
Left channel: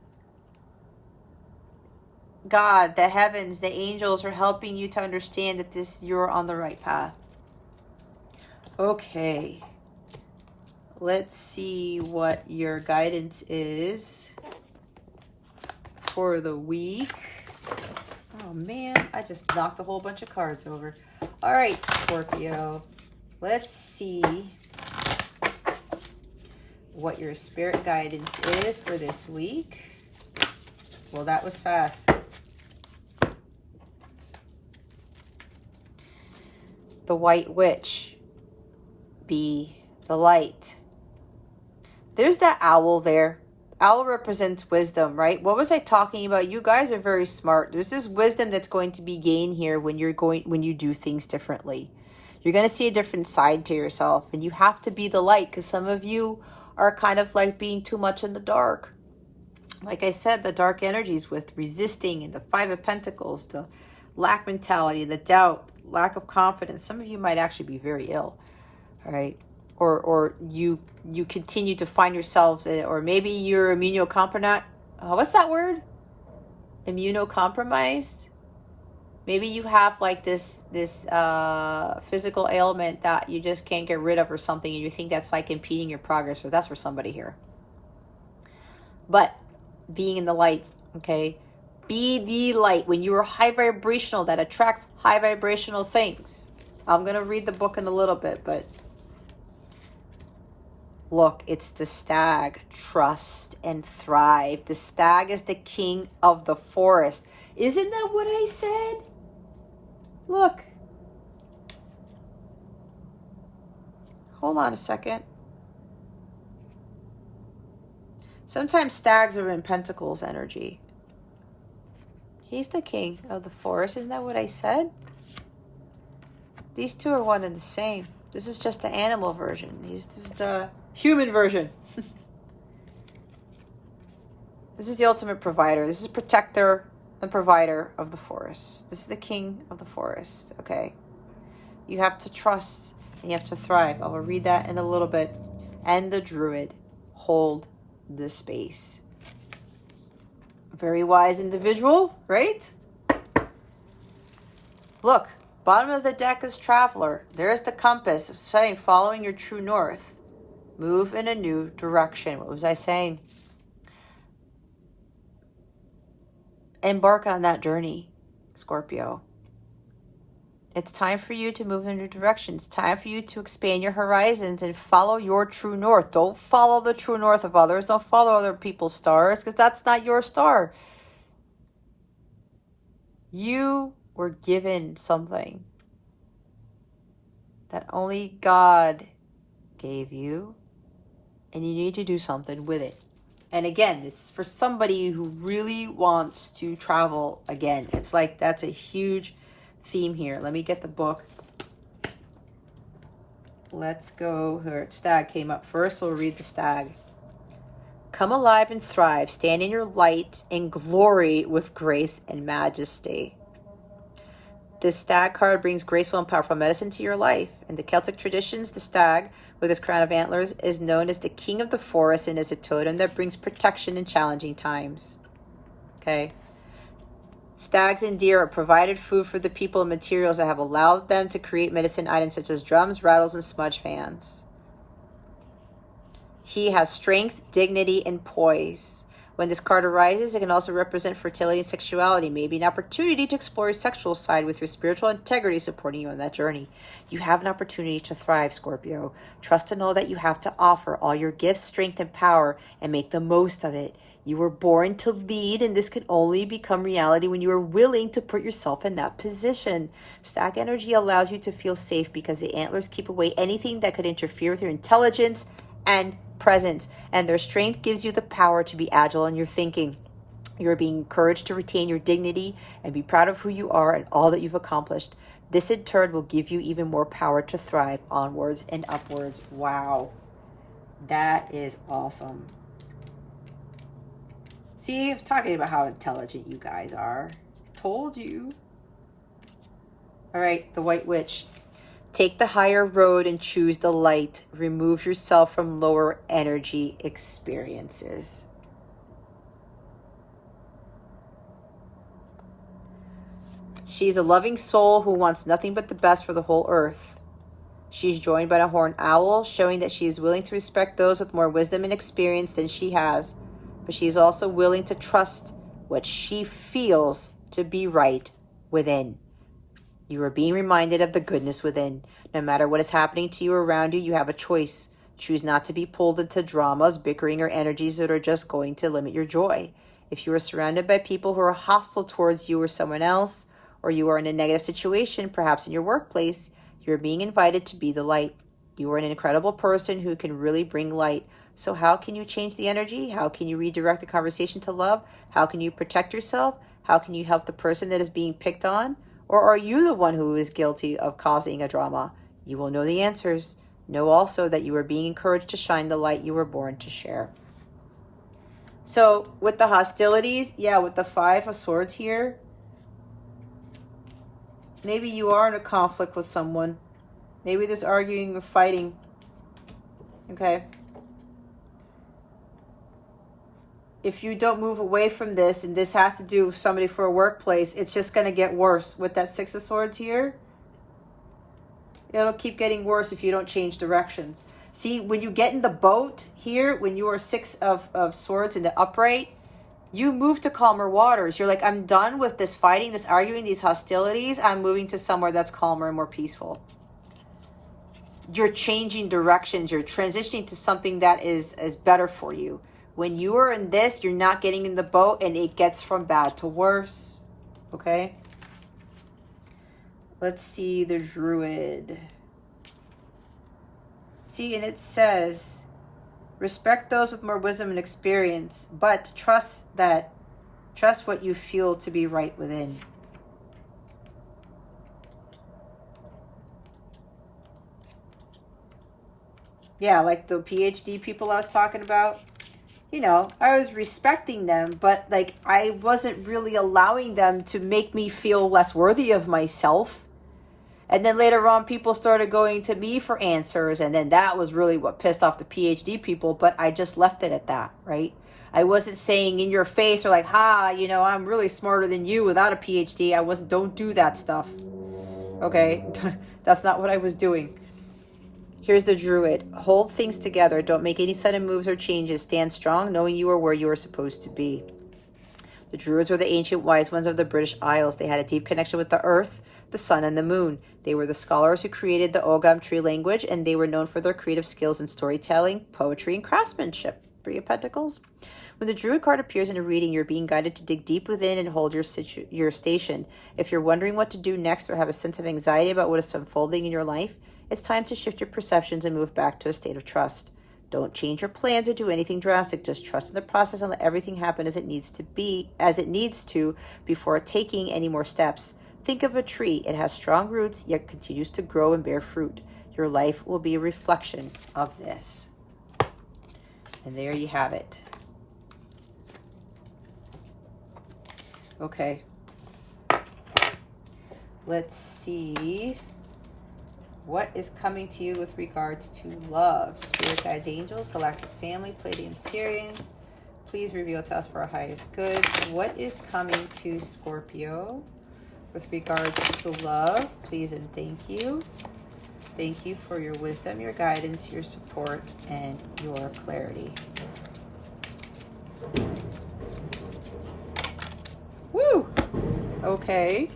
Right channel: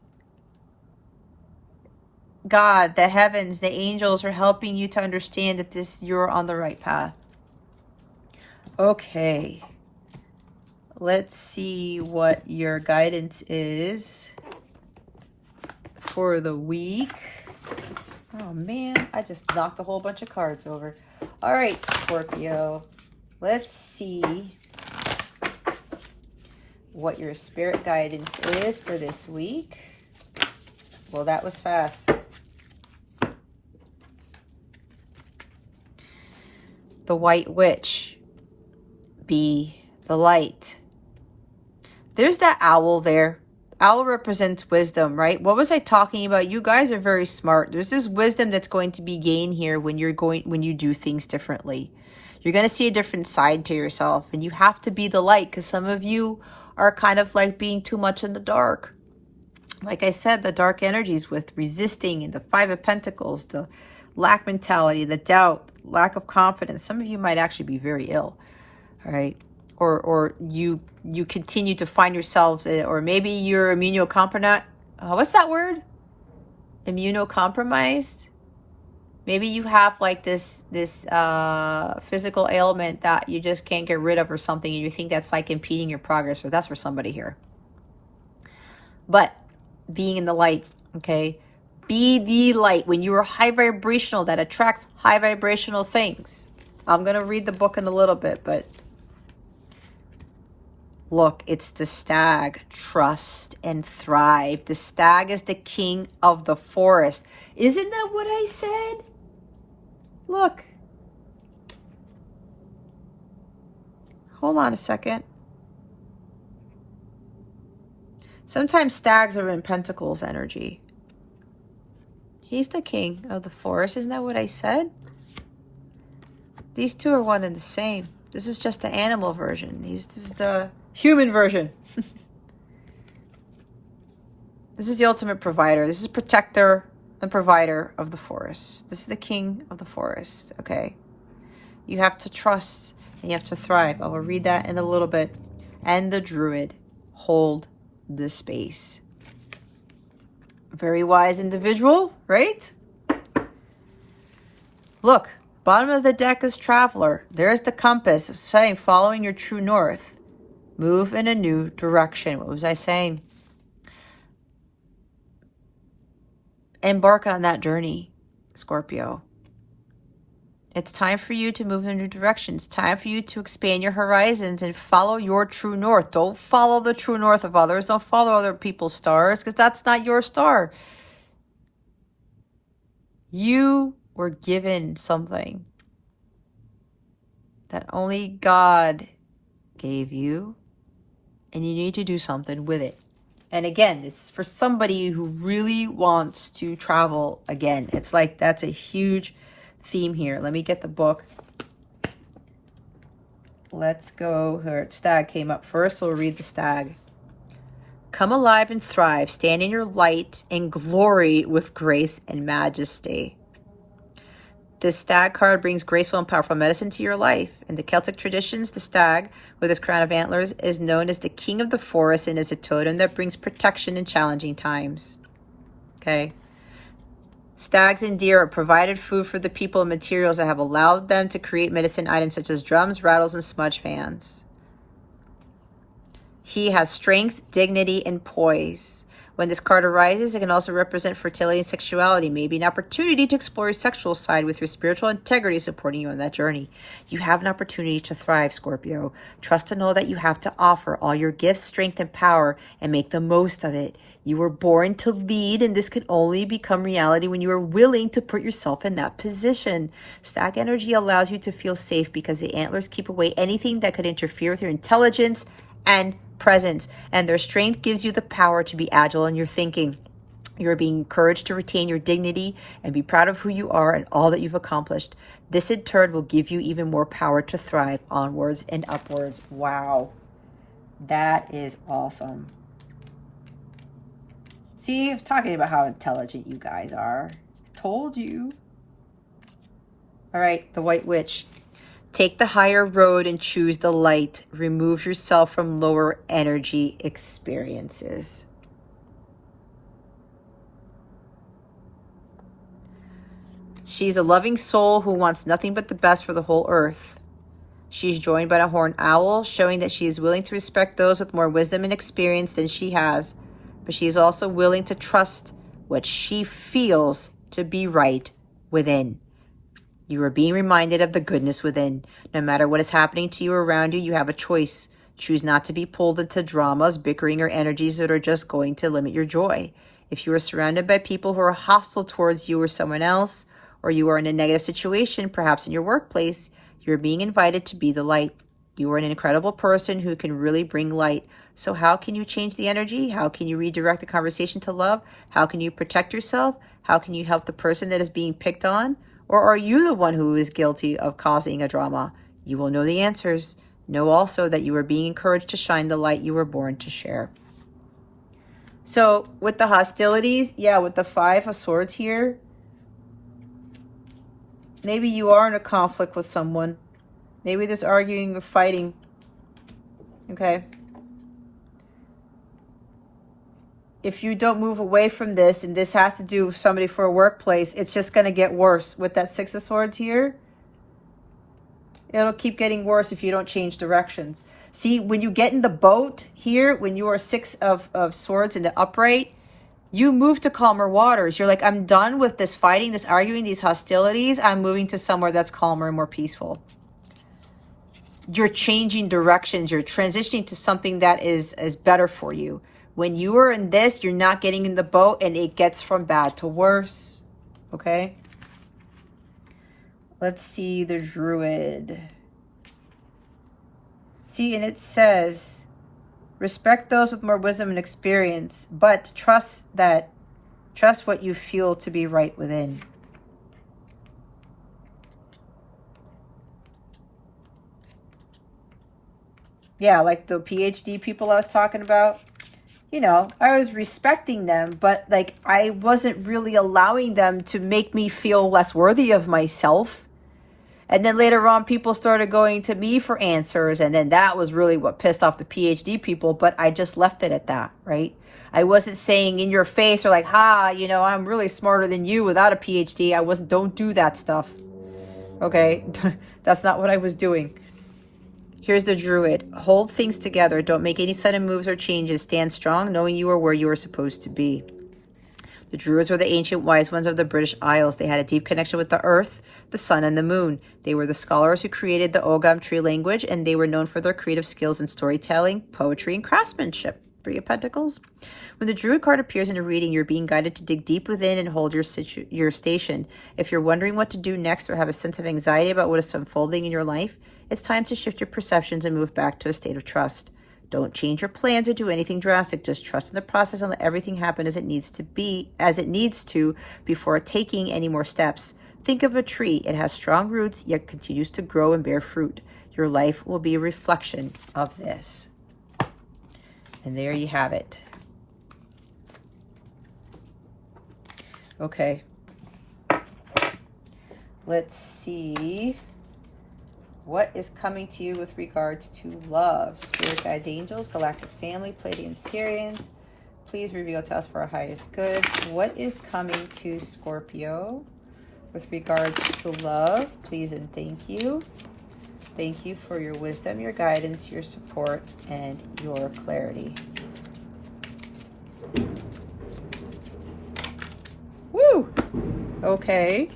God, the heavens, the angels are helping you to understand that you're on the right path. Okay. Let's see what your guidance is for the week. Oh man, I just knocked a whole bunch of cards over. All right, Scorpio. Let's see what your spirit guidance is for this week. Well, that was fast. The White Witch. Be the light. There's that owl there. Owl represents wisdom, right? What was I talking about? You guys are very smart. There's this wisdom that's going to be gained here when you do things differently. You're going to see a different side to yourself, and you have to be the light, because some of you are kind of like being too much in the dark. Like I said, the dark energies with resisting and the Five of Pentacles, the lack mentality, the doubt, lack of confidence. Some of you might actually be very ill, all right? Or you continue to find yourselves, or maybe you're immunocompromised. What's that word? Immunocompromised? Maybe you have like this physical ailment that you just can't get rid of or something, and you think that's like impeding your progress, or that's for somebody here. But being in the light, okay? Be the light. When you are high vibrational, that attracts high vibrational things. I'm going to read the book in a little bit, but look, it's the stag. Trust and thrive. The stag is the king of the forest. Isn't that what I said? Look. Hold on a second. Sometimes stags are in Pentacles energy. He's the king of the forest. Isn't that what I said? These two are one and the same. This is just the animal version. This is the human version. This is the ultimate provider. This is protector and provider of the forest. This is the king of the forest, okay? You have to trust and you have to thrive. I will read that in a little bit. And the druid, hold the space. Very wise individual, right? Look, bottom of the deck is traveler. There's the compass saying following your true north. Move in a new direction. What was I saying? Embark on that journey, Scorpio. It's time for you to move in a new direction. It's time for you to expand your horizons and follow your true north. Don't follow the true north of others. Don't follow other people's stars, because that's not your star. You were given something that only God gave you, and you need to do something with it. And again, this is for somebody who really wants to travel again. It's like that's a huge theme here. Let me get the book. Let's go. Her stag came up first. We'll read the stag. Come alive and thrive. Stand in your light and glory with grace and majesty. This stag card brings graceful and powerful medicine to your life. In the Celtic traditions, the stag, with his crown of antlers, is known as the king of the forest and is a totem that brings protection in challenging times. Okay. Stags and deer are provided food for the people and materials that have allowed them to create medicine items such as drums, rattles, and smudge fans. He has strength, dignity, and poise. When this card arises, it can also represent fertility and sexuality, maybe an opportunity to explore your sexual side with your spiritual integrity supporting you on that journey. You have an opportunity to thrive, Scorpio. Trust in all that you have to offer, all your gifts, strength, and power, and make the most of it. You were born to lead, and this can only become reality when you are willing to put yourself in that position. Stag energy allows you to feel safe because the antlers keep away anything that could interfere with your intelligence and presence, and their strength gives you the power to be agile in your thinking. You're being encouraged to retain your dignity and be proud of who you are and all that you've accomplished. This in turn will give you even more power to thrive onwards and upwards. Wow, that is awesome. See, I was talking about how intelligent you guys are. I told you. All right, the White Witch. Take the higher road and choose the light. Remove yourself from lower energy experiences. She's a loving soul who wants nothing but the best for the whole earth. She's joined by a horned owl, showing that she is willing to respect those with more wisdom and experience than she has. But she is also willing to trust what she feels to be right within. You are being reminded of the goodness within. No matter what is happening to you or around you, you have a choice. Choose not to be pulled into dramas, bickering, or energies that are just going to limit your joy. If you are surrounded by people who are hostile towards you or someone else, or you are in a negative situation, perhaps in your workplace, you're being invited to be the light. You are an incredible person who can really bring light. So how can you change the energy? How can you redirect the conversation to love? How can you protect yourself? How can you help the person that is being picked on? Or are you the one who is guilty of causing a drama? You will know the answers. Know also that you are being encouraged to shine the light you were born to share. So with the hostilities, yeah, with the Five of Swords here, maybe you are in a conflict with someone. Maybe there's arguing or fighting. Okay. If you don't move away from this, and this has to do with somebody for a workplace, it's just going to get worse. With that Six of Swords here, it'll keep getting worse if you don't change directions. See, when you get in the boat here, when you are Six of Swords in the upright, You move to calmer waters. You're like, I'm done with this fighting, this arguing, these hostilities. I'm moving to somewhere that's calmer and more peaceful. You're changing directions. You're transitioning to something that is better for you. When you are in this, you're not getting in the boat, and it gets from bad to worse. Okay? Let's see the Druid. See, and it says, respect those with more wisdom and experience, but trust what you feel to be right within. Yeah, like the PhD people I was talking about, you know, I was respecting them, but like I wasn't really allowing them to make me feel less worthy of myself. And then later on, people started going to me for answers. And then that was really what pissed off the PhD people. But I just left it at that, right? I wasn't saying in your face or like, you know, I'm really smarter than you without a PhD. Don't do that stuff. Okay? That's not what I was doing. Here's the Druid. Hold things together. Don't make any sudden moves or changes. Stand strong, knowing you are where you are supposed to be. The Druids were the ancient wise ones of the British Isles. They had a deep connection with the earth, the sun, and the moon. They were the scholars who created the Ogham tree language, and they were known for their creative skills in storytelling, poetry, and craftsmanship. Three of Pentacles. When the Druid card appears in a reading, you're being guided to dig deep within and hold your station. If you're wondering what to do next or have a sense of anxiety about what is unfolding in your life, it's time to shift your perceptions and move back to a state of trust. Don't change your plans or do anything drastic. Just trust in the process and let everything happen as it needs to before taking any more steps. Think of a tree. It has strong roots, yet continues to grow and bear fruit. Your life will be a reflection of this. And there you have it. Okay. Let's see what is coming to you with regards to love. Spirit guides, angels, galactic family, Pleiadian Sirians. Please reveal to us for our highest good. What is coming to Scorpio with regards to love? Please and thank you. Thank you for your wisdom, your guidance, your support, and your clarity. Woo! Okay.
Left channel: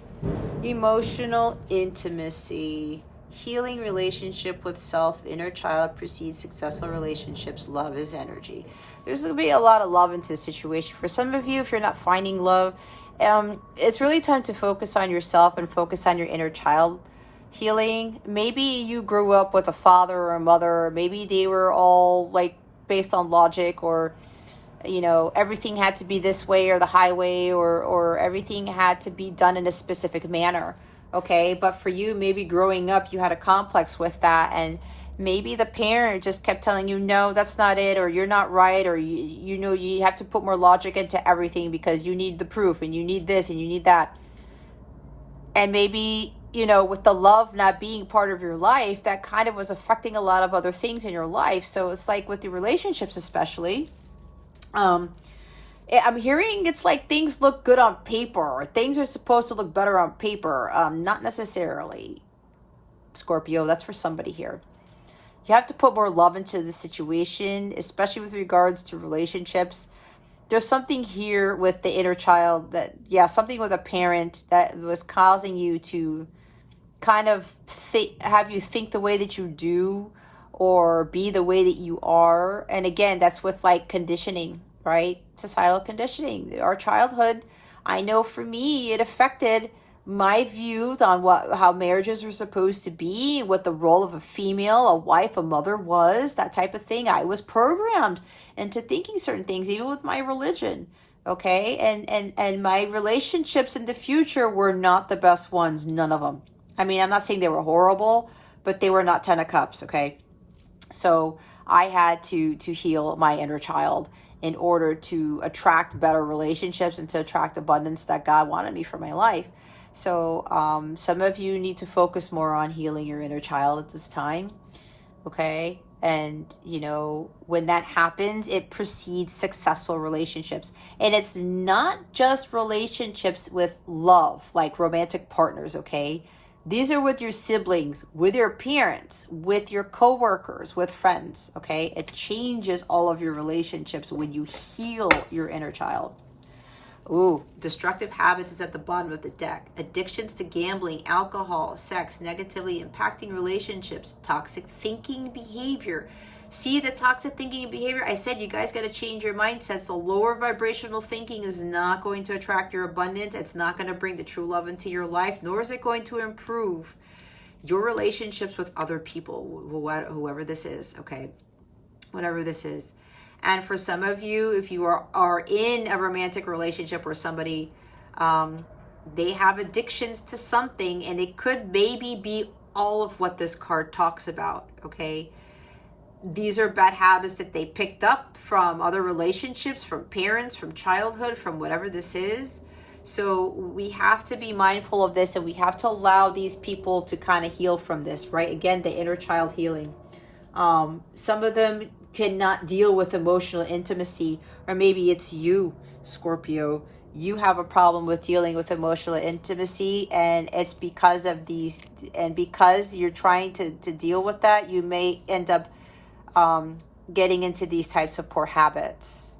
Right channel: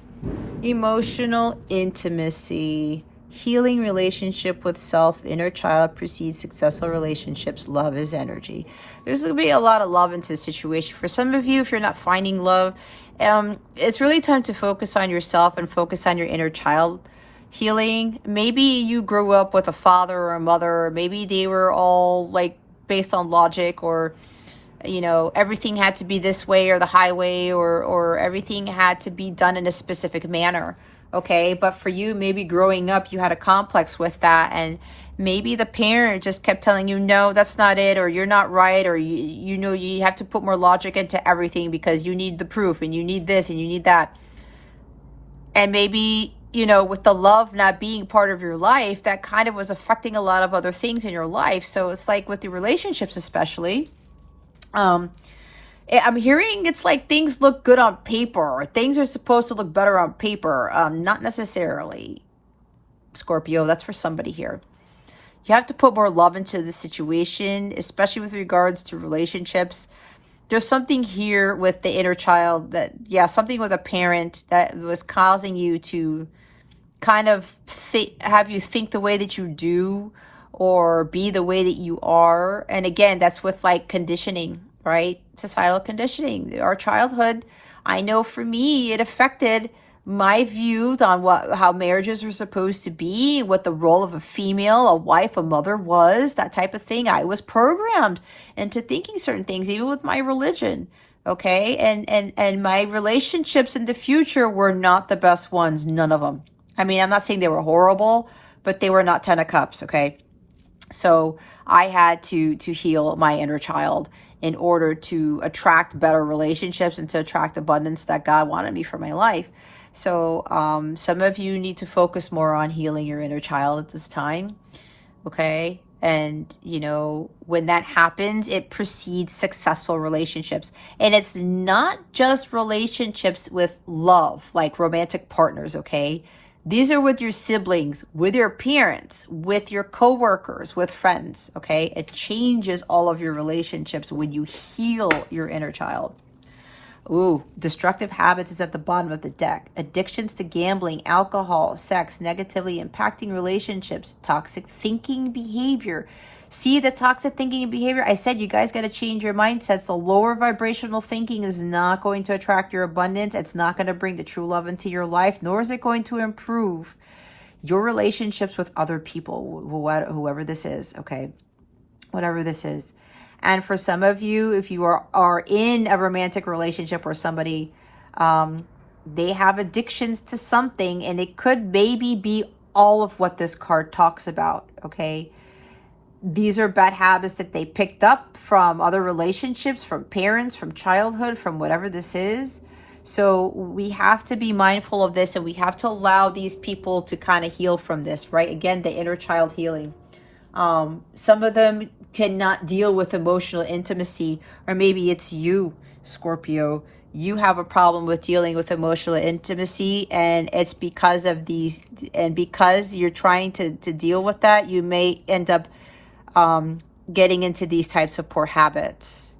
Emotional intimacy. Healing relationship with self, inner child precedes successful relationships. Love is energy. There's going to be a lot of love into the situation. For some of you, if you're not finding love, it's really time to focus on yourself and focus on your inner child healing. Maybe you grew up with a father or a mother, or maybe they were all like based on logic, or you know, everything had to be this way or the highway, or everything had to be done in a specific manner. Okay, but for you, maybe growing up, you had a complex with that, and maybe the parent just kept telling you, no, that's not it, or you're not right, or you know, you have to put more logic into everything because you need the proof, and you need this, and you need that. And maybe, you know, with the love not being part of your life, that kind of was affecting a lot of other things in your life. So it's like with the relationships especially, I'm hearing it's like things look good on paper, or things are supposed to look better on paper. Not necessarily, Scorpio. That's for somebody here. You have to put more love into the situation, especially with regards to relationships. There's something here with the inner child something with a parent that was causing you to kind of have you think the way that you do, or be the way that you are. And again, that's with like conditioning, right? Societal conditioning, our childhood. I know for me, it affected my views on how marriages are supposed to be, what the role of a female, a wife, a mother was, that type of thing. I was programmed into thinking certain things, even with my religion. Okay, and my relationships in the future were not the best ones, none of them. I mean, I'm not saying they were horrible, but they were not 10 of cups. Okay, so I had to heal my inner child in order to attract better relationships and to attract abundance that God wanted me for my life. So some of you need to focus more on healing your inner child at this time. Okay, and you know, when that happens, it precedes successful relationships. And it's not just relationships with love, like romantic partners. Okay, these are with your siblings, with your parents, with your coworkers, with friends. Okay, it changes all of your relationships when you heal your inner child. Ooh, destructive habits is at the bottom of the deck. Addictions to gambling, alcohol, sex, negatively impacting relationships, toxic thinking behavior. See the toxic thinking and behavior? I said you guys got to change your mindsets. The lower vibrational thinking is not going to attract your abundance. It's not going to bring the true love into your life, nor is it going to improve your relationships with other people, whoever this is, okay? Whatever this is. And for some of you, if you are in a romantic relationship or somebody, they have addictions to something, and it could maybe be all of what this card talks about, okay? These are bad habits that they picked up from other relationships, from parents, from childhood, from whatever this is. So we have to be mindful of this, and we have to allow these people to kind of heal from this, right? Again, the inner child healing. Some of them cannot deal with emotional intimacy, or maybe it's you, Scorpio. You have a problem with dealing with emotional intimacy, and it's because of these, and because you're trying to deal with that, you may end up getting into these types of poor habits.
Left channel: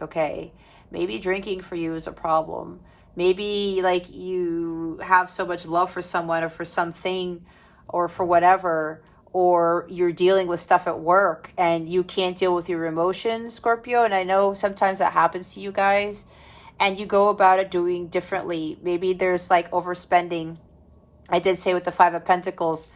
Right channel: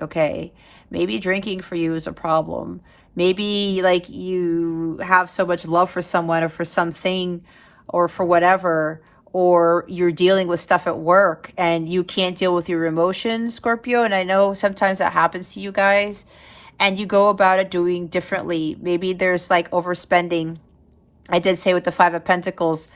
Okay, maybe drinking for you is a problem. Maybe like you have so much love for someone or for something or for whatever, or you're dealing with stuff at work and you can't deal with your emotions, Scorpio. And I know sometimes that happens to you guys, and you go about it doing differently. Maybe there's like overspending. I did say with the Five of Pentacles,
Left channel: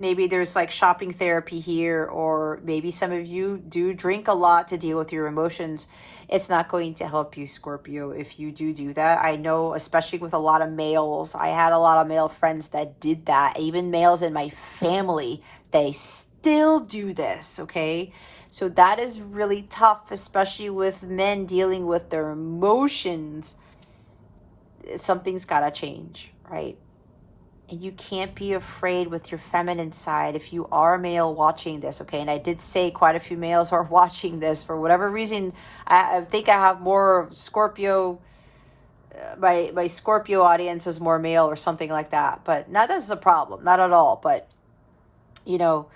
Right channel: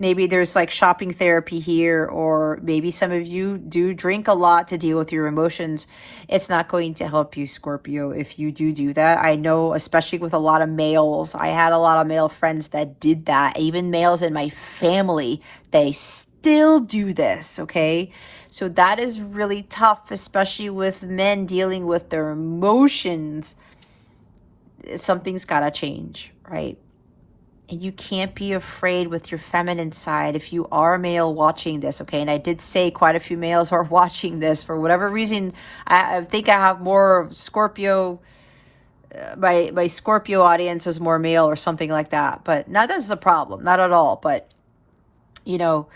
maybe there's like shopping therapy here, or maybe some of you do drink a lot to deal with your emotions. It's not going to help you, Scorpio, if you do that. I know, especially with a lot of males, I had a lot of male friends that did that. Even males in my family, they still do this, okay? So that is really tough, especially with men dealing with their emotions. Something's got to change, right? And you can't be afraid with your feminine side if you are a male watching this, okay? And I did say quite a few males are watching this for whatever reason. I think I have more of Scorpio. My Scorpio audience is more male or something like that. But not that's the problem, not at all. But, you know,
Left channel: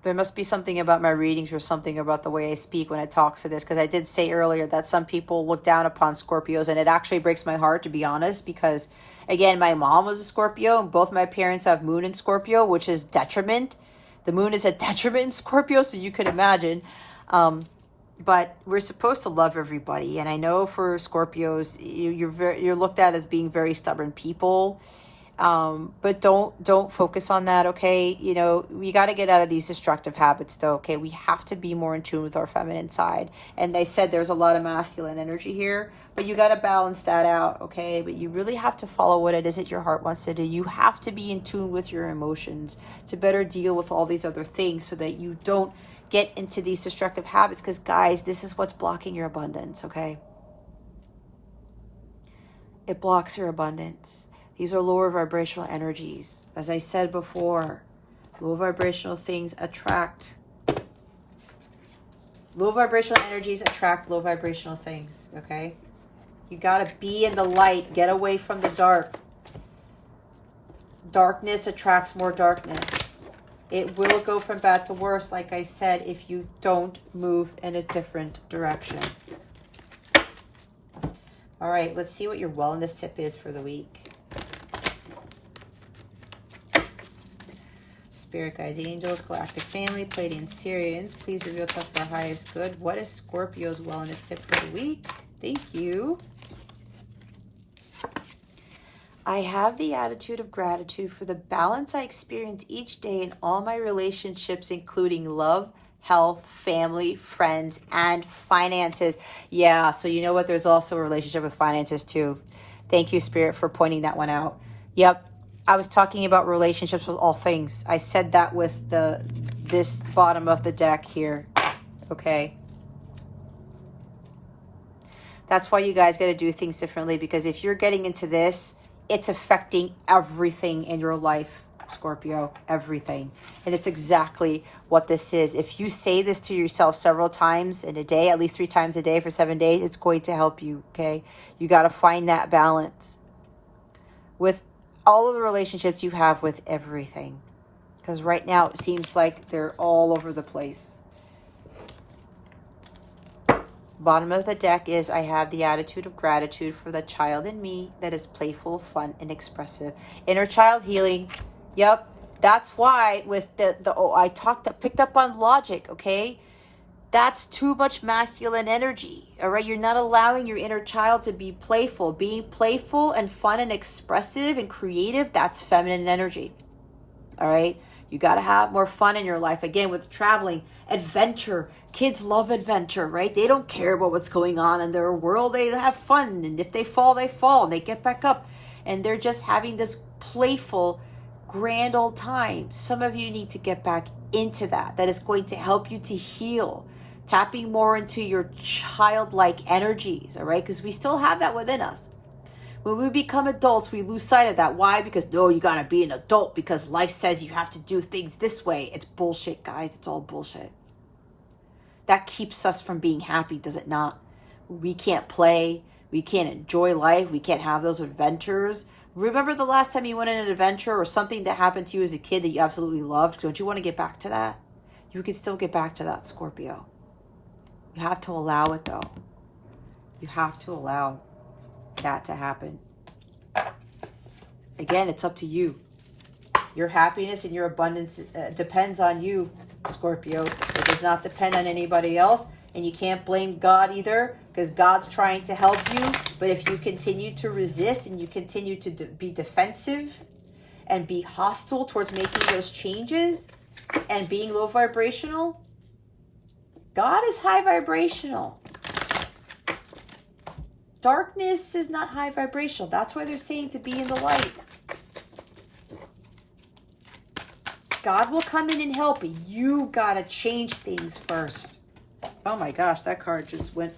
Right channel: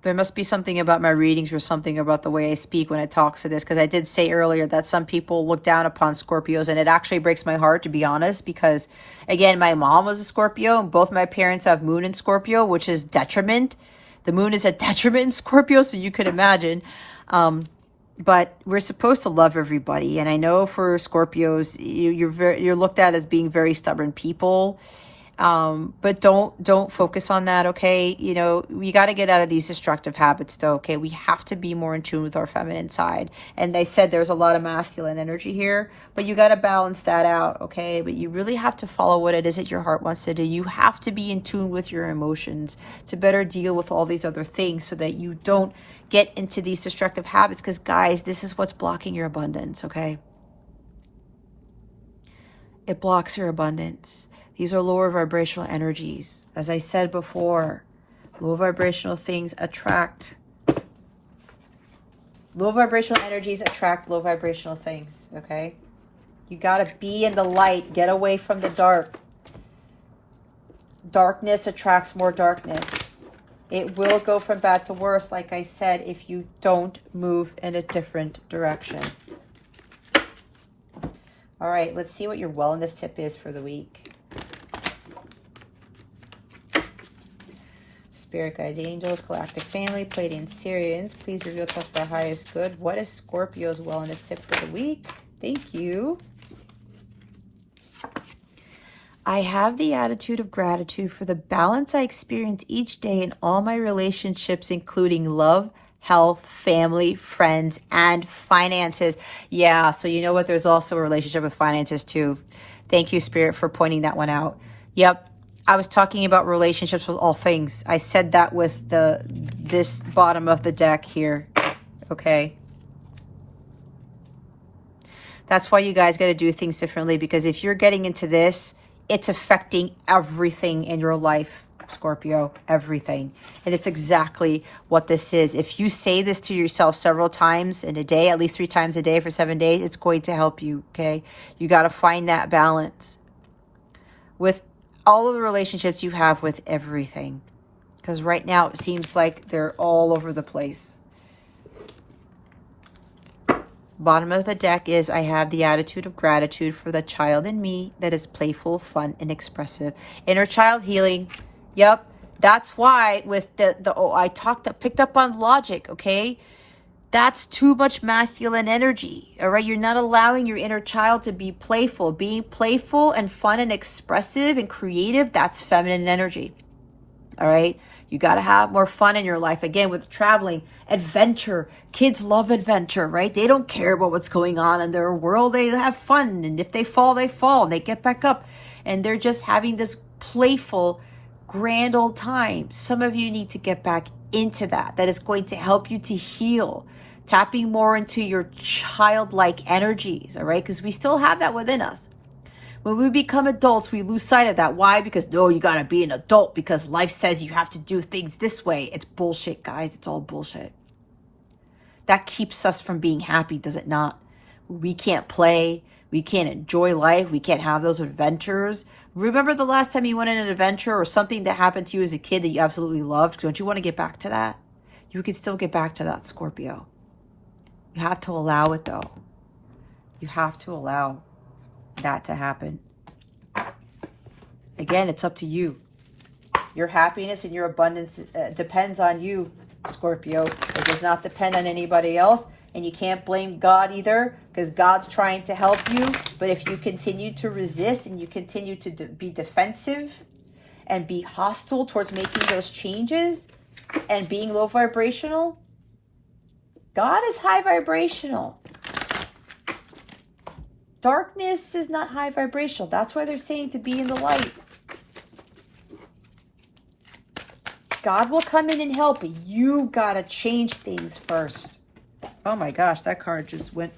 there must be something about my readings or something about the way I speak when it talks to this, because I did say earlier that some people look down upon Scorpios, and it actually breaks my heart, to be honest, because again, my mom was a Scorpio, and both my parents have moon in Scorpio, which is detriment. The moon is a detriment in Scorpio, so you can imagine. But we're supposed to love everybody, and I know for Scorpios, you're looked at as being very stubborn people. But don't focus on that, okay? You know, we got to get out of these destructive habits though, okay? We have to be more in tune with our feminine side. And I said there's a lot of masculine energy here, but you got to balance that out, okay? But you really have to follow what it is that your heart wants to do. You have to be in tune with your emotions to better deal with all these other things, so that you don't get into these destructive habits, because guys, this is what's blocking your abundance, okay? It blocks your abundance. These are lower vibrational energies. As I said before, low vibrational things attract. Low vibrational energies attract low vibrational things, okay? You got to be in the light. Get away from the dark. Darkness attracts more darkness. It will go from bad to worse, like I said, if you don't move in a different direction. All right, let's see what your wellness tip is for the week. Spirit guides, angels, galactic family, Pleiadian Syrians, please reveal to us by highest good. What is Scorpio's wellness tip for the week? Thank you. I have the attitude of gratitude for the balance I experience each day in all my relationships, including love, health, family, friends, and finances. Yeah, so you know what? There's also a relationship with finances too. Thank you, Spirit, for pointing that one out. Yep. I was talking about relationships with all things. I said that with this bottom of the deck here, okay? That's why you guys got to do things differently, because if you're getting into this, it's affecting everything in your life, Scorpio, everything. And it's exactly what this is. If you say this to yourself several times in a day, at least 3 times a day for 7 days, it's going to help you, okay? You got to find that balance with all of the relationships you have with everything, because right now it seems like they're all over the place. Bottom of the deck is I have the attitude of gratitude for the child in me that is playful, fun, and expressive. Inner child healing. Yep. That's why with picked up on logic, okay? That's too much masculine energy, all right? You're not allowing your inner child to be playful. Being playful and fun and expressive and creative, that's feminine energy, all right? You got to have more fun in your life. Again, with traveling, adventure. Kids love adventure, right? They don't care about what's going on in their world. They have fun. And if they fall, they fall and they get back up. And they're just having this playful, grand old time. Some of you need to get back into that. That is going to help you to heal. Tapping more into your childlike energies, all right? Because we still have that within us. When we become adults, we lose sight of that. Why? Because, no, you got to be an adult because life says you have to do things this way. It's bullshit, guys. It's all bullshit. That keeps us from being happy, does it not? We can't play. We can't enjoy life. We can't have those adventures. Remember the last time you went on an adventure or something that happened to you as a kid that you absolutely loved? Don't you want to get back to that? You can still get back to that, Scorpio. You have to allow it, though. You have to allow that to happen. Again, it's up to you. Your happiness and your abundance depends on you, Scorpio. It does not depend on anybody else. And you can't blame God either, because God's trying to help you. But if you continue to resist and you continue to be defensive and be hostile towards making those changes and being low vibrational, God is high vibrational. Darkness is not high vibrational. That's why they're saying to be in the light. God will come in and help, but you gotta change things first. Oh my gosh, that card just went.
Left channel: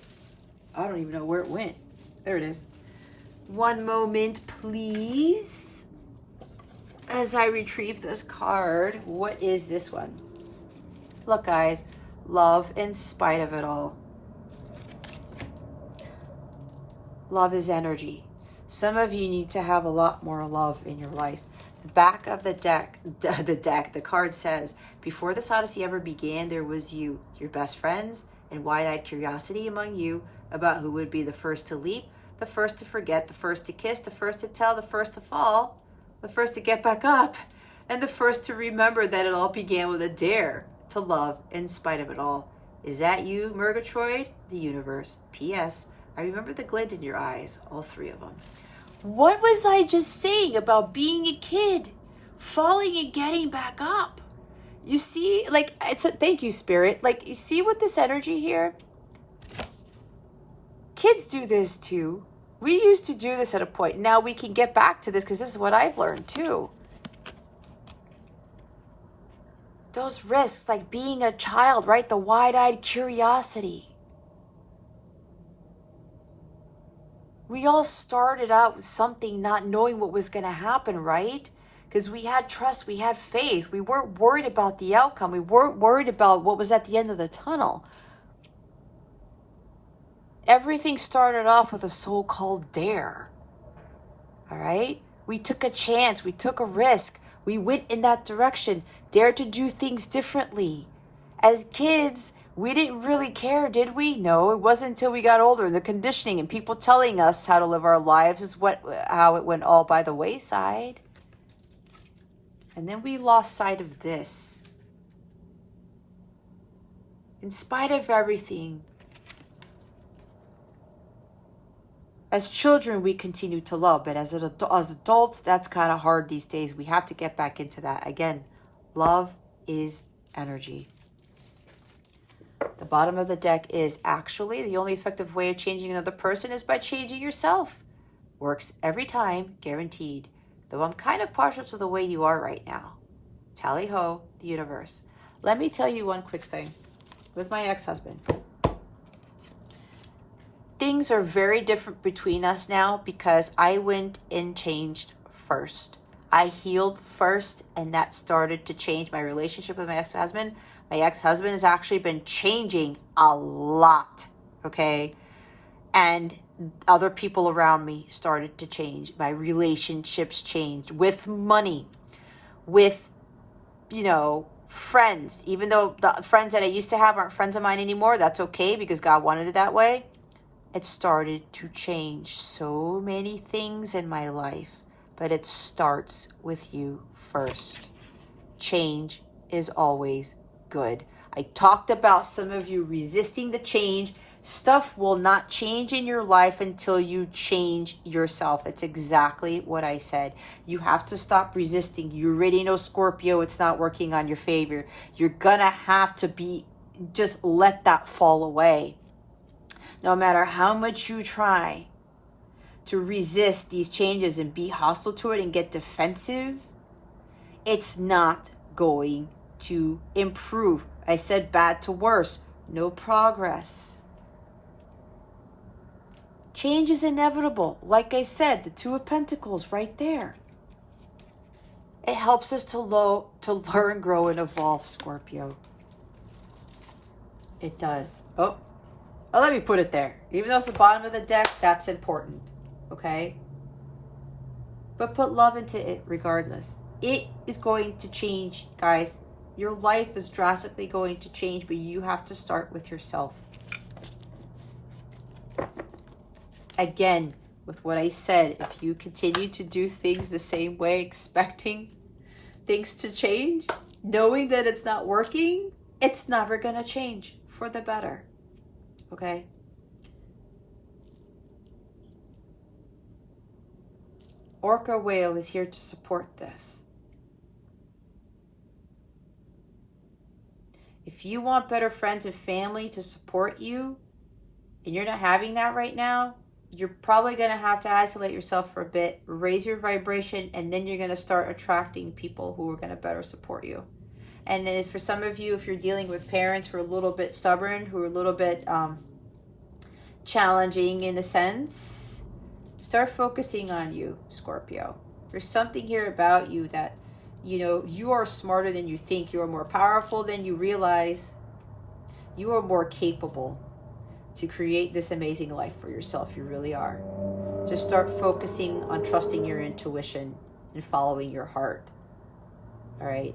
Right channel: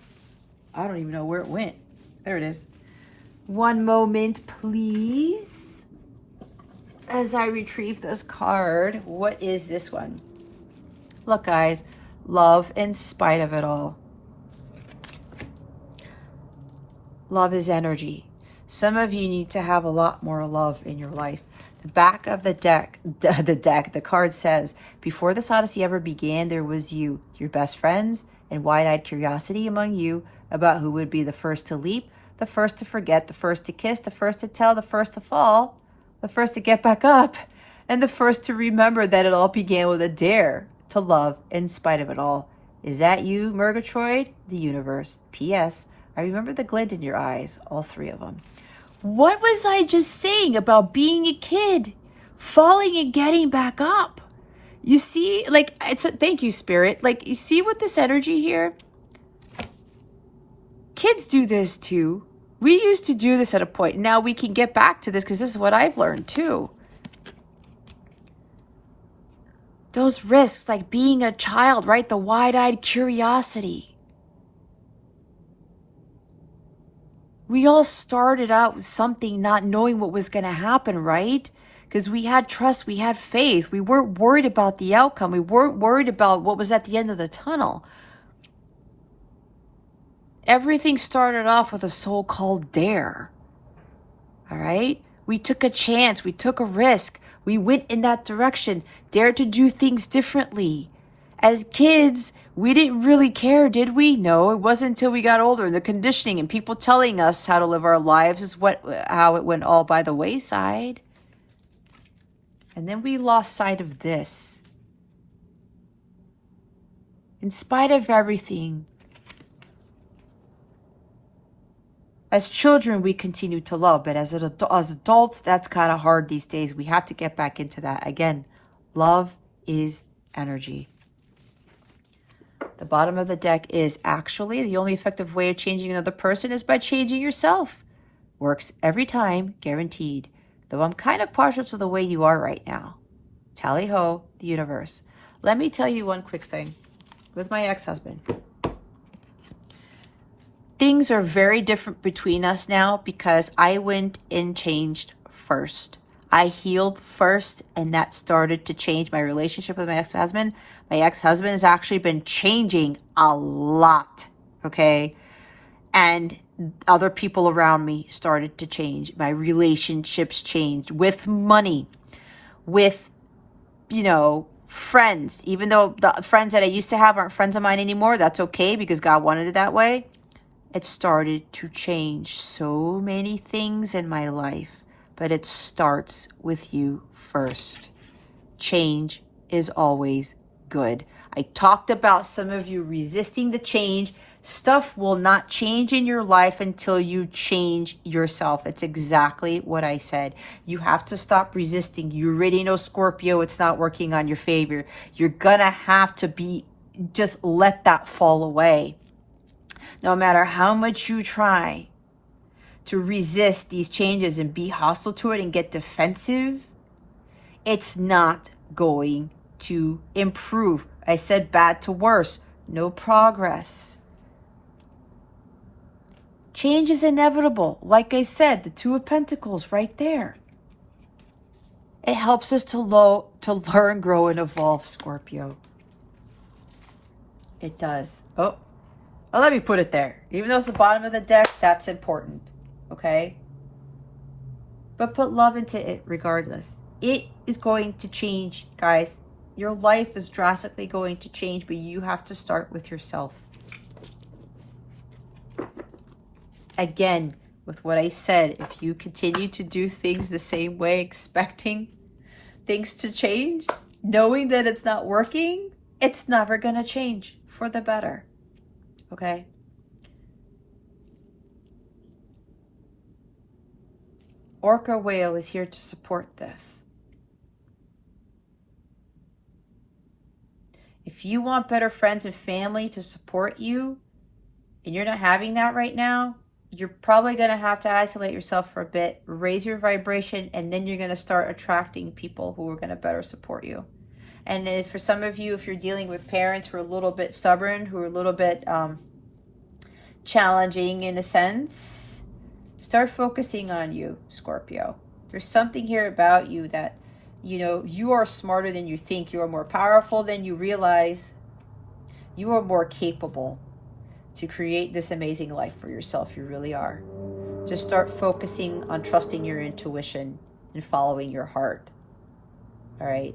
I don't even know where it went. There it is. One moment, please. As I retrieve this card, what is this one? Look, guys, love in spite of it all. Love is energy. Some of you need to have a lot more love in your life. The back of the deck, the card says, before this odyssey ever began, there was you, your best friends, and wide-eyed curiosity among you about who would be the first to leap, the first to forget, the first to kiss, the first to tell, the first to fall, the first to get back up, and the first to remember that it all began with a dare to love in spite of it all. Is that you, Murgatroyd? The universe. P.S. I remember the glint in your eyes, all three of them. What was I just saying about being a kid, falling and getting back up? You see, like, thank you, Spirit. Like, you see with this energy here? Kids do this too. We used to do this at a point. Now we can get back to this because this is what I've learned too. Those risks, like being a child, right? The wide-eyed curiosity. We all started out with something not knowing what was going to happen, right? Because we had trust, we had faith. We weren't worried about the outcome. We weren't worried about what was at the end of the tunnel. Everything started off with a so-called dare, all right? We took a chance. We took a risk. We went in that direction, dared to do things differently. As kids, we didn't really care, did we? No, it wasn't until we got older. The conditioning and people telling us how to live our lives is how it went all by the wayside. And then we lost sight of this. In spite of everything, as children, we continue to love, but as adults, that's kind of hard these days. We have to get back into that. Again, love is energy. The bottom of the deck is actually the only effective way of changing another person is by changing yourself. Works every time, guaranteed. Though I'm kind of partial to the way you are right now. Tally ho, the universe. Let me tell you one quick thing. With my ex-husband, things are very different between us now because I went and changed first. I healed first, and that started to change my relationship with my ex-husband. My ex-husband has actually been changing a lot, okay? And other people around me started to change. My relationships changed with money, with, Friends, even though the friends that I used to have aren't friends of mine anymore, that's okay because God wanted it that way. It started to change so many things in my life, but it starts with you first. Change is always good. I talked about some of you resisting the change. Stuff will not change in your life until you change yourself. It's exactly what I said. You have to stop resisting. You already know, Scorpio, it's not working on your favor. You're gonna have to just let that fall away. No matter how much you try to resist these changes and be hostile to it and get defensive, it's not going to improve. I said bad to worse, no progress. Change is inevitable. Like I said, the Two of Pentacles right there. It helps us to learn, grow, and evolve, Scorpio. It does. Oh, let me put it there. Even though it's the bottom of the deck, that's important. Okay? But put love into it regardless. It is going to change, guys. Your life is drastically going to change, but you have to start with yourself. Again, with what I said, if you continue to do things the same way, expecting things to change, knowing that it's not working, it's never going to change for the better. Okay? Orca Whale is here to support this. If you want better friends and family to support you, and you're not having that right now, you're probably going to have to isolate yourself for a bit, raise your vibration, and then you're going to start attracting people who are going to better support you. And if for some of you, if you're dealing with parents who are a little bit stubborn, who are a little bit challenging in a sense, start focusing on you, Scorpio. There's something here about you that, you know, you are smarter than you think. You are more powerful than you realize. You are more capable to create this amazing life for yourself. You really are. Just start focusing on trusting your intuition and following your heart. All right?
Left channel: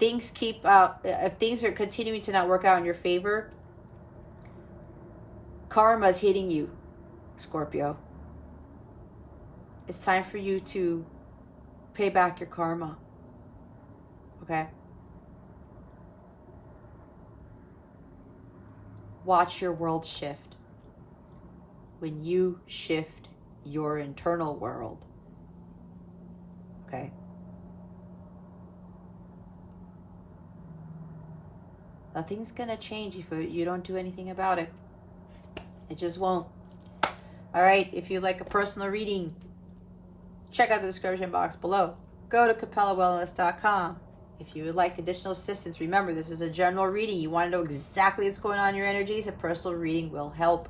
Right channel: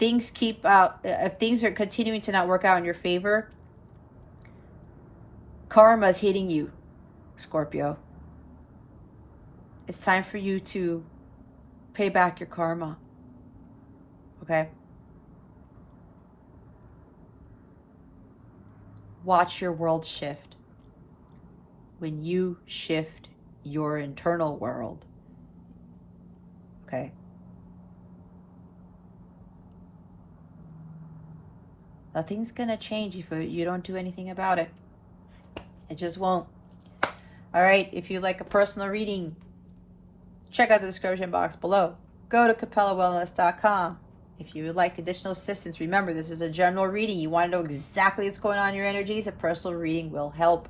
If things are continuing to not work out in your favor, karma is hitting you, Scorpio. It's time for you to pay back your karma. Okay? Watch your world shift. When you shift your internal world. Okay? Nothing's gonna change if you don't do anything about it. It just won't. All right, if you'd like a personal reading, check out the description box below. Go to capellawellness.com. If you would like additional assistance, remember this is a general reading. You want to know exactly what's going on in your energies, a personal reading will help.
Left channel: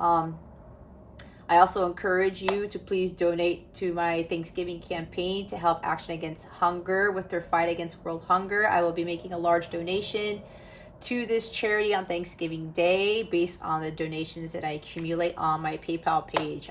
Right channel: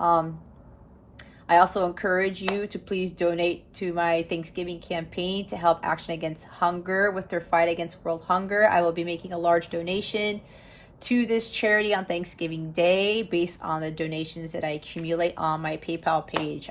I also encourage you to please donate to my Thanksgiving campaign to help Action Against Hunger with their fight against world hunger. I will be making a large donation to this charity on Thanksgiving Day based on the donations that I accumulate on my PayPal page.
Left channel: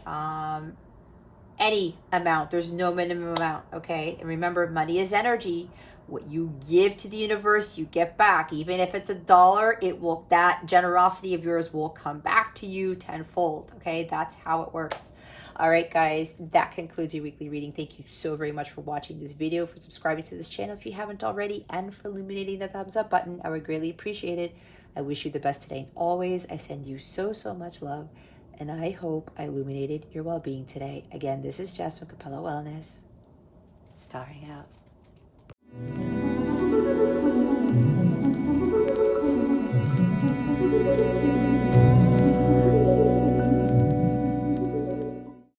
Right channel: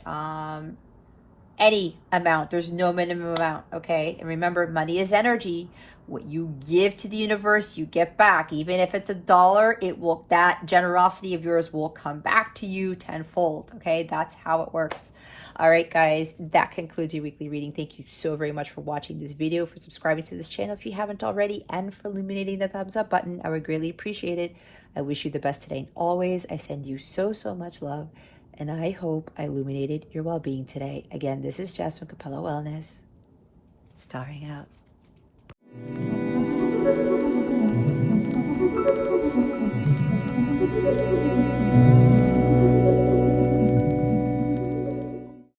Any amount, there's no minimum amount, okay? And remember, money is energy. What you give to the universe, you get back. Even if it's $1, that generosity of yours will come back to you tenfold, okay? That's how it works. All right, guys, that concludes your weekly reading. Thank you so very much for watching this video, for subscribing to this channel if you haven't already, and for illuminating the thumbs up button. I would greatly appreciate it. I wish you the best today and always. I send you so, so much love, and I hope I illuminated your well-being today. Again, this is Jess from Capella Wellness, starring out.